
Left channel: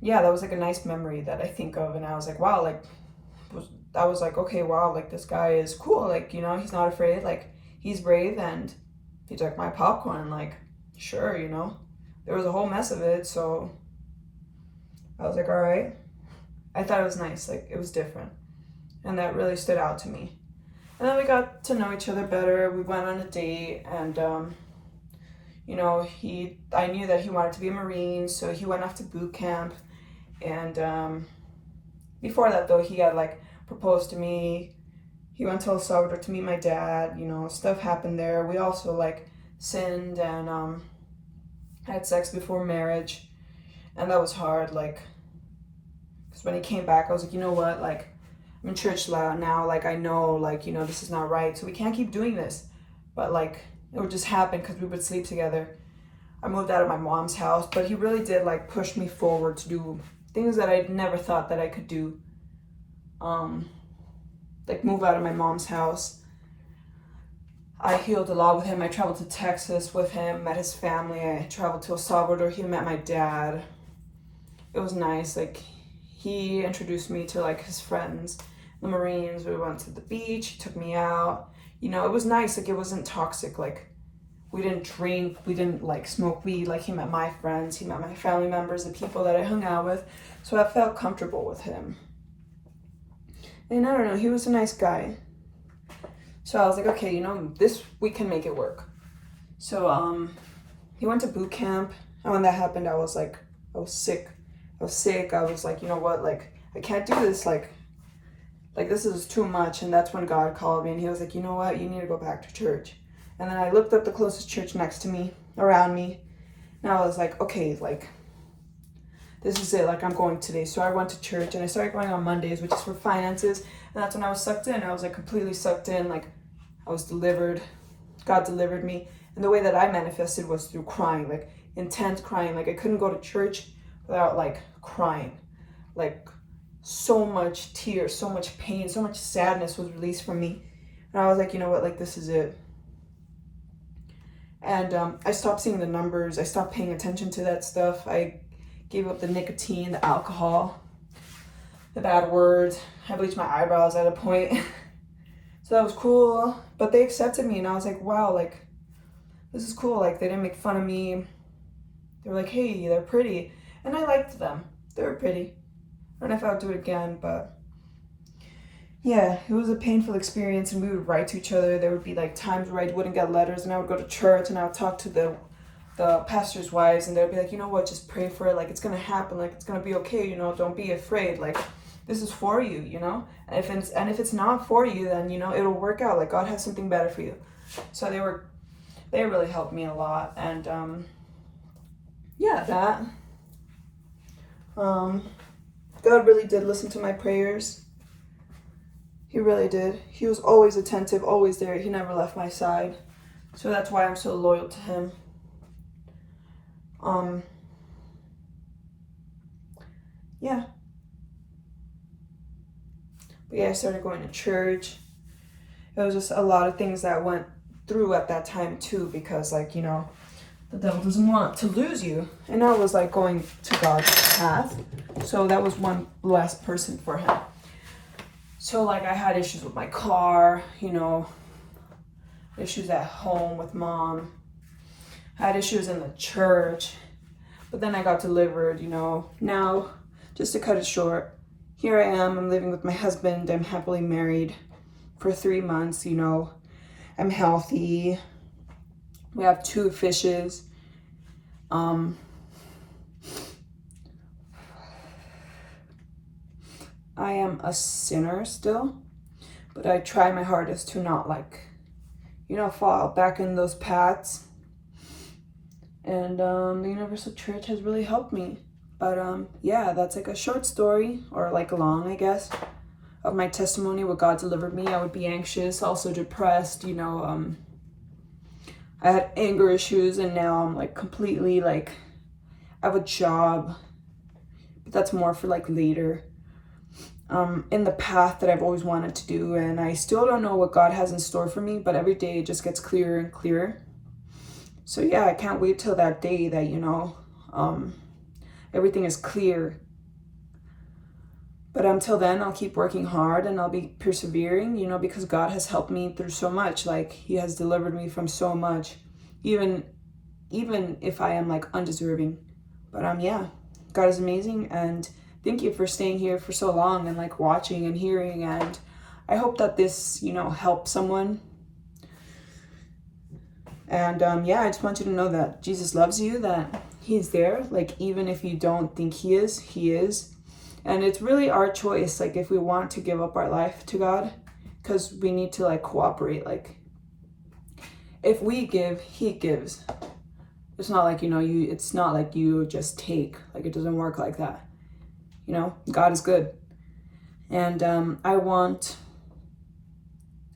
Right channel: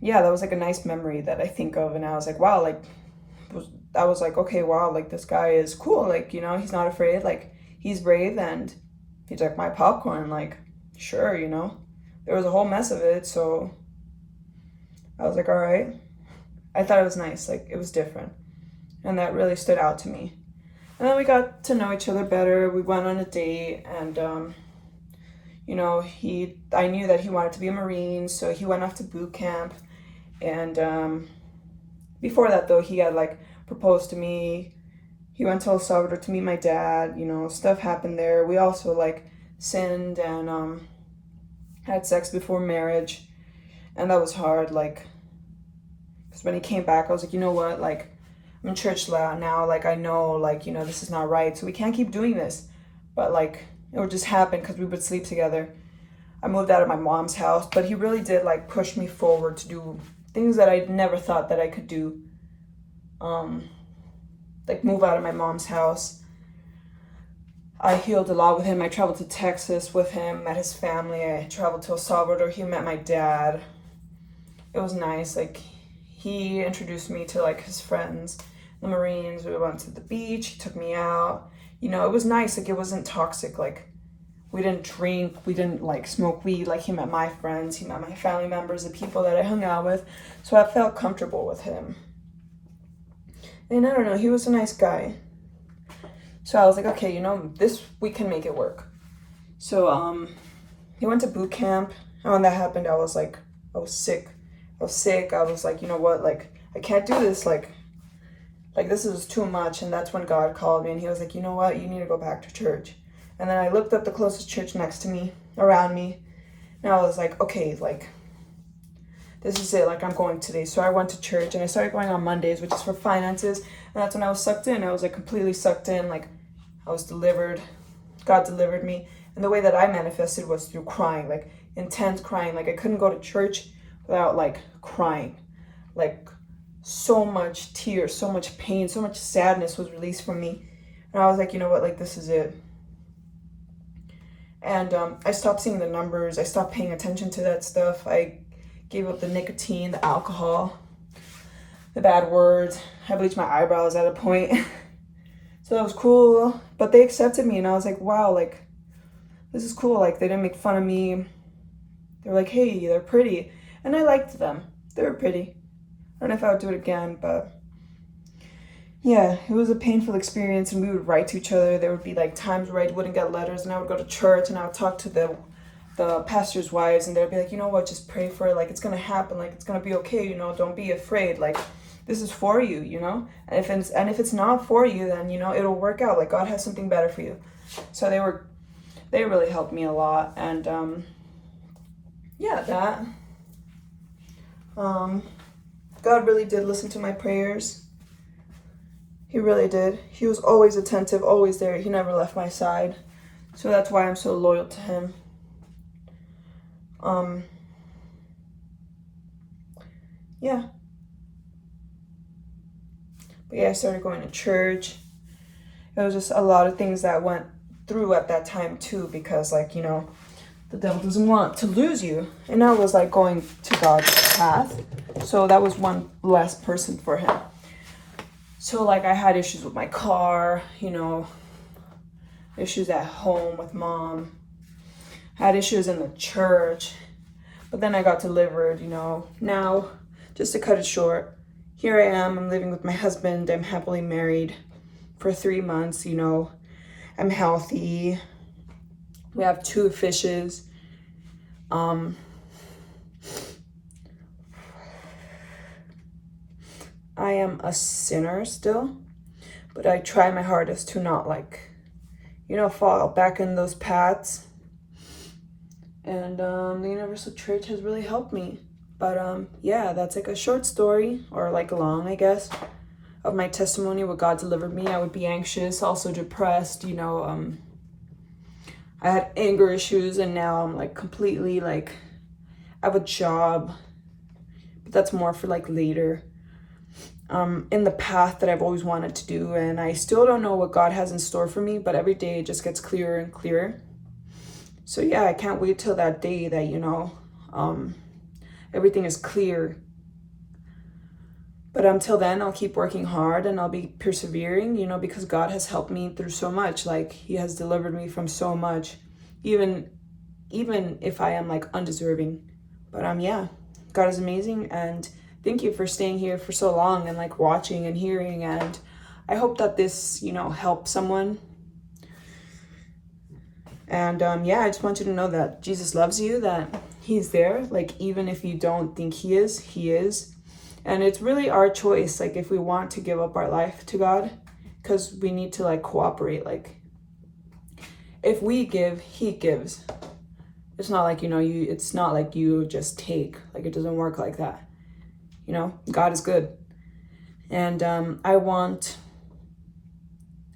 yeah, that was like a nice memory that I think of, and I was like, wow, like I was like, okay, wow, like this guy is cool, like, you know, he's not afraid, like he's brave, and he took my popcorn, like, sure, you know, there was a whole mess of it, so I was like, all right. I thought it was nice, like it was different, and that really stood out to me. And then we got to know each other better. We went on a date, and you know, I knew that he wanted to be a Marine, so he went off to boot camp. And before that, though, he had like proposed to me. He went to El Salvador to meet my dad. You know, stuff happened there. We also like sinned and had sex before marriage, and that was hard. Like, because when he came back, I was like, you know what? Like, I'm in church now. Like, I know, like, you know, this is not right. So we can't keep doing this. But like, it would just happen because we would sleep together. I moved out of my mom's house, but he really did like push me forward to do things that I never thought that I could do. Like move out of my mom's house. I healed a lot with him. I traveled to Texas with him, met his family. I traveled to El Salvador. He met my dad. It was nice. Like, he introduced me to like his friends, the Marines. We went to the beach. He took me out. You know, it was nice. Like, it wasn't toxic. Like, we didn't drink. We didn't like smoke weed. Like, he met my friends. He met my family members, the people that I hung out with. So I felt comfortable with him. And I don't know, he was a nice guy. So I was like, okay, you know, we can make it work. So he went to boot camp, and when that happened, I was like, I was sick. I was like, you know what, like, I can't do this, like this is too much. And that's when God called me, and he was like, you know what, you need to go back to church. And then I looked up the closest church next to me, around me, and I was like, okay, like, this is it, like, I'm going today. So I went to church, and I started going on Mondays, which is for finances. And that's when I was sucked in. I was like completely sucked in. Like, I was delivered. God delivered me. And the way that I manifested was through crying, like intense crying. Like, I couldn't go to church without like crying. Like, so much tears, so much pain, so much sadness was released from me. And I was like, you know what, like, this is it. And I stopped seeing the numbers. I stopped paying attention to that stuff. I gave up the nicotine, the alcohol, the bad words. I bleached my eyebrows at a point. So that was cool. But they accepted me, and I was like, wow, like, this is cool. Like, they didn't make fun of me. They were like, hey, they're pretty. And I liked them. They were pretty. I don't know if I would do it again, but yeah, it was a painful experience, and we would write to each other. There would be like times where I wouldn't get letters, and I would go to church, and I would talk to the pastors' wives, and they would be like, you know what, just pray for it. Like, it's going to happen. Like, it's going to be okay. You know, don't be afraid. Like, this is for you, you know? And if it's not for you, then, you know, it'll work out. Like, God has something better for you. So they really helped me a lot. And, yeah, that, God really did listen to my prayers. He really did. He was always attentive, always there. He never left my side. So that's why I'm so loyal to him. Yeah. But yeah, I started going to church. It was just a lot of things that went through at that time too, because, like, you know, the devil doesn't want to lose you. And I was like going to God's path. So that was one less person for him. So like, I had issues with my car, you know, issues at home with mom, had issues in the church, but then I got delivered, you know. Now, just to cut it short, here I am, I'm living with my husband, I'm happily married for 3 months, you know, I'm healthy, we have 2 fishes, I am a sinner still, but I try my hardest to not, like, you know, fall back in those paths. And the Universal Church has really helped me. But yeah, that's like a short story, or like a long, I guess, of my testimony, what God delivered me. I would be anxious, also depressed, you know. I had anger issues, and now I'm like completely like, I have a job, but that's more for like later. In the path that I've always wanted to do, and I still don't know what God has in store for me, but every day it just gets clearer and clearer. So yeah, I can't wait till that day that, you know, everything is clear. But until then, I'll keep working hard and I'll be persevering, you know, because God has helped me through so much. Like, he has delivered me from so much, even if I am like undeserving. But yeah, God is amazing, and thank you for staying here for so long and like watching and hearing, and I hope that this, you know, helps someone. And yeah, I just want you to know that Jesus loves you, that he's there. Like, even if you don't think he is, he is. And it's really our choice, like, if we want to give up our life to God, because we need to like cooperate. Like, if we give, he gives. It's not like, you know, it's not like you just take. Like, it doesn't work like that. You know, God is good. And I want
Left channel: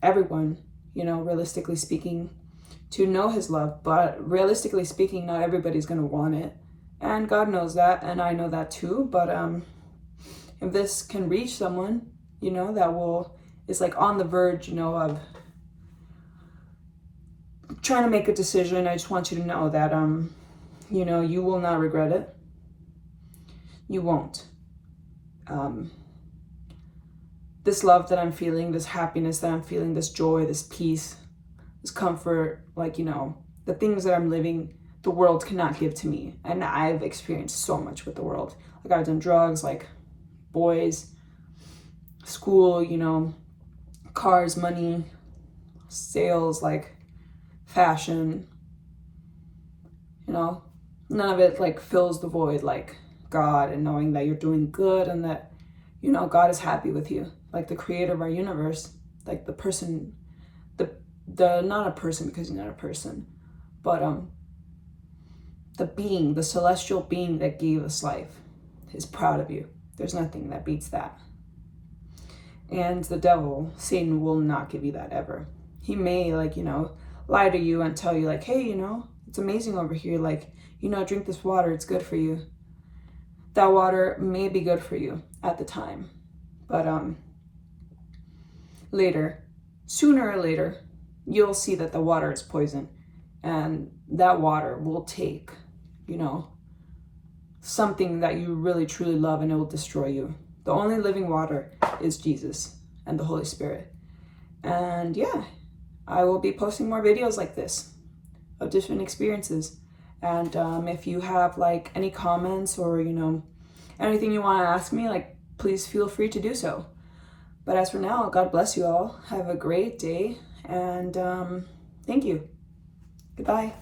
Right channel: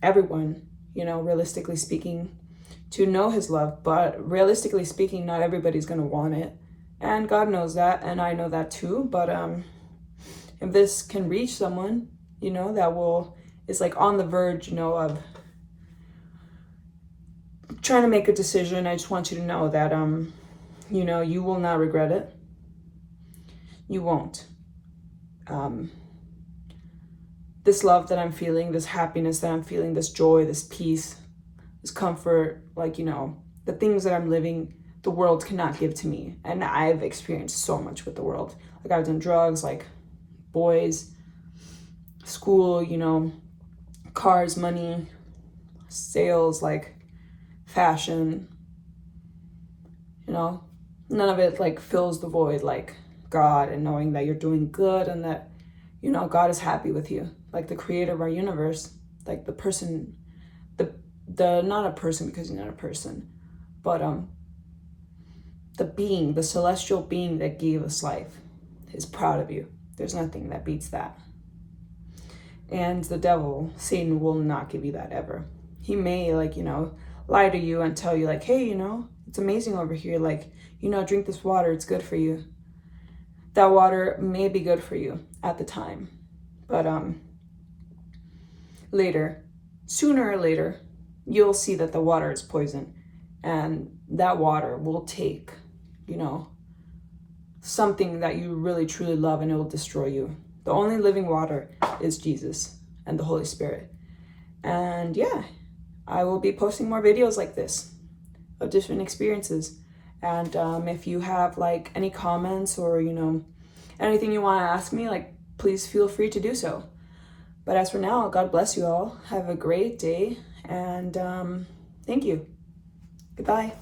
everyone, you know, realistically speaking, to know his love. But realistically speaking, not everybody's going to want it. And God knows that, and I know that too. But if this can reach someone, you know, that is like on the verge, you know, of trying to make a decision, I just want you to know that, you know, you will not regret it. You won't. This love that I'm feeling, this happiness that I'm feeling, this joy, this peace, this comfort, like, you know, the things that I'm living, the world cannot give to me. And I've experienced so much with the world. Like, I've done drugs, like boys, school, you know, cars, money, sales, like fashion, you know, none of it like fills the void like God, and knowing that you're doing good and that, you know, God is happy with you, like the creator of our universe, like the person, the not a person, because he's not a person, but the being, the celestial being that gave us life is proud of you. There's nothing that beats that. And the devil, Satan, will not give you that ever. He may, like, you know, lie to you and tell you like, hey, you know, it's amazing over here, like, you know, drink this water, it's good for you. That water may be good for you at the time, but later, sooner or later, you'll see that the water is poison, and that water will take, you know, something that you really truly love, and it will destroy you. The only living water is Jesus and the Holy Spirit. And yeah, I will be posting more videos like this of different experiences. And if you have like any comments, or, you know, anything you want to ask me, like, please feel free to do so. But as for now, God bless you all. Have a great day, and thank you. Goodbye.